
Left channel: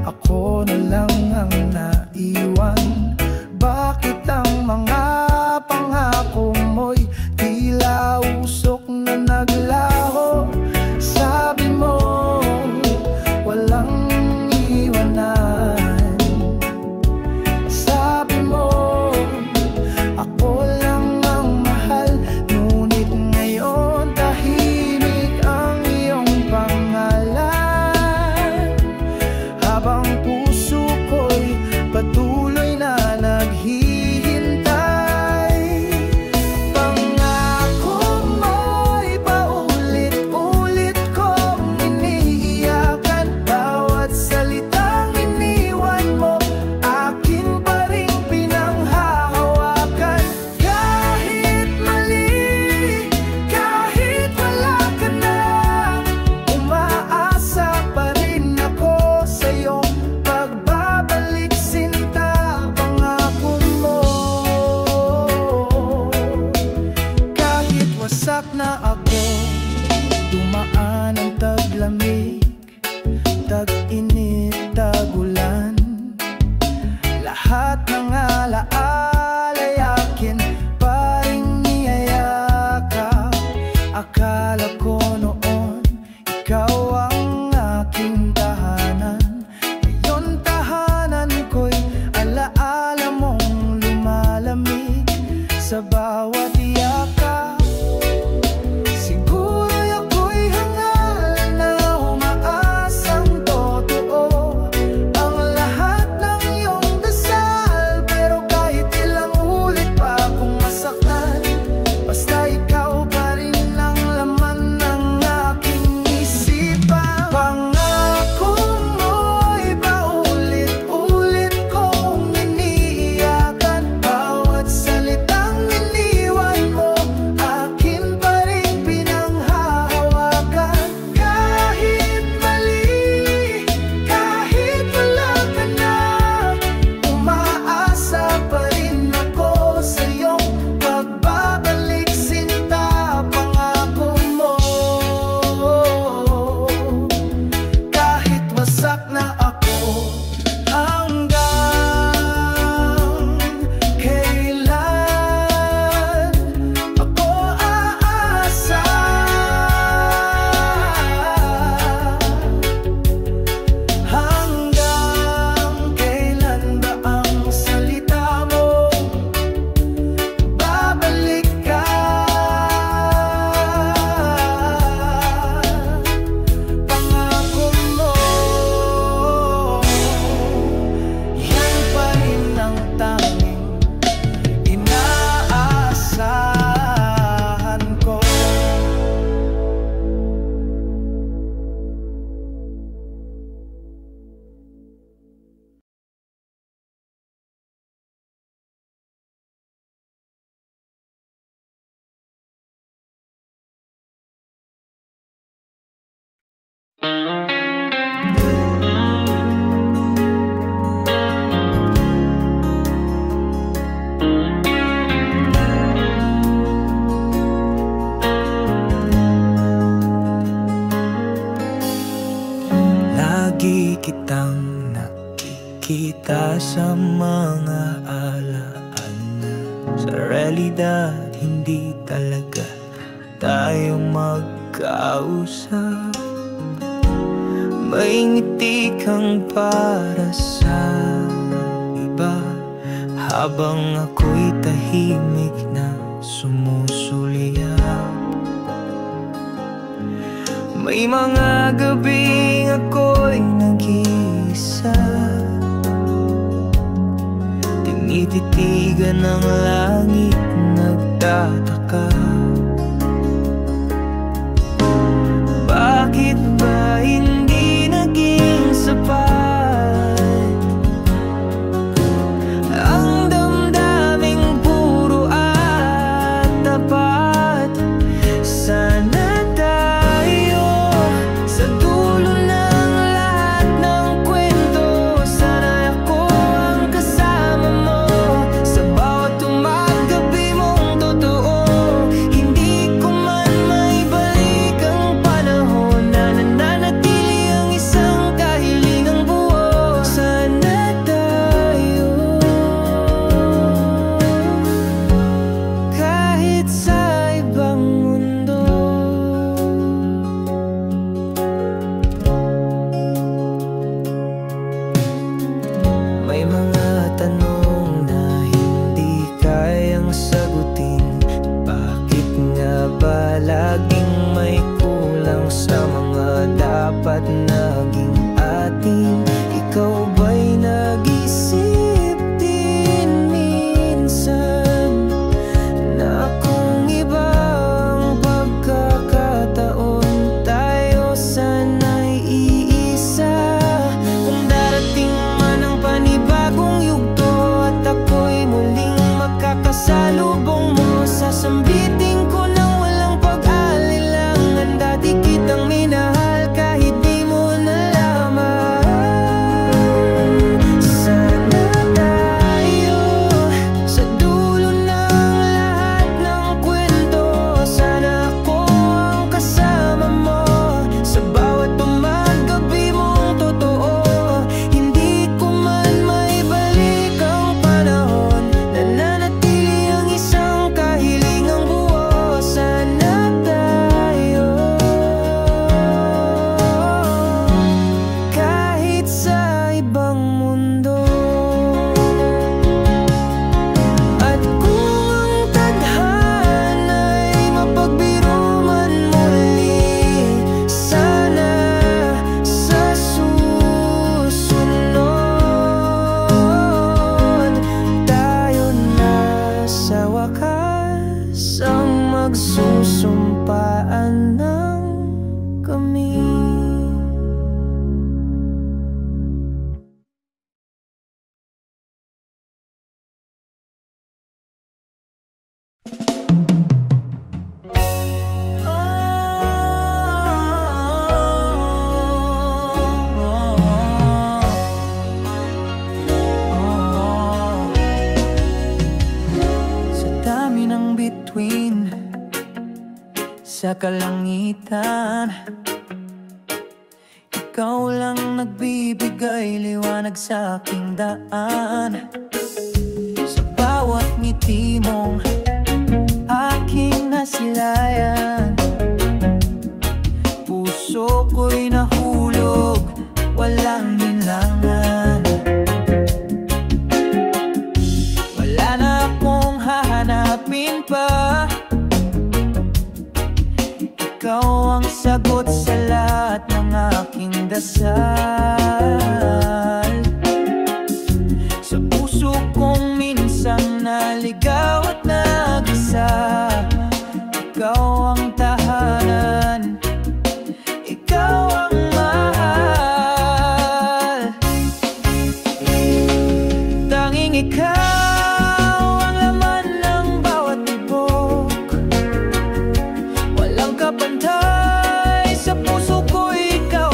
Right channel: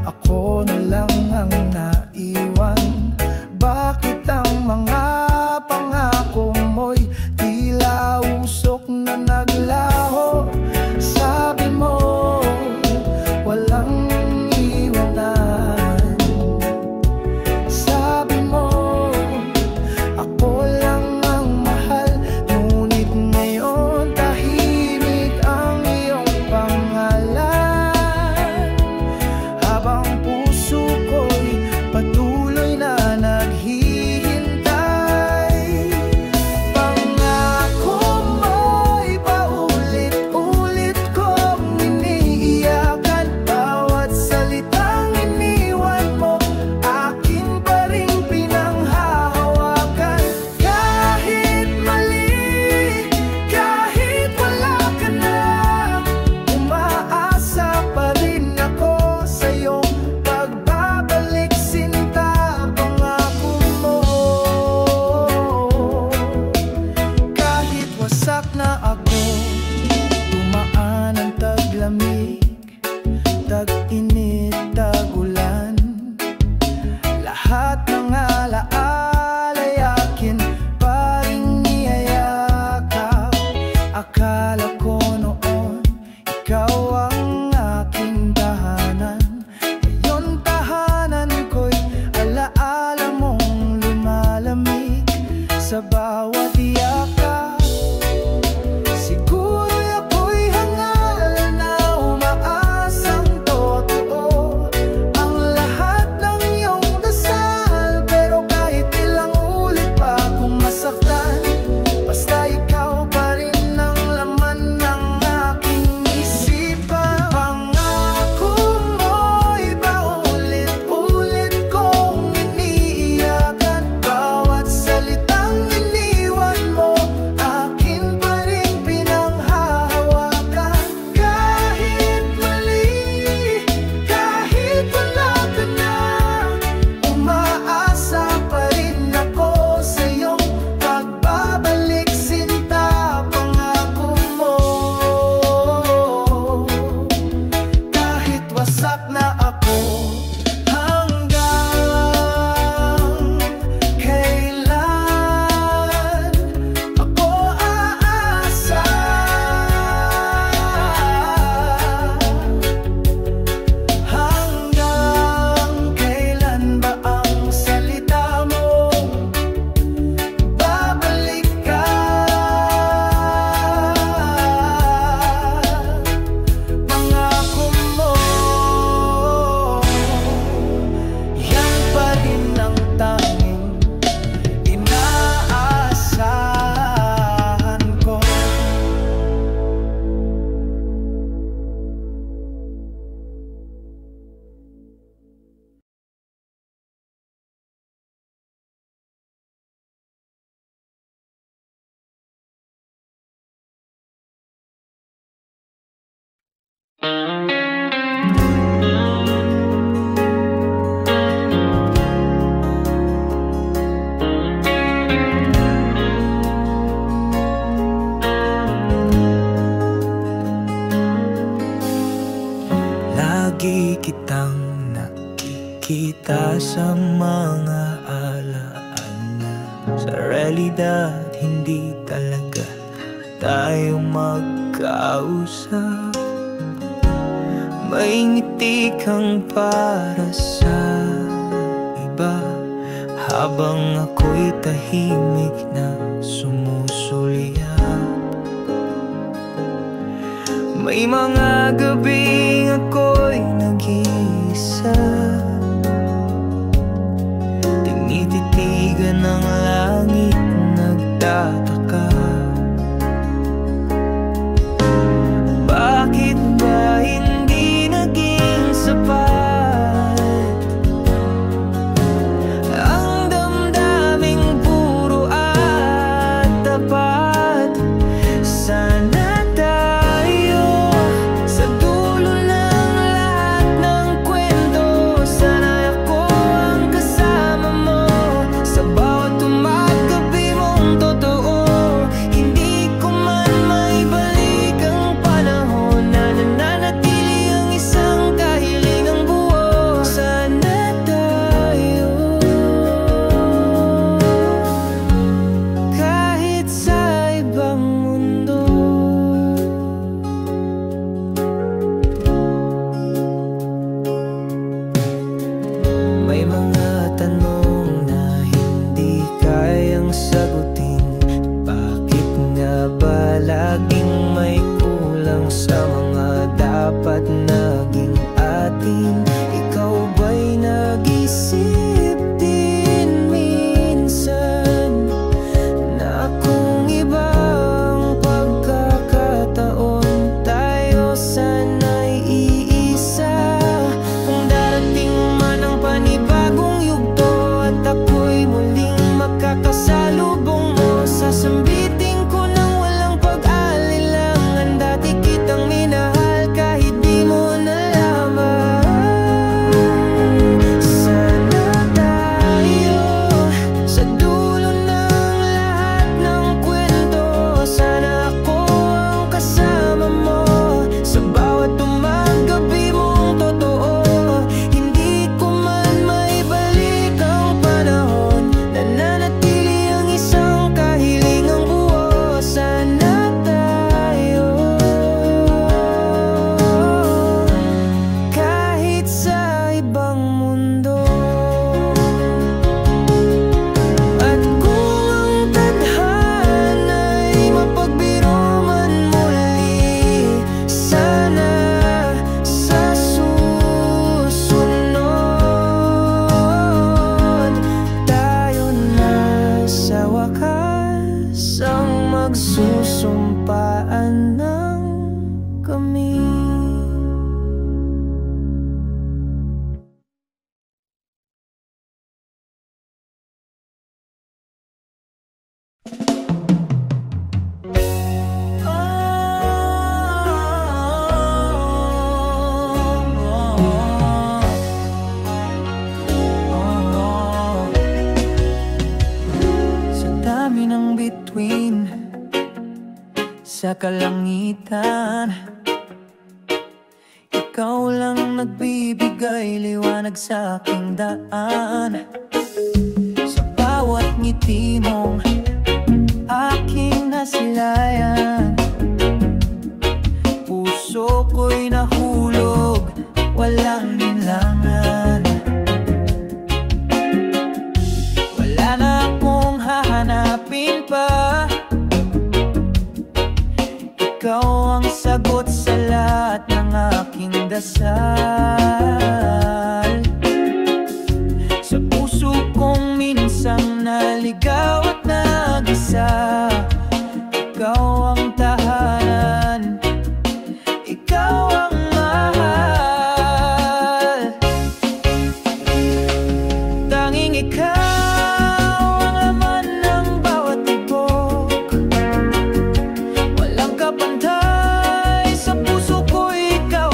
ako na lang ang naiwan? Bakit ang mga pangako mo'y tila usok na naglaho? Sabi mo walang iwanan. Sabi mo ako lang ang mahal. Ngunit ngayon tahimik ang iyong pangalan. Habang puso ko'y patuloy na naghihintay. Pangako mo'y paulit-ulit kong iniiyakan. Bawat salitang iniwan mo, akin pa rin pinanghahawakan. Kahit mali, kahit wala ka na, umaasa pa rin ako sa iyong pagbabalik sinta. Pangako mo, kahit wasak na ako, dumaan ang taglamig, tag-init, tag-ulan. Lahat ng alaala'y akin pa rin niyayakap. Akala ko noon ikaw ang aking tahanan. Ngayon tahanan ko'y alaala mong lumalamig sa bawat yakap. Siguro'y ako'y hangal na umaasang totoo ang lahat ng iyong dasal. Pero kahit ilang ulit pa akong masaktan, basta ikaw pa rin ang laman ng Lagi kitang nakikita sa mga alaala. Sa realidad, hindi talaga tayo magkausap. May ngiti kang para sa iba, habang ako'y tahimik na sumusuliyap. May mga gabing ako'y nag-iisa, tinititigan ng langit, nagtataka. Bakit ba hindi naging sapat ang damdaming puro at tapat? Sana tayo sa dulo ng lahat ng kwento. Sana ako ang kasama mo sa bawat umagabi mong totoo. Hindi ko man maibalik ang panahon na nananatili ang isang kahilingang buo. Sana tayo kahit sa ibang mundo. May mga tanong na hindi kayang sagutin. Bakit nga ba laging may kulang sa mga dapat naging atin? Ikaw ba'y nag-isip din minsan na kung ibang pagkakataon tayo sana'y iisa? Kung darating man ang panibagong yugto at ako'y muling makakasalubong mo, sasambitin ko nang walang pag-alilangan. Dati kitang minahal kahit di mo nalaman. Sana tayo sa dulo ng lahat ng kwento. Sana ako ang kasama mo sa bawat umagabi mong totoo. Hindi ko man maibalik ang panahon, nananatili ang isang kahilingang buo. Sana tayo kahit sa ibang mundo. At kung ang tadhana'y mapagbiro man muli, sana sa susunod tayo na sa wakas ang magsusumpaan ng kami. Sa dami ng bituin sa kalangitan, ikaw lang nagbibigay liwanag sa aking daan. Sa bawat ngiti mong aking nasilayan, puso ko'y nahulog, walang hinlangan. Wala na akong hahanapin pa, ikaw ang sagot sa lahat ng aking dasal. Sa puso kong minsang naligaw at nag-isa, ikaw ang tahanan, ikaw ang mahal. Tanging ikaw ang laman ng bawat tibok, walang kapantay sa puso ko, ikaw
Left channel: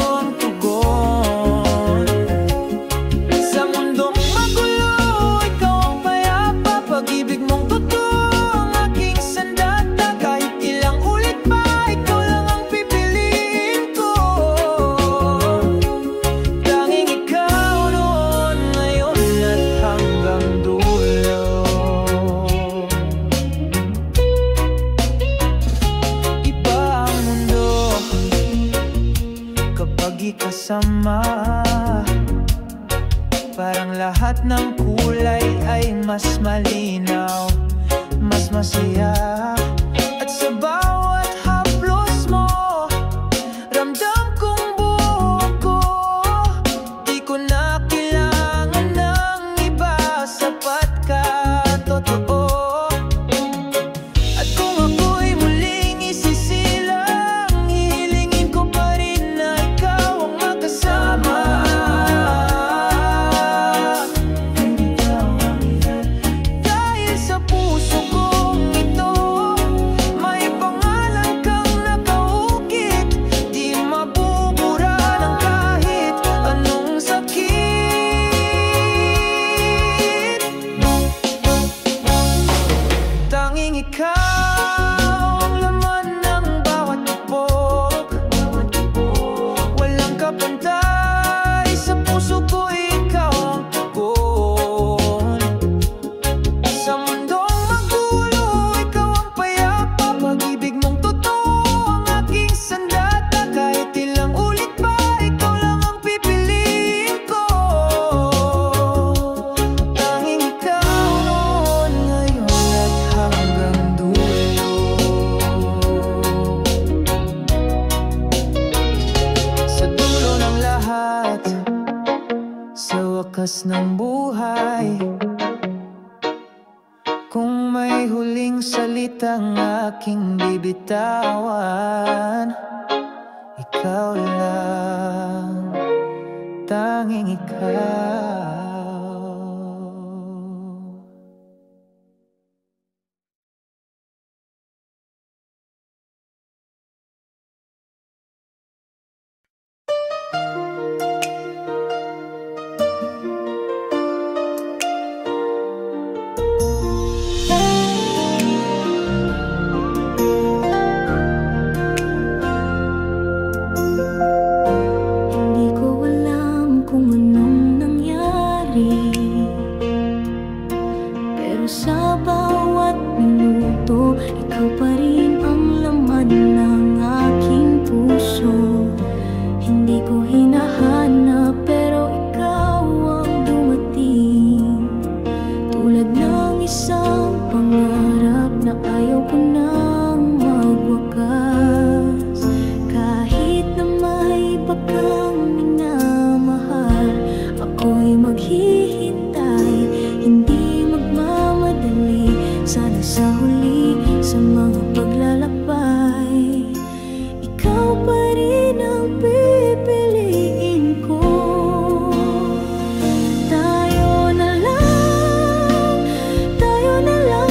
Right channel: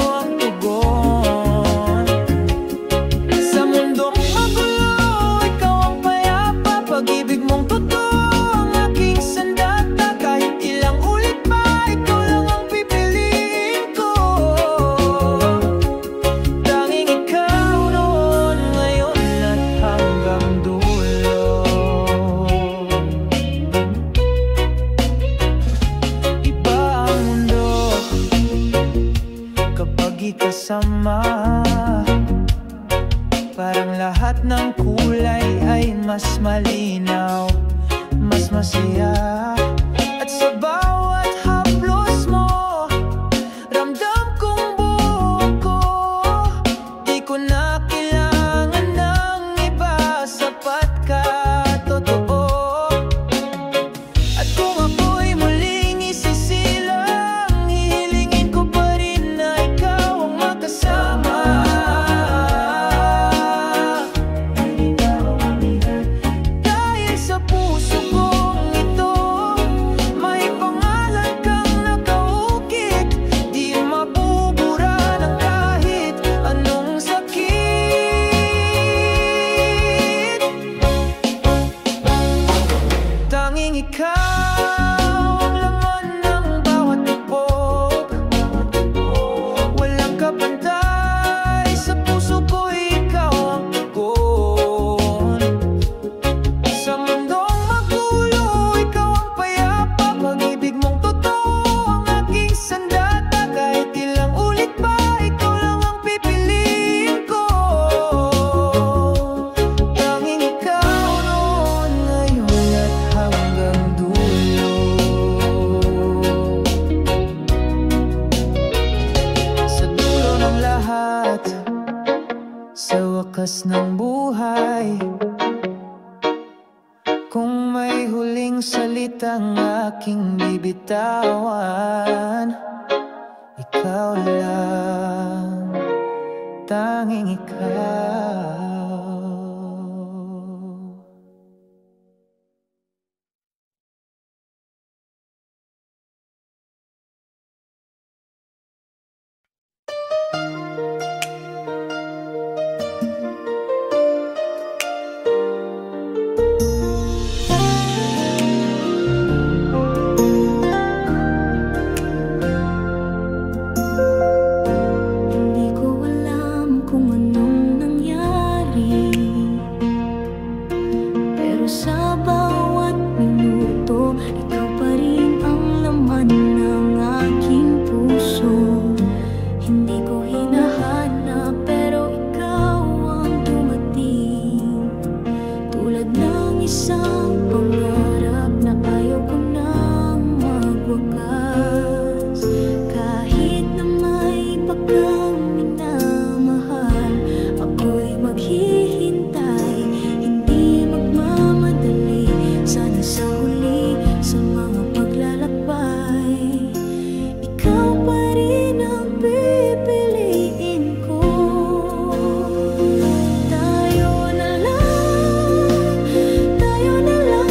lagi kasama. Parang lahat ng kulay ay mas malinaw, mas masaya. At sa bawat haplos mo, ramdam kong buo ko. Di ko na kailangan ng iba, sapat ka, totoo. At kung ako'y muling isisilang, hihilingin ko pa rin na ikaw ang makasama. Dahil sa puso kong ito, may pangalan kang nakaukit. Di mabubura ng kahit anong sakit. Tanging ikaw ang laman ng bawat tupok. Walang kapantay sa puso ko, ikaw ang tugon. Sa mundong magulo, ikaw ang payapa. Pag-ibig mong totoo ang aking sandata. Kahit ilang ulit pa, ikaw lang ang pipiliin ko. Tanging ikaw noon, ngayon at hanggang dulo. Sa dulo ng lahat, sa wakas ng buhay, kung may huling salitang aking bibitawan, ikaw lang, tanging ikaw. Hindi ko alam kung anong nangyari, pero sa bawat minuto, ikaw pa rin ang laman ng aking puso. Hindi ko hinahanap, pero ikaw ang dumating. Tulad ng isang pangarap na ayaw ko nang magwakas. Kahit na may iba kang minamahal, ako'y maghihintay, hindi magmamadali. Sana sa huli, sa mga paglalakbay, ikaw pa rin ang pipiliin ko. Tayo na lang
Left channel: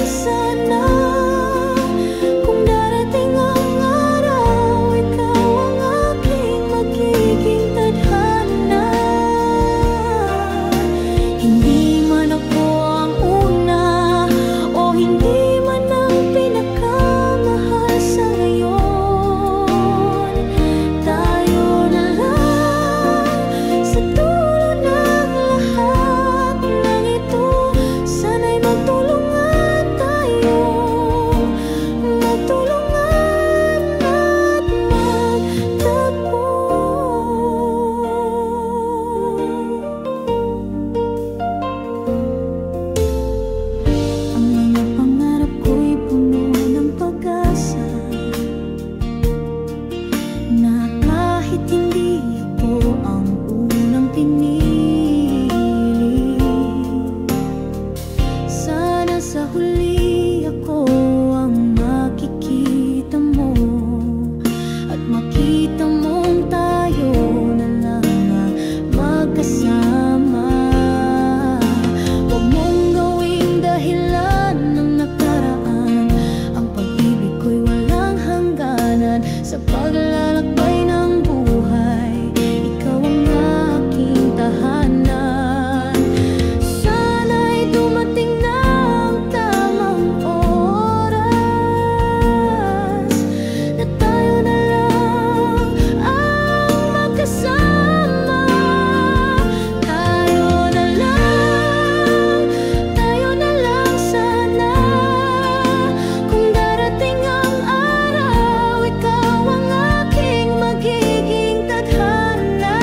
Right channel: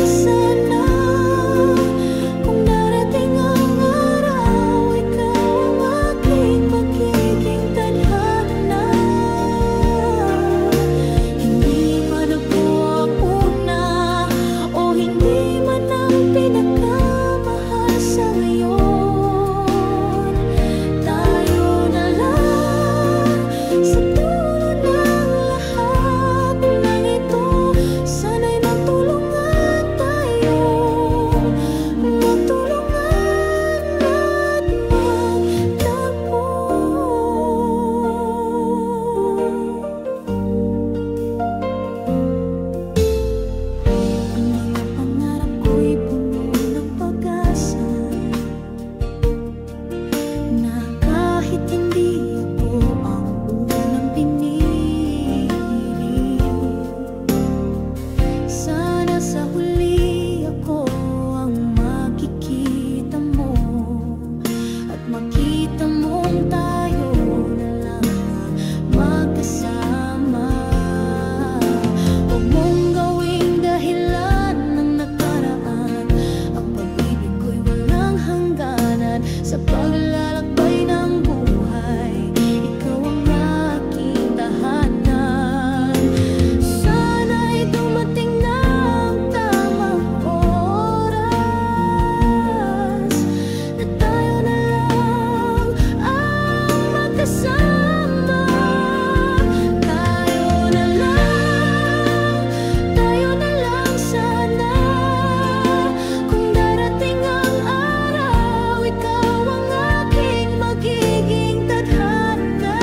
sana. Kung darating ang araw, ikaw ang aking magiging tadhana. Hindi man ako ang una, o hindi man ang pinakamahal sa ngayon. Tayo na lang sa dulo ng lahat ng ito. Sana'y magtulungan tayo, magtulungan at magtagpo. Ang mga pangarap ko'y puno ng pag-asa, na kahit hindi ako ang unang pinili, sana sa huli ako ang makikita mo, at makita mong tayo na lang ang magkasama. Huwag mong gawing dahilan ng nakaraan, ang pag-ibig ko'y walang hangganan. Sa paglalakbay ng buhay, ikaw ang aking tahanan. Sana'y dumating na ang tamang oras, na tayo na lang ang magkasama. Tayo na lang sana. Kung darating ang araw, ikaw ang aking magiging tadhana.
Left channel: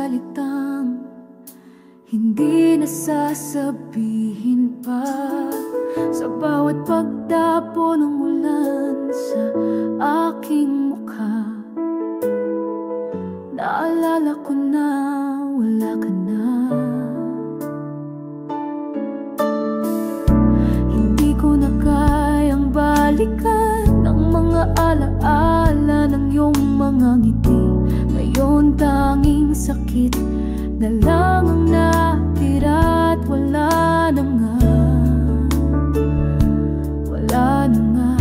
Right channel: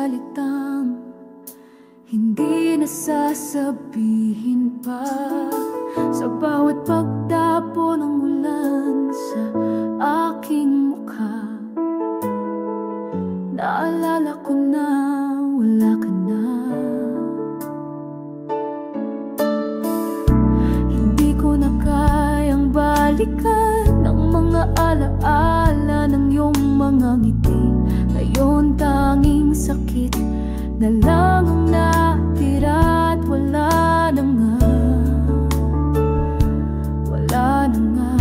salitang hindi nasasabihin pa. Sa bawat pagdapo ng ulan sa aking mukha, naalala ko na wala ka na. Hindi ko na kayang balikan ang mga alaala ng iyong mga ngiti. Ngayon tanging sakit na lang ang natira at wala na nga, wala na nga.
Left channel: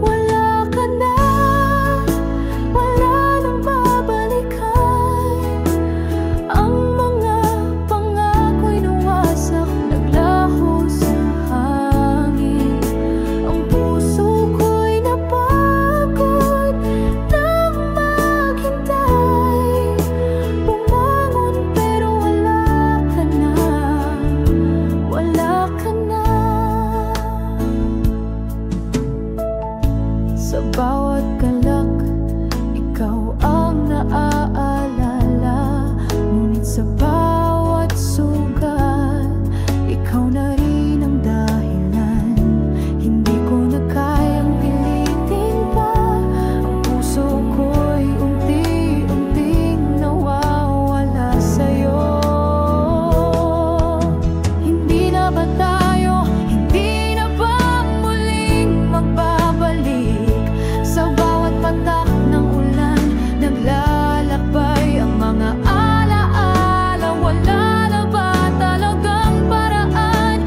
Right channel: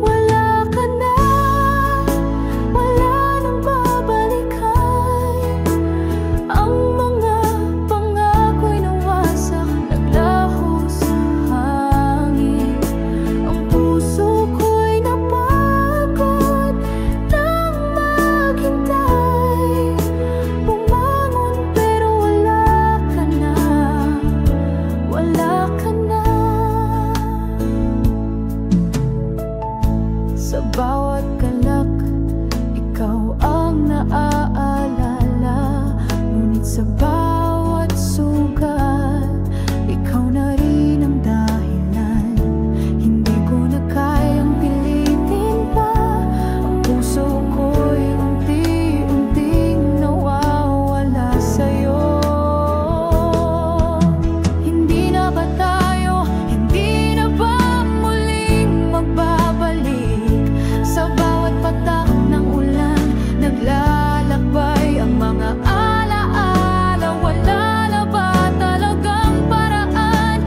Wala ka na, wala nang babalikan. Ang mga pangako'y nawasak, naglaho sa hangin. Ang puso ko'y napagod nang maghintay. Bumangon pero wala ka na, wala ka na. Sa bawat galak, ikaw ang naaalala. Ngunit sa bawat sugat, ikaw na rin ang dahilan. Hindi ko na kayang pilitin pa. Ang puso ko'y unti-unting nawawala sa'yo. Hindi na ba tayo, hindi na ba muling magbabalik? Sa bawat patak ng ulan, naglalakbay ang mga alaala. Wala na ba talagang paraan?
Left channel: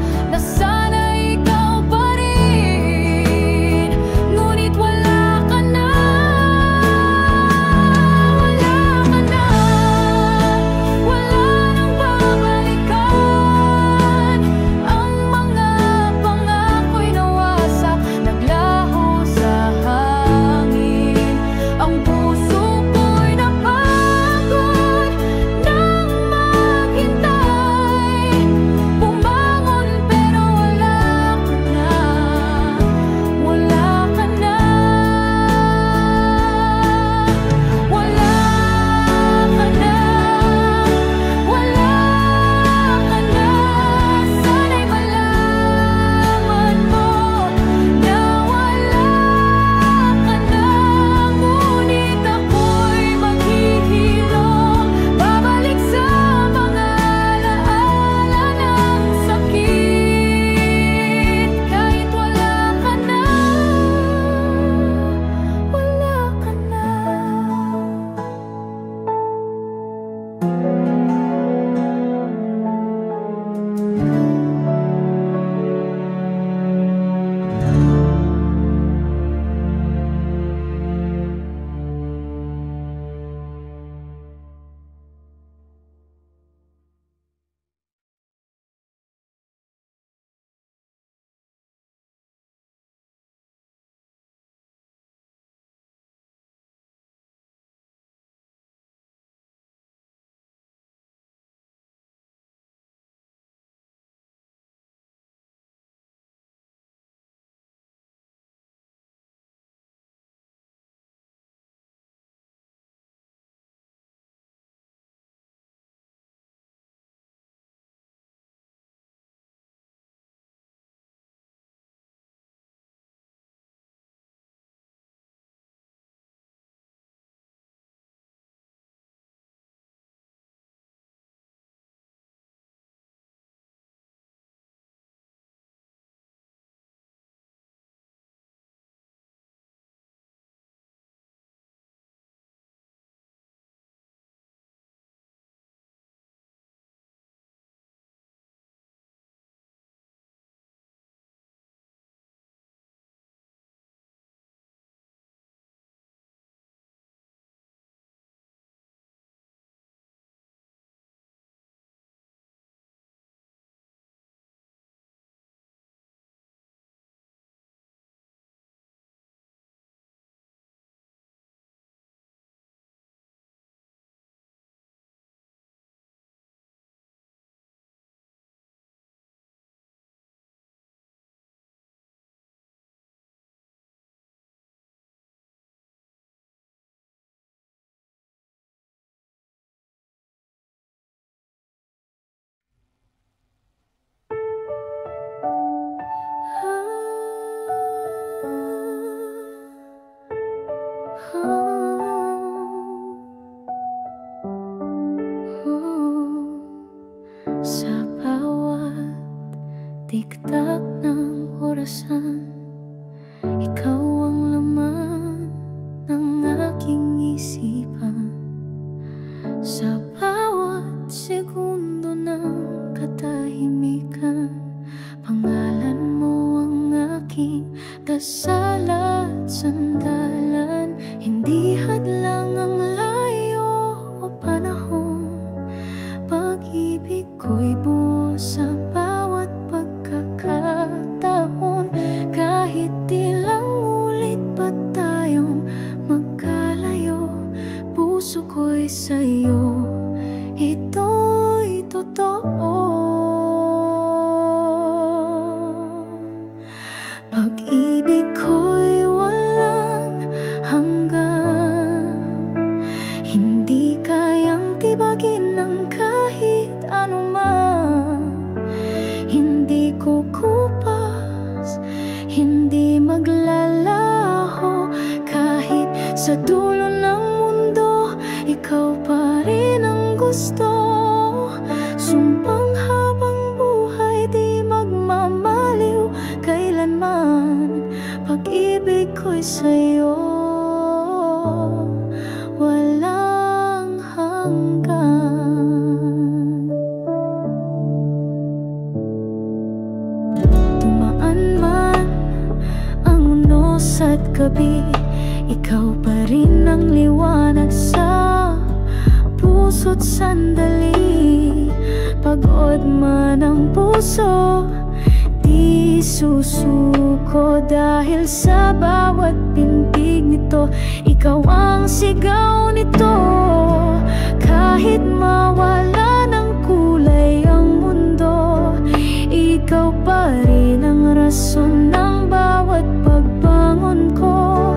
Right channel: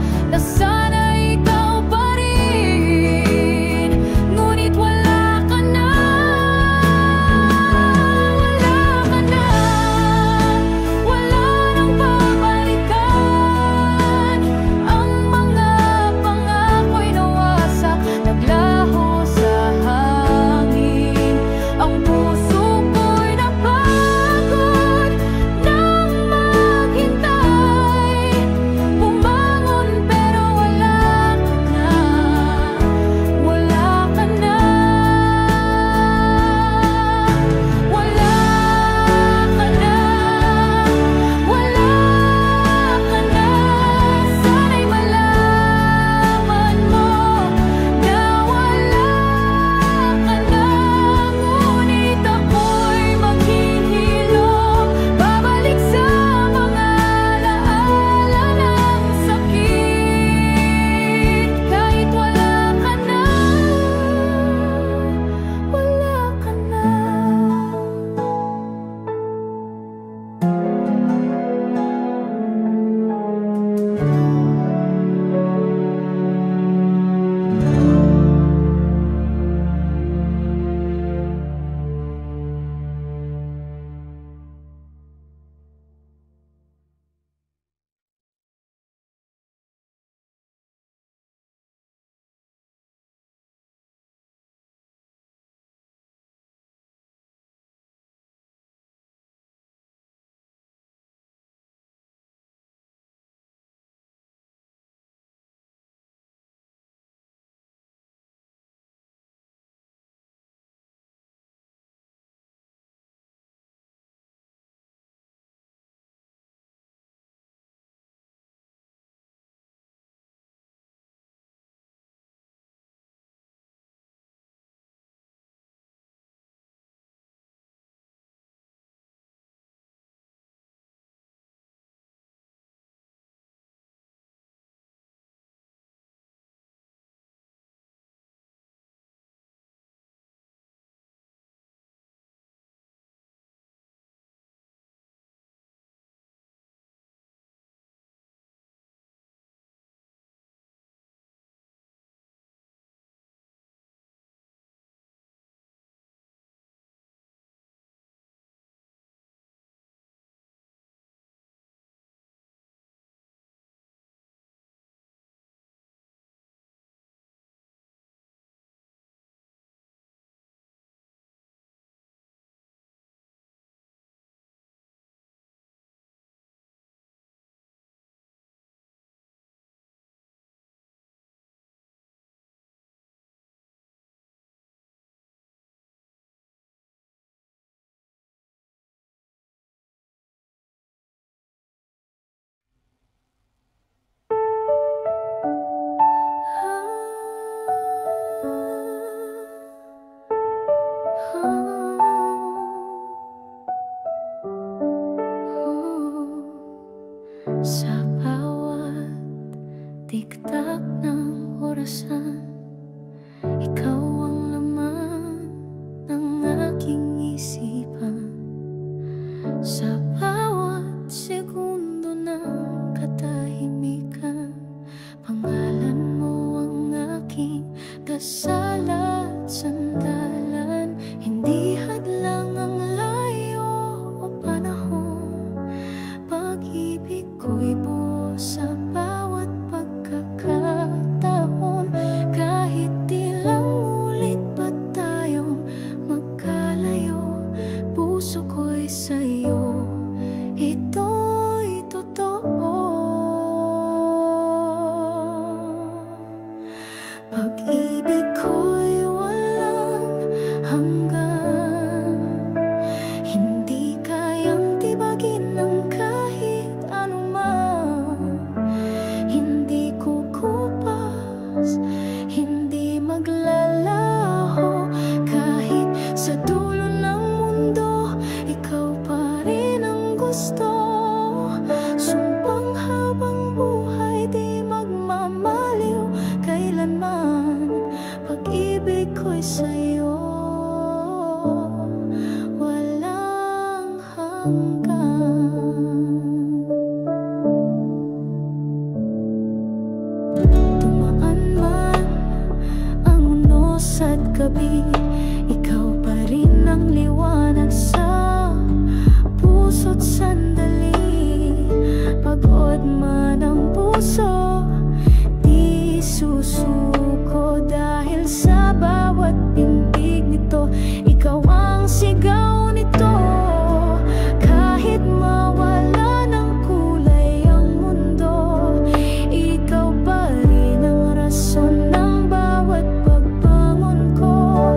tiktak ng orasan, ikaw ang laman ng aking isipan. Sa bawat segundo ng katahimikan, pangalan mo ang aking dasal at sandalan. Hindi hadlang ang layo o panahon, pag-ibig ko'y buo sa bawat pagkakataon. Kahit ilang ulit pa tayong magkalayo, puso ko'y sa'yo, ito'y totoo. Pag-ibig ko'y walang hanggan, hindi kayang tibagin ng kahit anuman. Hindi kukupas, hindi maglalaho, kahit sa dulo ng mundo, ikaw pa rin ang gusto. Sumpang habang buhay di magmamaliw kailanman, pag-ibig ko'y sa'yo, walang hanggan. Dumaan man ang unos at gabi, ikaw pa rin ang liwanag sa puso't sandali. Pagod man ang puso, di susuko, dahil sa bawat pintig nito, ikaw ang sigaw nito. Kahit mawala ng kulay ang mundo, ikaw pa rin ang rason ng bawat pagbangon ko.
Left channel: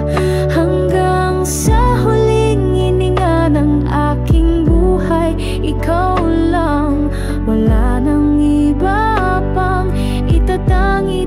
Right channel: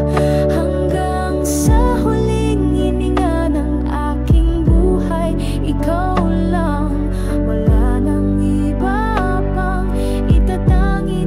Hanggang sa huling hininga ng aking buhay, ikaw lang, wala nang iba pang itatangi.